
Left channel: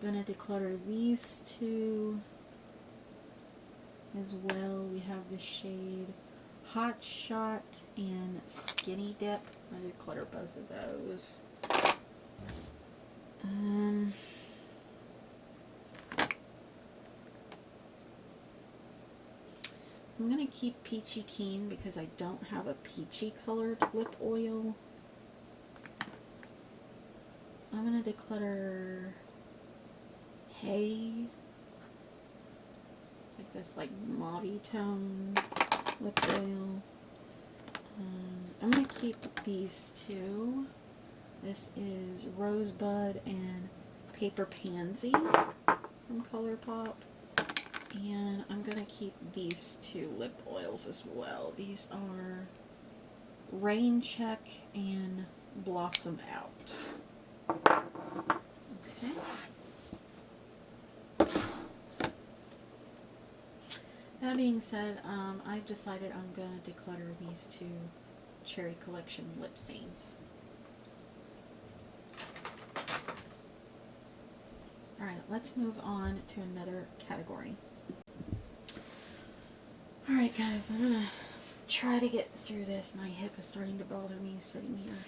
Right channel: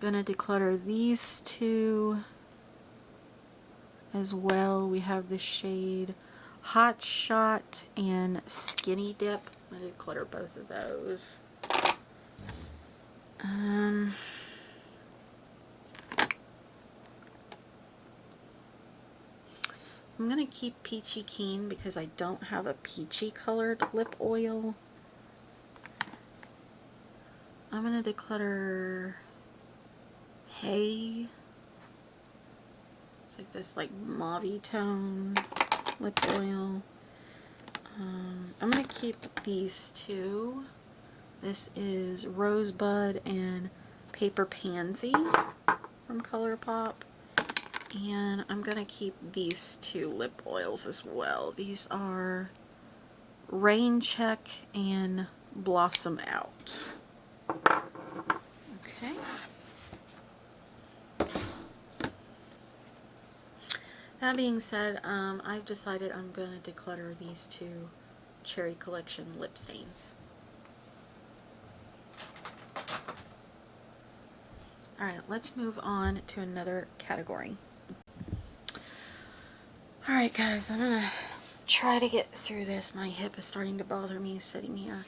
Gonna declutter these two as well. We have the shade Hot Shot and Skinny Dip. I'm gonna declutter both of those. I'm going to keep Peachy Keen because I don't have a peachy colored lip oil. I'm going to declutter Hay. It's like this like mauve tone lip oil. I'm going to keep these two. This is Rosebud and Paper Pansy from ColourPop. And I'm going to keep these two lip oils as well. These are Rain Check and Blossom Out. Okay. That being said, I've decided I'm going to declutter these two Cherry Collection lip stains. Alright, let's move on to another category. Alright guys, I'm gonna try to get through this. My hip is starting to bother me sitting here.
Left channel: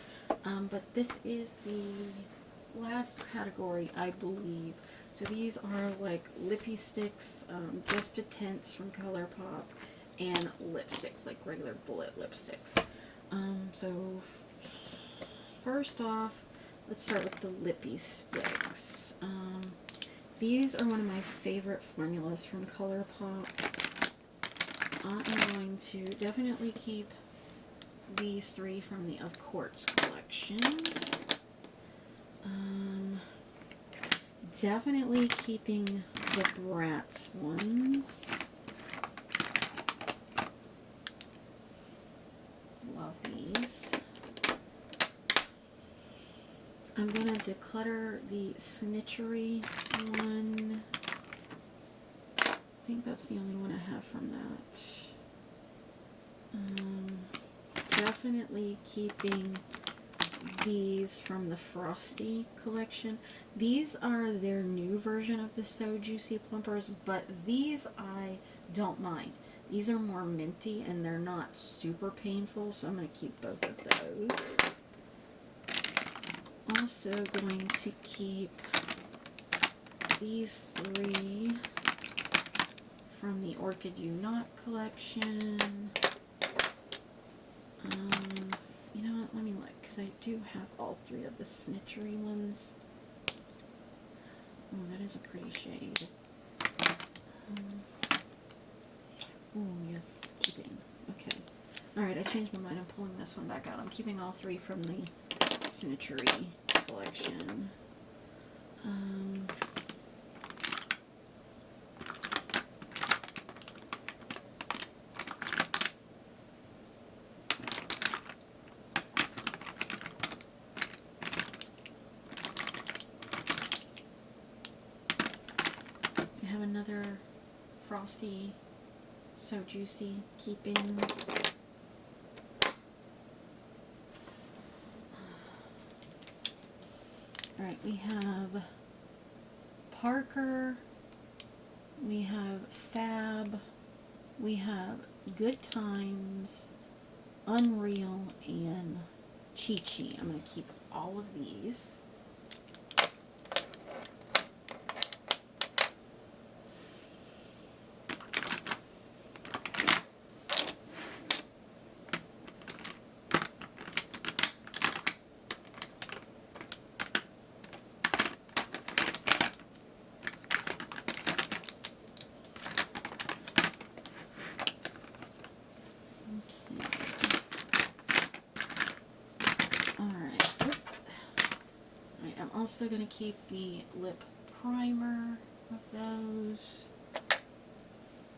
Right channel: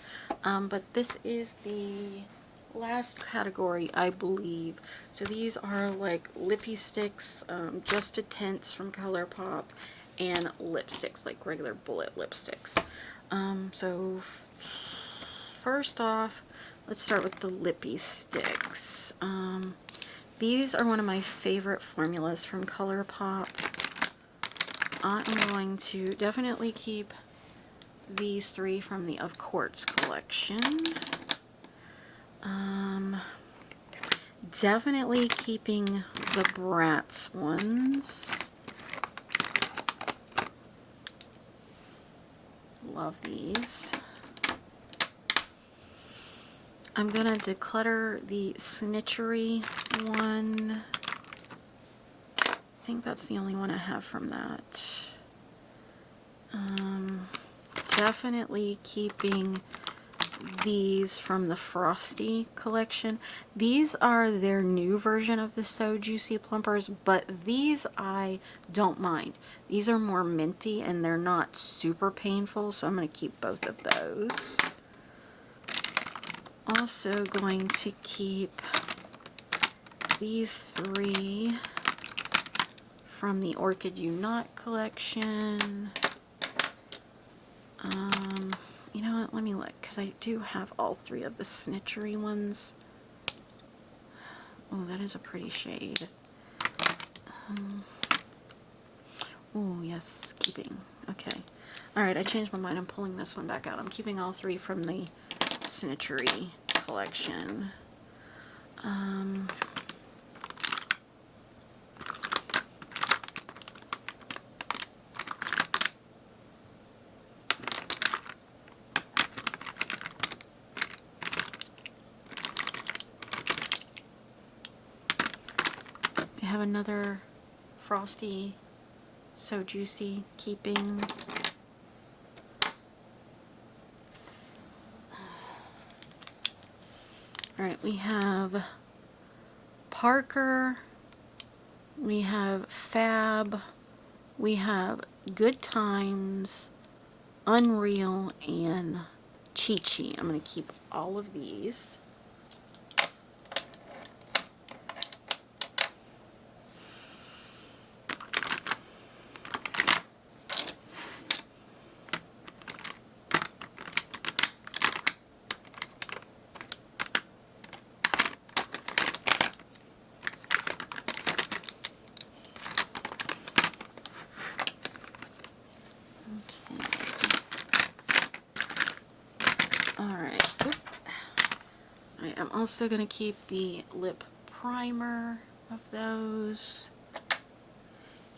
But this is the last category, I believe. So these are like lippy sticks, just a tints from ColourPop, and lipsticks, like regular bullet lipsticks. So first off, let's start with the lippy sticks. These are one of my favorite formulas from ColourPop. I am going to definitely keep these three from the Of Course collection. Definitely keeping the Bratz ones. Love these. I'm gonna declutter the Snitchery one. I think that's the only one I have from that. Definitely keeping these from the Frosty collection. These are their new version of the So Juicy Plumpers, but these I don't mind. These are more minty and they're not super painful, so I'm going to keep both of those. Also going to keep these three from the Orchid You Not collection. You know what, let me look, because I do have all three of the Snitchery ones. Oh, that is a pretty shade. Oh, yes, keeping. Okay. Alright, I changed my mind. I'm pulling this one back out. I'm keeping all three from the Snitchery collection. I have another Frosty So Juicy keeping. Alright, we have Parker, we have Fab, we have Good Times, Unreal, and Chi Chi. I'm going to keep all of these. I'm also going to keep the lip primer of those.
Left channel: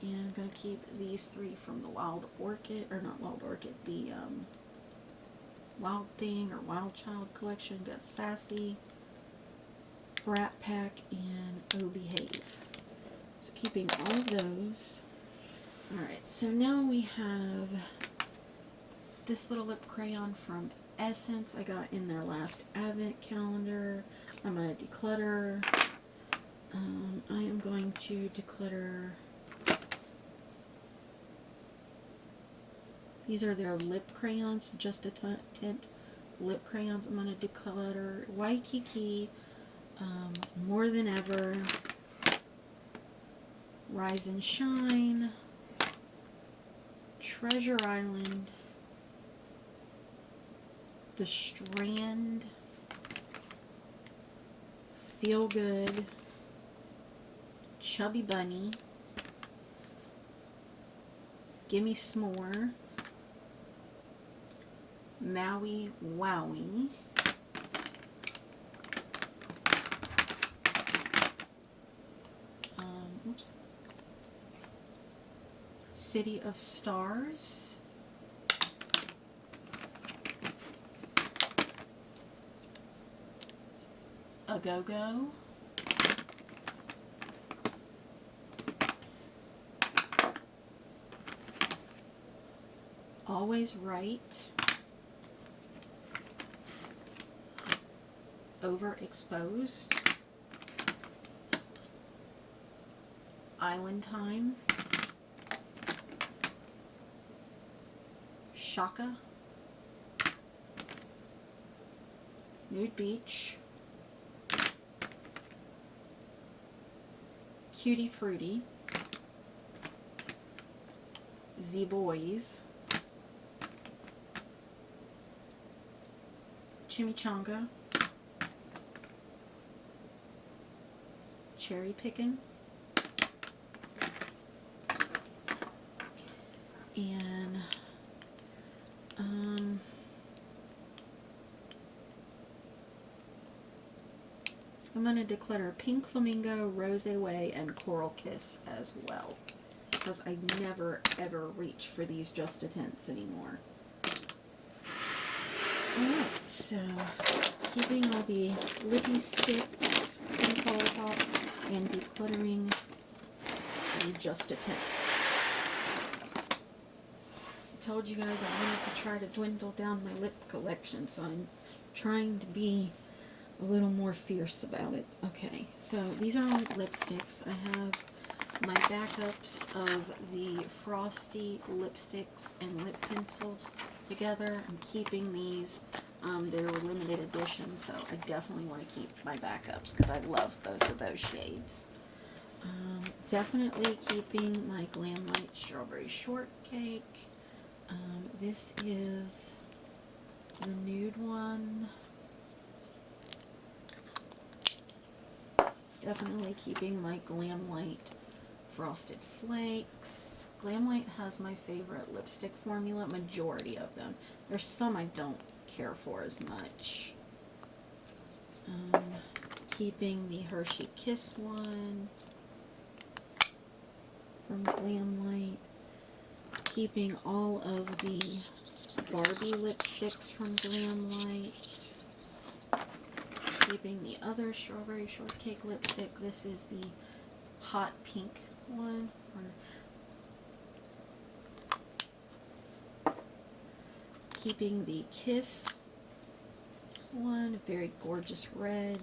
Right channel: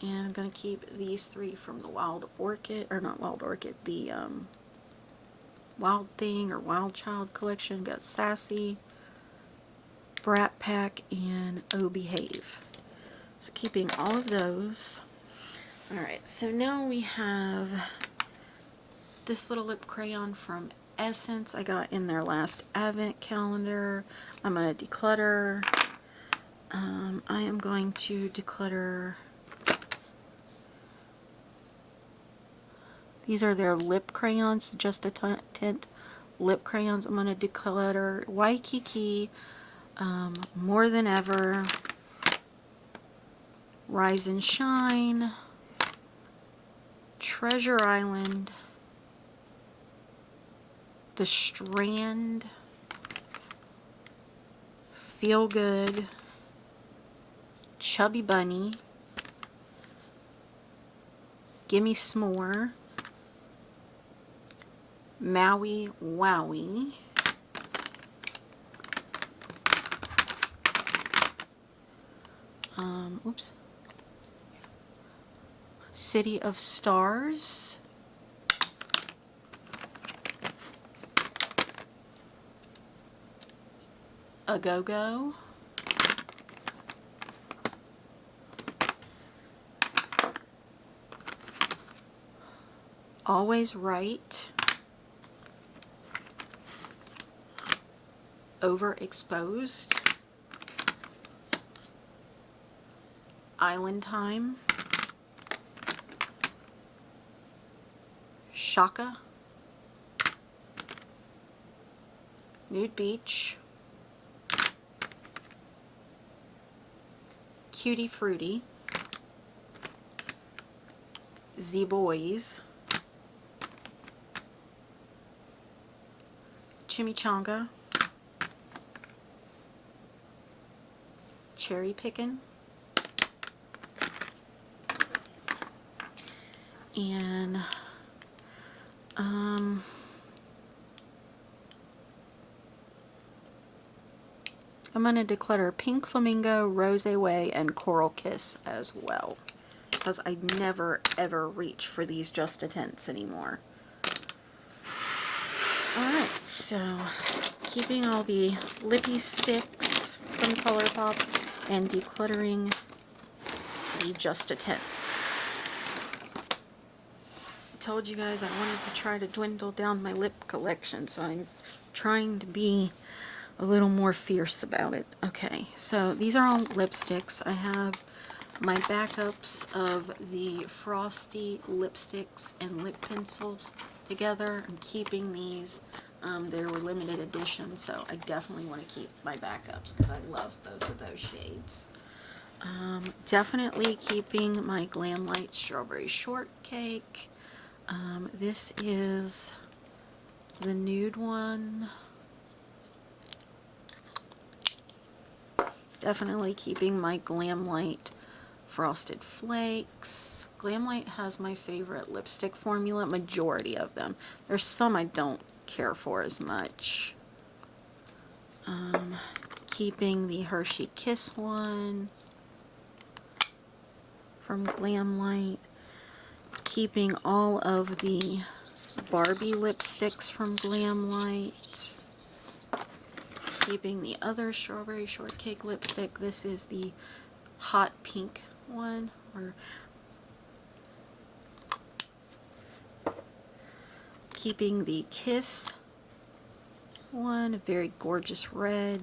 And I'm going to keep these three from the Wild Orchid, or not Wild Orchid, the Wild Thing or Wild Child collection. Got Sassy, Brat Pack, and Oh Behave. So keeping all of those. Alright, so now we have this little lip crayon from Essence. I got in their last advent calendar. I'm going to declutter. I am going to declutter. These are their lip crayons, just a tint lip crayons. I'm going to declutter Waikiki, More Than Ever, Rise and Shine, Treasure Island, The Strand, Feel Good, Chubby Bunny, Gimme S'more, Maui Wowie, oops, City of Stars, A Go-Go, Always Right, Overexposed, Island Time, Shaka, Nude Beach, Cutie Fruity, Z-Boys, Chimichanga, Cherry Pickin', and I'm going to declutter Pink Flamingo, Rose Way, and Coral Kiss as well, because I never ever reach for these Just a Tints anymore. Alright, so keeping all the lippy sticks from ColourPop and decluttering the Just a Tints. I told you guys I wanted to try to dwindle down my lip collection, so I'm trying to be a little more fierce about it. Okay, so these are all lipsticks. I have my backups of the Frosty lipsticks and lip pencils together. I'm keeping these. They were limited edition, so I definitely want to keep my backups because I love both of those shades. Definitely keeping my Glam Light Strawberry Shortcake. This is the nude one. Definitely keeping my Glam Light Frosted Flakes. Glam Light has my favorite lipstick formula, majority of them. There's some I don't care for as much. Keeping the Hershey Kiss one from Glam Light. Keeping all of the Barbie lipsticks from Glam Light. Keeping the other Strawberry Shortcake lipstick. This is the hot pink one. Keeping the Kiss one, a very gorgeous red.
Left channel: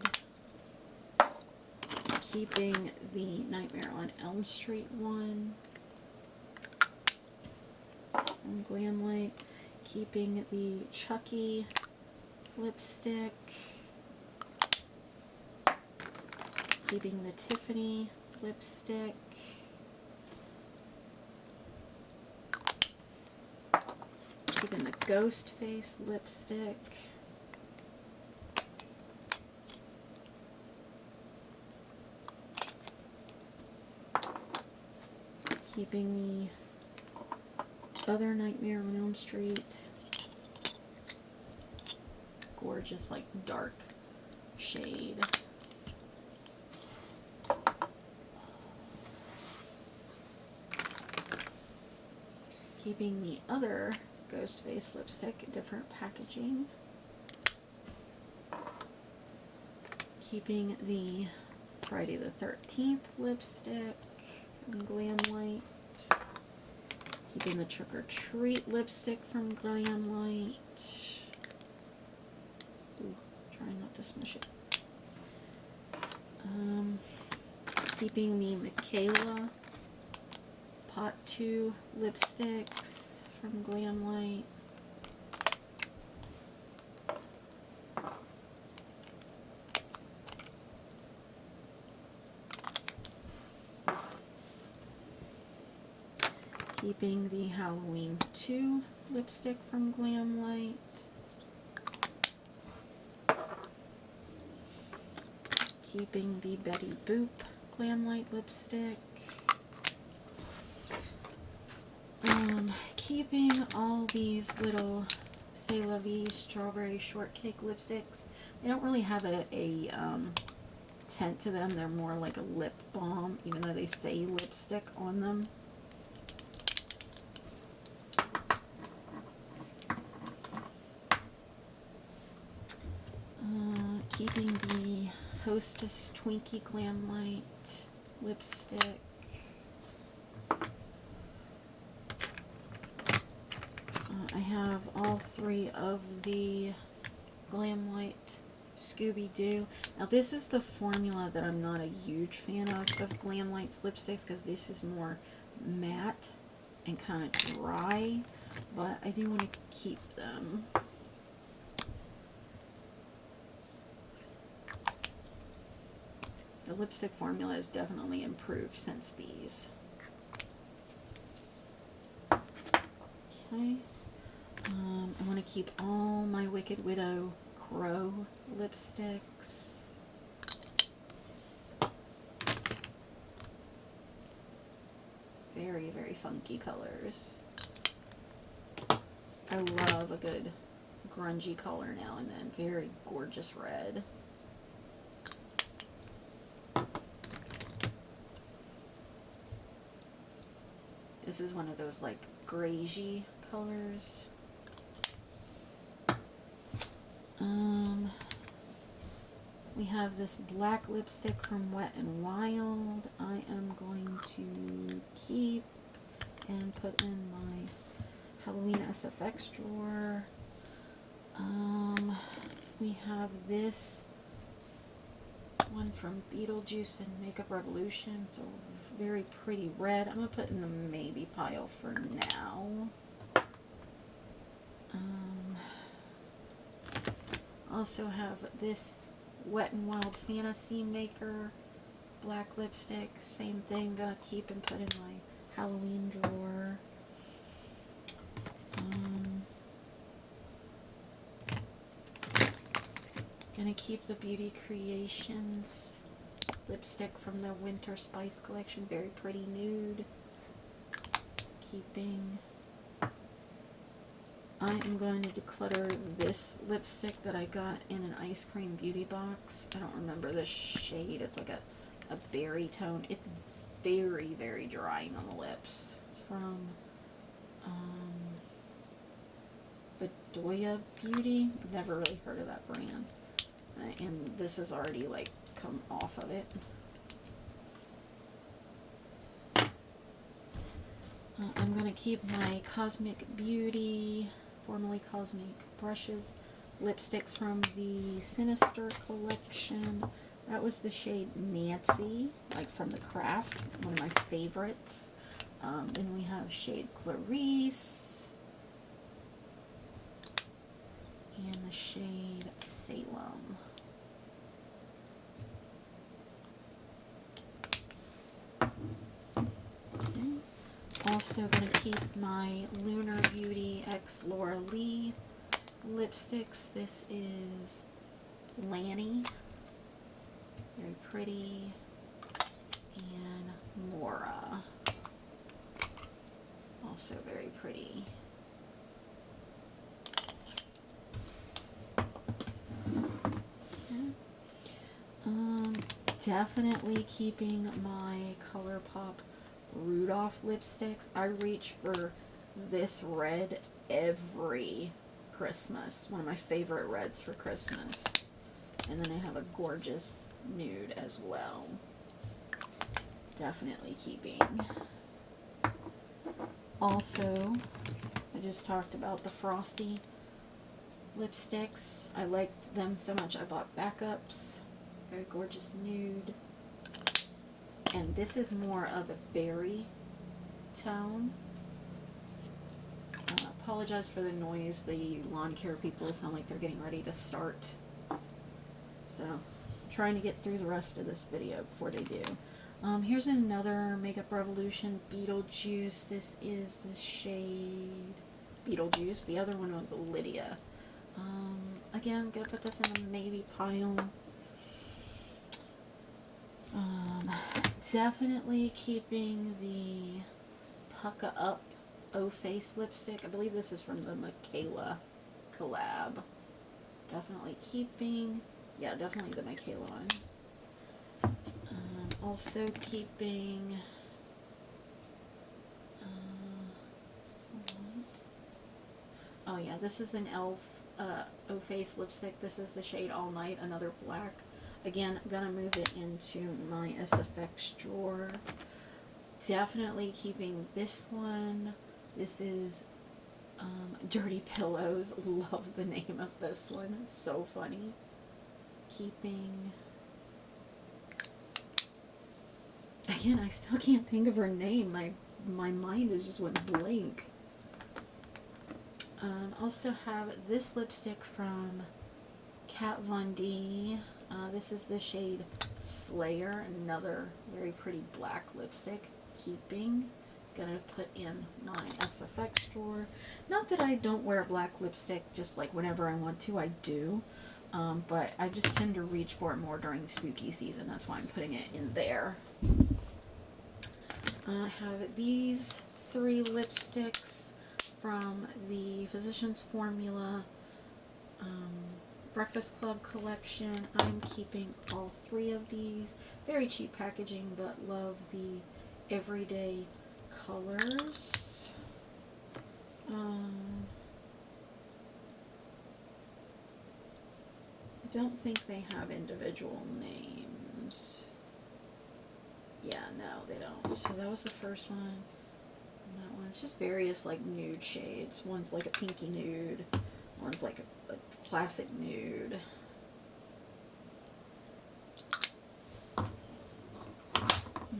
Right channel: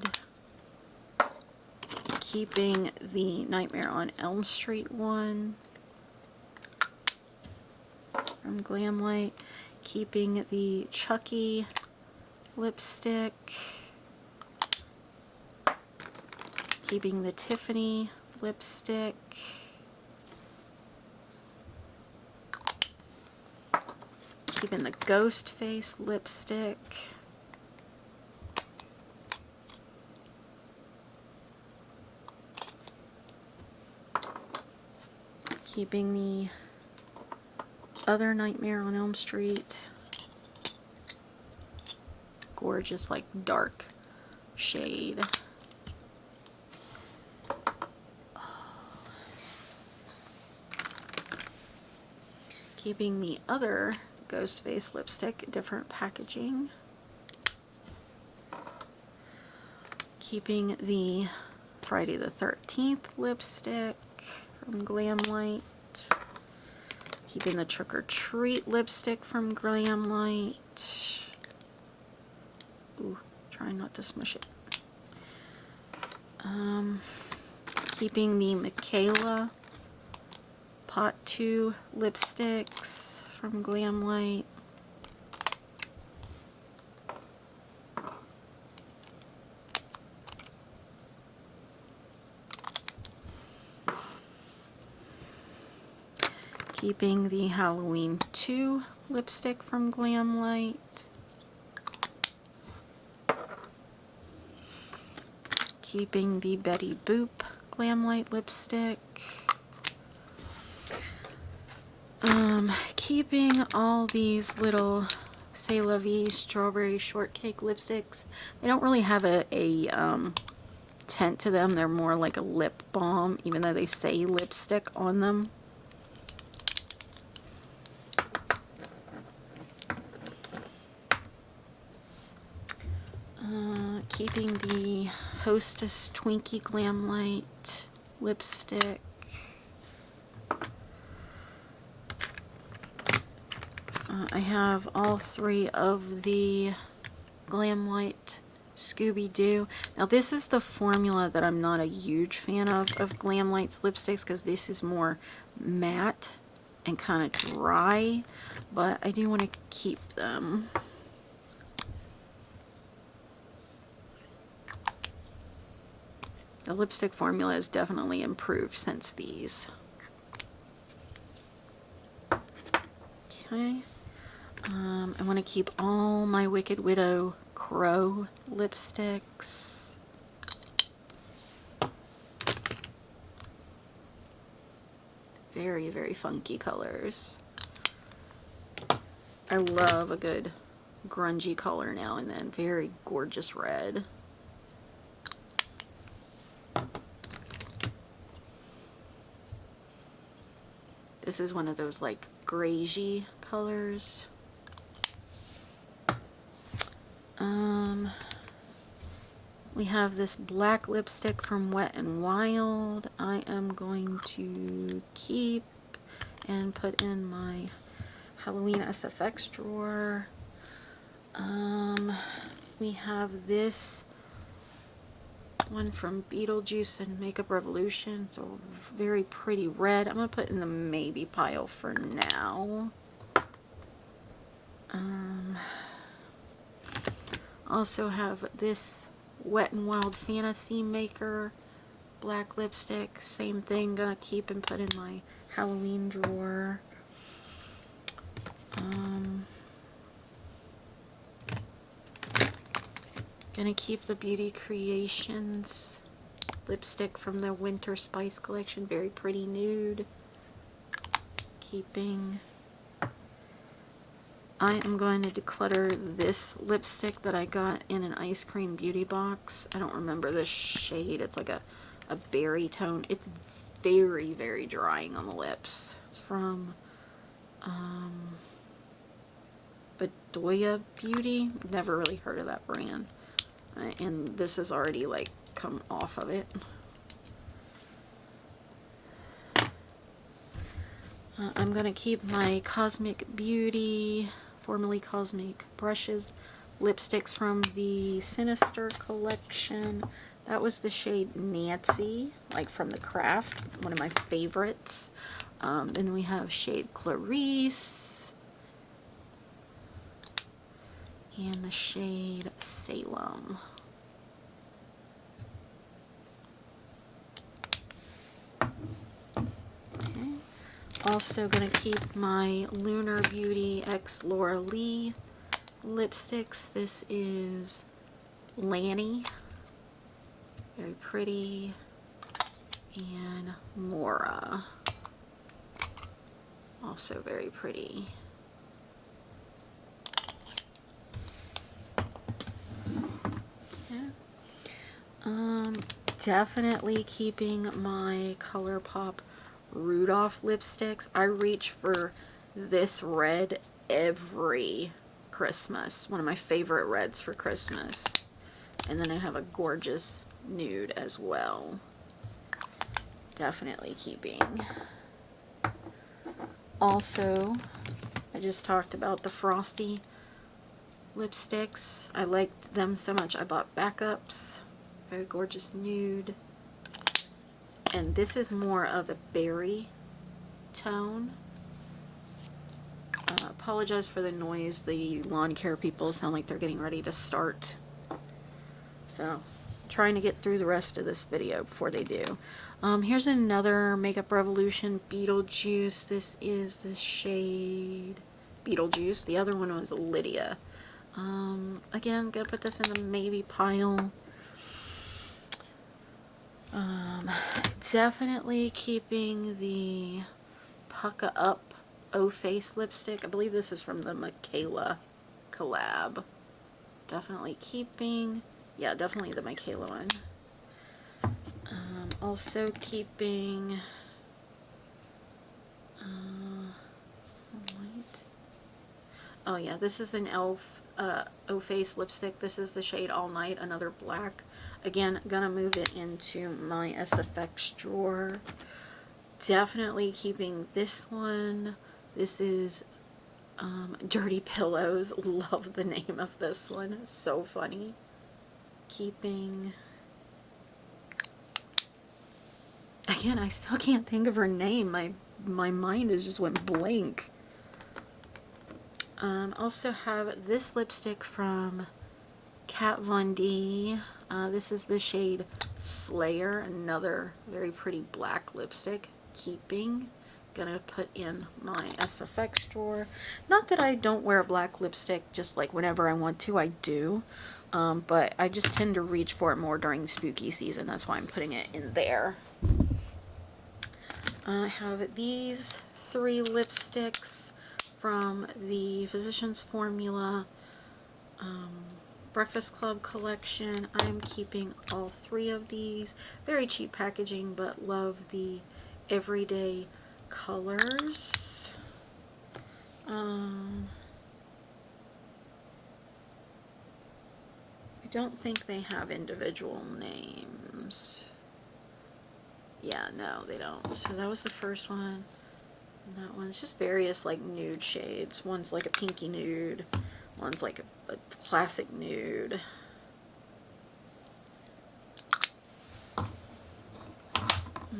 Keeping the Nightmare on Elm Street one from Glam Light. Keeping the Chucky lipstick. Keeping the Tiffany lipstick. Keeping the Ghost Face lipstick. Keeping the other Nightmare on Elm Street. Gorgeous, like, dark shade. Keeping the other Ghost Face lipstick, different packaging. Keeping the Friday the 13th lipstick from Glam Light. Keeping the Trick or Treat lipstick from Glamlight. Ooh, trying not to smush it. Keeping the Michaela Pot 2 lipsticks from Glamlight. Keeping the Halloween 2 lipstick from Glamlight. Keeping the Betty Boop Glamlight lipstick. Keeping all these little C'est La Vie strawberry shortcake lipsticks. They don't really have a tint to them. They're more like a lip balm, even though they say lipstick on them. Keeping the Hostess Twinkie Glamlight lipstick. I have all 3 of the Glamlight Scooby-Doo. Now this is the formula that I'm not a huge fan of Glamlight's lipsticks, because this is more matte and kind of dry, but I do want to keep them. The lipstick formula has definitely improved since these. Okay. I want to keep all my Wicked Widow Crow lipsticks. Very, very funky colors. I love a good grungy color now and then. Very gorgeous red. This is one of those like greigey colors. We have this black lipstick from Wet n Wild. I am going to keep and put in my Halloween SFX drawer. We have this one from Beetlejuice and Makeup Revolution. So very pretty red. I'm going to put in the maybe pile for now. Also have this Wet n Wild Fantasy Maker black lipstick. Same thing. Gonna keep and put in my Halloween drawer. Gonna keep the Beauty Creations lipstick from the Winter Spice collection. Very pretty nude. Keeping. I am going to declutter this lipstick that I got in an ice cream beauty box. I don't remember the shade. It's like a berry tone. It's very, very drying on the lips. It's from Bedoya Beauty. I've never really heard of that brand. And this has already like come off of it. I'm going to keep my Cosmic Beauty, formerly Cosmic Brushes, lipsticks from the Sinister collection. That was the shade Nancy, like from the Craft, one of my favorites. Then we have shade Clarice and the shade Salem. Okay. Also going to keep my Lunar Beauty X Laura Lee lipsticks. This is Lanny, very pretty, and Mora, also very pretty. Definitely keeping my ColourPop Rudolph lipsticks. I reach for this red every Christmas. One of my favorite reds for Christmas. And then I have a gorgeous nude as well. Definitely keeping. Also, I just talked about the Frosty lipsticks. I liked them so much I bought backups. Very gorgeous nude. And this is more of a berry tone. Apologize for the noise. The lawn care people sound like they're getting ready to start. So, trying to get through the rest of this video before they do. Here's another Makeup Revolution Beetlejuice. This is the shade Beetlejuice. The other one was Lydia. Again, gonna put this in the maybe pile. Definitely keeping the Pucka Up O Face lipstick. I believe this is from the Michaela collab. Definitely keeping, yeah, definitely the Michaela one. Also keeping, oh yeah, this is an e.l.f. O Face lipstick. This is the shade All Night, another black. Again, gonna move it into my SFX drawer. Definitely keeping this one. This is Dirty Pillows. Love the name of this one. It's so funny. Keeping... Again, I still can't think of her name. My mind is just went blank. Also have this lipstick from Kat Von D. This is the shade Slayer. Another very pretty black lipstick. Keeping. Gonna put in my SFX drawer. Not that I don't wear black lipstick just like whenever I want to, I do. But I just tend to reach for it more during spooky season. That's why I'm putting it in there. I have these 3 lipsticks from the Physicians Formula Breakfast Club collection. I'm keeping all 3 of these. Very cheap packaging, but love the everyday colors. I don't think they have individual names. Yeah, no, they don't. So that was the first one. And that one's just various like nude shades. One's like a pinky nude. One's like a classic nude.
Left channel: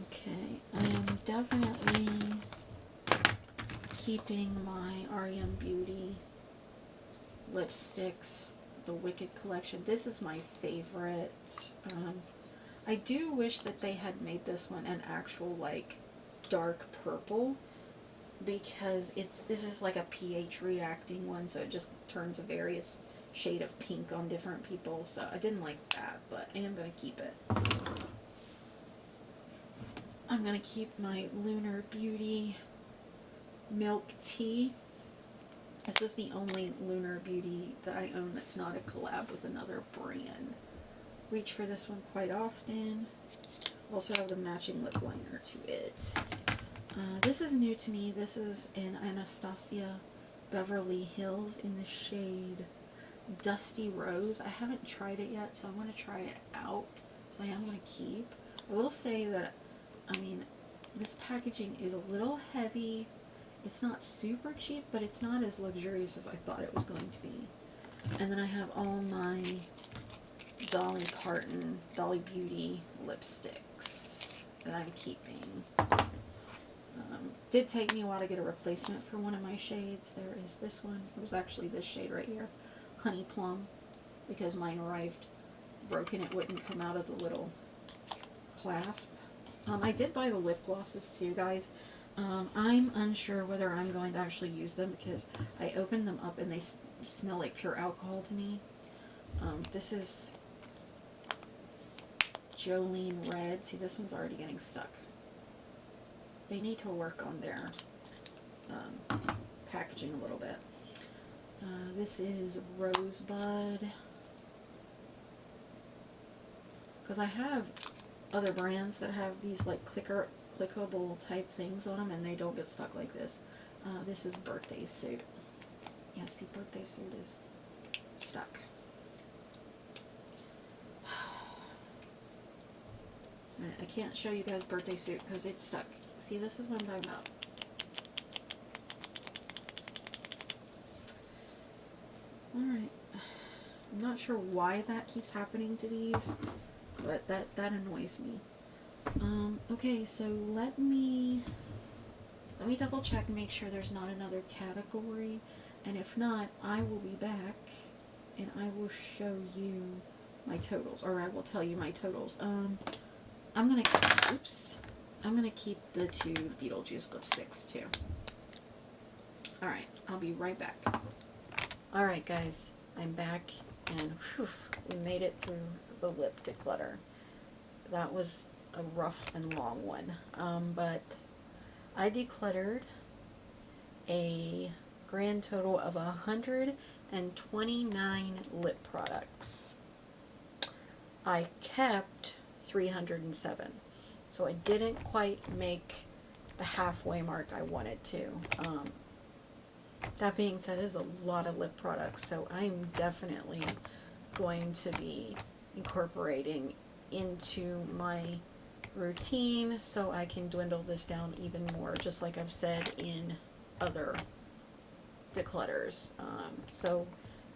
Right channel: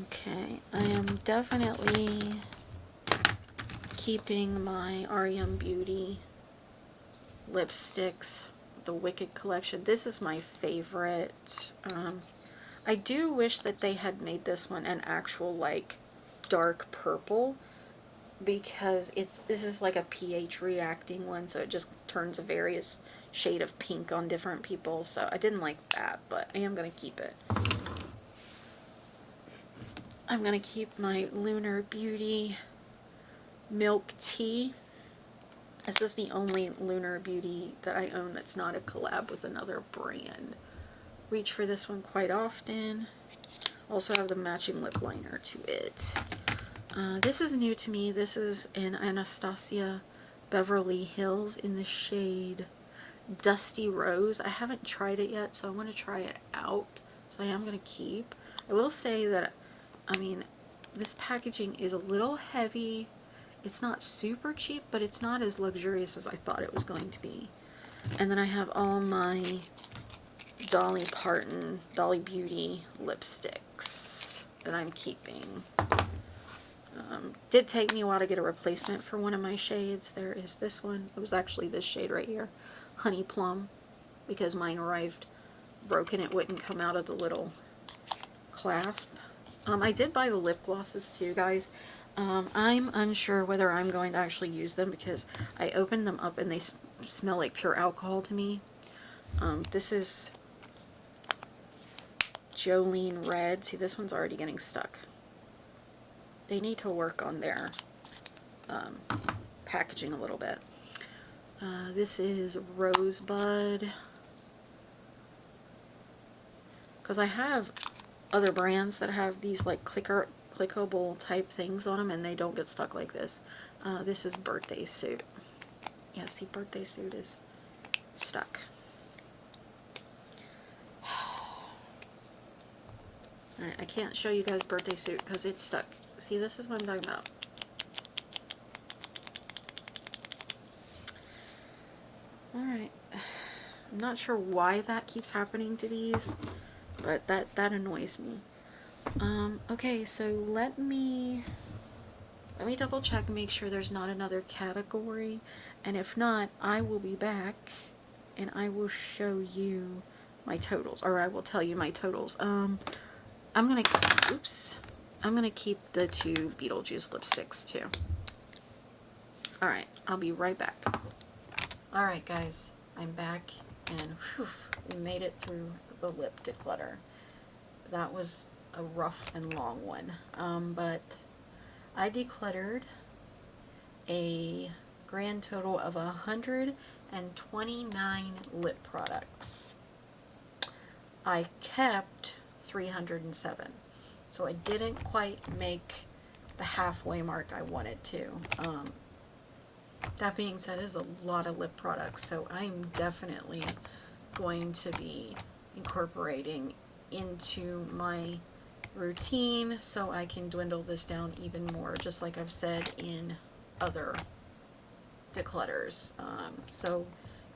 Okay, I am definitely keeping my REM Beauty lipsticks, the Wicked collection. This is my favorite. I do wish that they had made this one an actual like dark purple, because this is like a pH reacting one, so it just turns a various shade of pink on different people. So I didn't like that, but I am going to keep it. I'm going to keep my Lunar Beauty Milk Tea. This is the only Lunar Beauty that I own that's not a collab with another brand. Reach for this one quite often. Also have the matching lip liner to it. This is new to me. This is an Anastasia Beverly Hills in the shade Dusty Rose. I haven't tried it yet, so I want to try it out. So I am going to keep. I will say that, I mean, this packaging is a little heavy. It's not super cheap, but it's not as luxurious as I thought it was going to be. And then I have all my Dolly Parton, Dolly Beauty lipsticks that I'm keeping. Did take me a while to get a replacement for one of my shades. There is this one. It was actually this shade right here, Honey Plum, because mine arrived broken. It wouldn't come out of the little clasp. I did buy the lip glosses too, guys. I'm unsure whether I'm going to actually use them because I opened them up and they smell like pure alcohol to me. This is Jolene Red. See, this one's already getting stuck. They need to work on their packaging a little bit. This is Rosebud. Because I have other brands that have these like clickable type things on them and they don't get stuck like this. This is Birthday Suit. Yeah, see, Birthday Suit is stuck. I can't show you guys Birthday Suit because it's stuck. See, this is what I'm talking about. I'm not sure why that keeps happening to these, but that annoys me. Okay, so let me double check and make sure there's not another category, and if not, I will be back and I will show you my totals, or I will tell you my totals. I'm gonna keep the 2 Beetlejuice lipsticks too. Alright, I'll be right back. Alright guys, I'm back, and whew, we made it through the lip declutter. That was a rough and long one, but I decluttered a grand total of 129 lip products. I kept 307, so I didn't quite make the halfway mark I wanted to. That being said, is a lot of lip products, so I'm definitely going to be incorporating into my routine so I can dwindle this down even more, just like I've said in other declutters. So,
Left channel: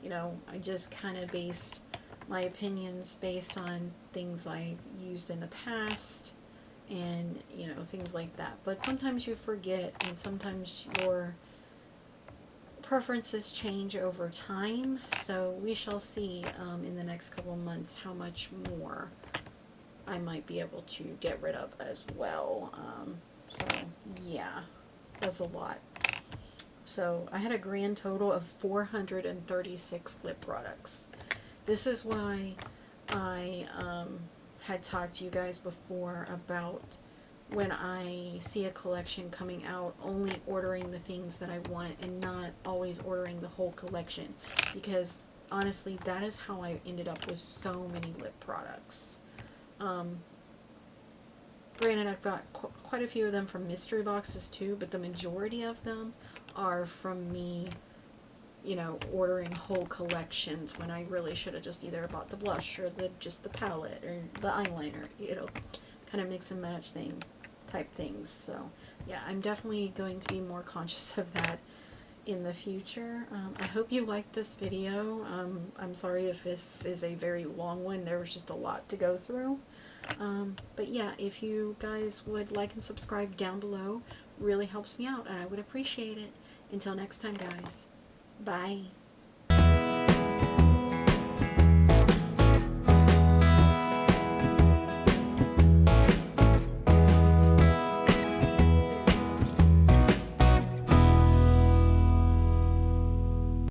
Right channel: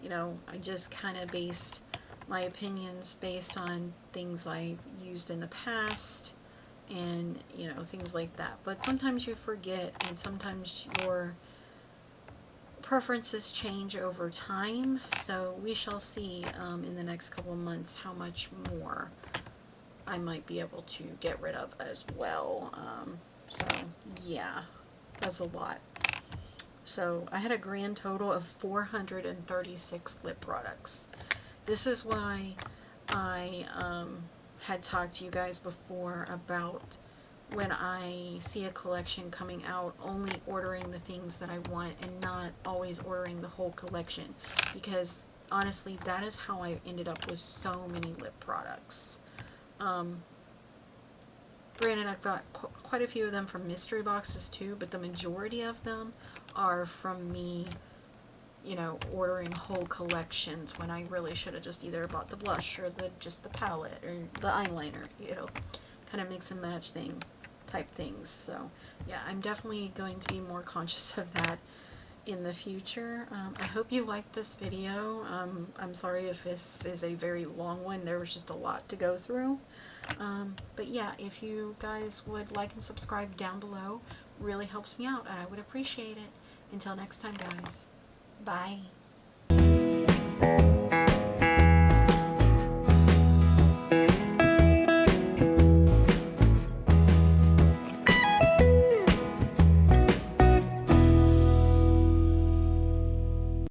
you know, I just kind of based my opinions based on things I've used in the past and, you know, things like that. But sometimes you forget, and sometimes your preferences change over time, so we shall see in the next couple of months how much more I might be able to get rid of as well. So yeah, that's a lot. So I had a grand total of 436 lip products. This is why I had talked to you guys before about when I see a collection coming out, only ordering the things that I want and not always ordering the whole collection, because honestly that is how I ended up with so many lip products. Granted, I've got quite a few of them from mystery boxes too, but the majority of them are from me, you know, ordering whole collections when I really should have just either bought the blush or just the palette or the eyeliner, you know, kind of mix and match type things. So yeah, I'm definitely going to be more conscious of that in the future. I hope you liked this video. I'm sorry if this is a very long one. There was just a lot to go through. But yeah, if you guys would like and subscribe down below, really helps me out. I would appreciate it. Until next time, guys. Bye.